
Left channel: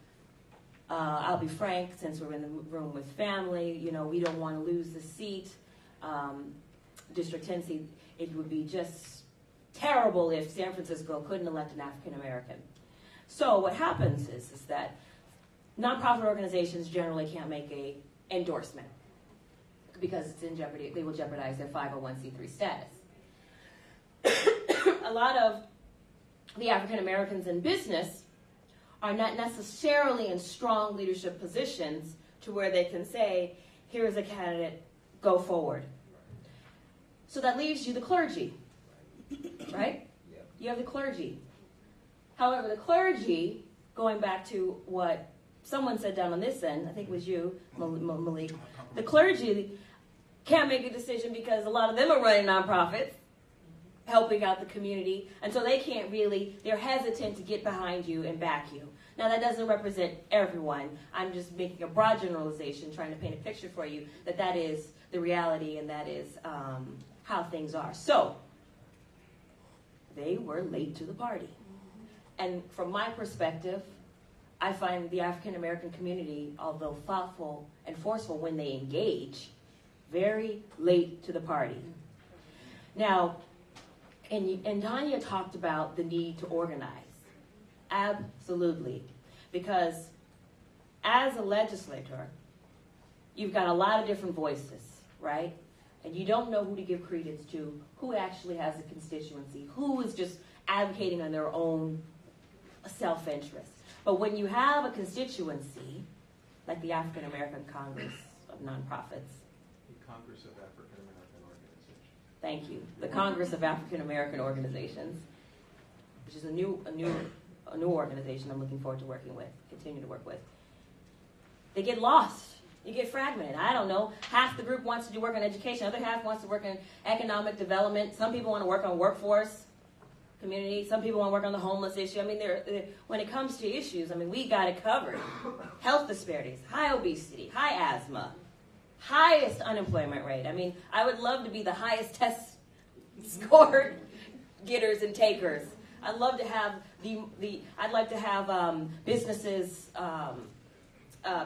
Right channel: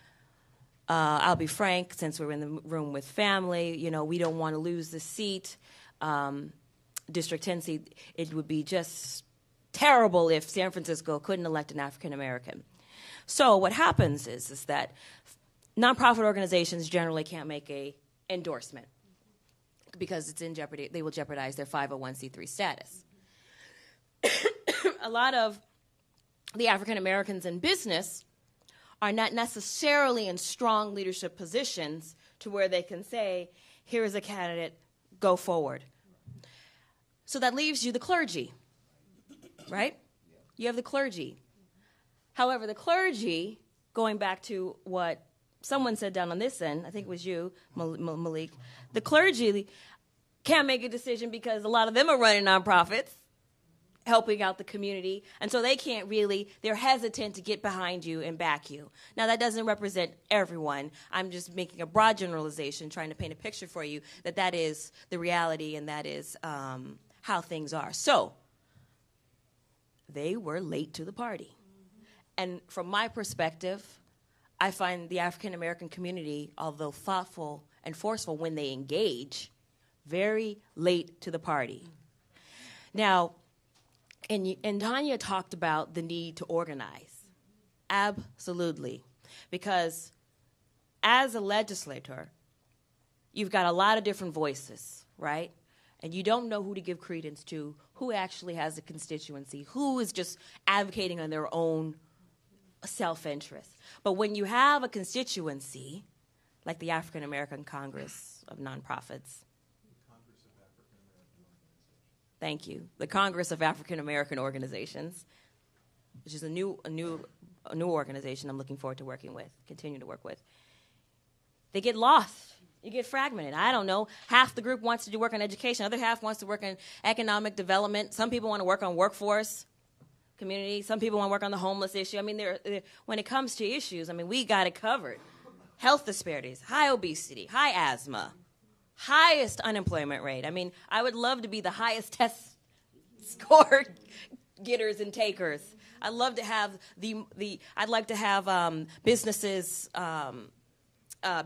I'll be frank, since we're in the room with family, you know, we don't want to lose the seat. District 10 seat, it would be just terrible if San Francisco couldn't elect an African American. So what happens is that nonprofit organizations generally can't make an endorsement because it's in jeopardy. They will jeopardize their 501c3 status. A lot of the African Americans in business are not necessarily in strong leadership positions to where they can say, here's a candidate, go forward. So that leaves you the clergy. Right? You have the clergy. However, the clergy, going back to what someone said down on this end, I think it was you, Malik, the clergy can't make a decision because a lot of them are running nonprofits, helping out the community, and so they can't really, they're hesitant to get behind you and back you. Now, that doesn't represent everyone. I'm just making a broad generalization, trying to paint a picture for you that is the reality and that is how things are. So, they were late to the party. And from my perspective, I find the African American community, although thoughtful and forceful when they engage, very late to the party. Now, and Tanya talked about the need to organize. Absolutely. Because as a legislator, you've got a lot of different voices, right? And you don't know who to give credence to, who actually has a constituency, who is just advocating on their own self-interest. But when you have a constituency, like the African American Congress of Nonprofits. The Congress of African American Organizations. Thank you. The Congress of African American Organizations, which is a new organization I'm looking forward to working with, continue to work with. They get lost. You get fragmented. I don't know. Half the group wants to do work on education. Other half wants to work in economic development. Some people want to work on workforce, community. Some people want to work on the homeless issue. I mean, when it comes to issues, I mean, we got it covered. Health disparities, high obesity, high asthma, highest unemployment rate. I mean, I would love to be the highest test score getters and takers. I'd love to have I'd like to have businesses,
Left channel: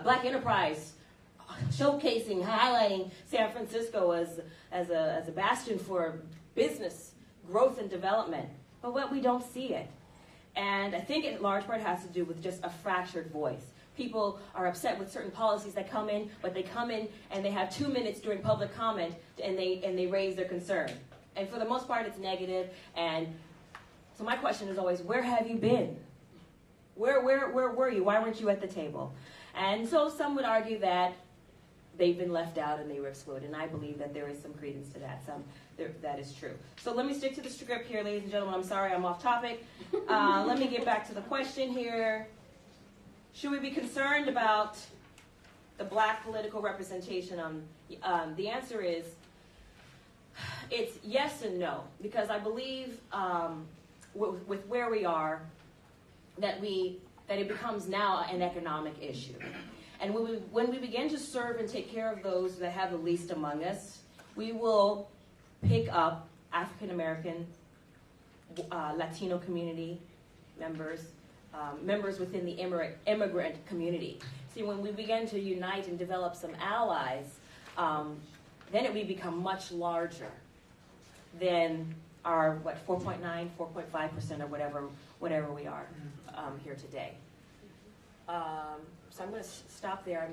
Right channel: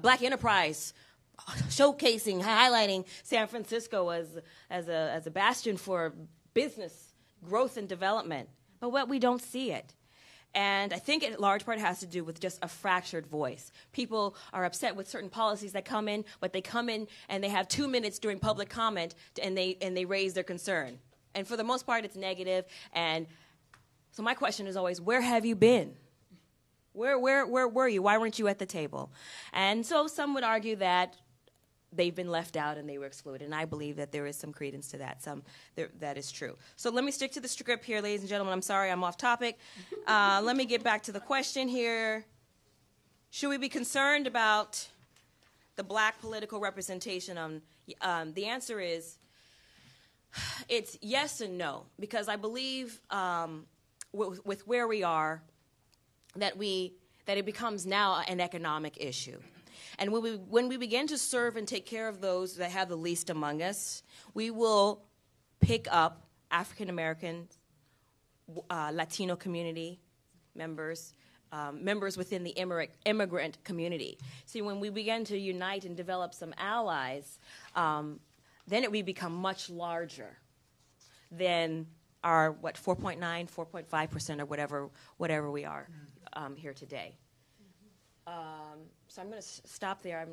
Black enterprise, showcasing, highlighting San Francisco as a bastion for business growth and development. But what we don't see it. And I think it in large part has to do with just a fractured voice. People are upset with certain policies that come in, but they come in and they have 2 minutes during public comment and they raise their concern. And for the most part, it's negative. And so my question is always, where have you been? Where were you? Why weren't you at the table? And so some would argue that they've been left out and they were excluded. And I believe that there is some credence to that. That is true. So let me stick to the script here, ladies and gentlemen. I'm sorry I'm off topic. Let me get back to the question here. Should we be concerned about the black political representation? The answer is It's yes and no, because I believe with where we are, that it becomes now an economic issue. And when we begin to serve and take care of those that have the least among us, we will pick up African American, Latino community members, members within the immigrant community. See, when we begin to unite and develop some allies, then we become much larger than our 4.9, 4.5%, or whatever we are here today. So I'm going to stop there.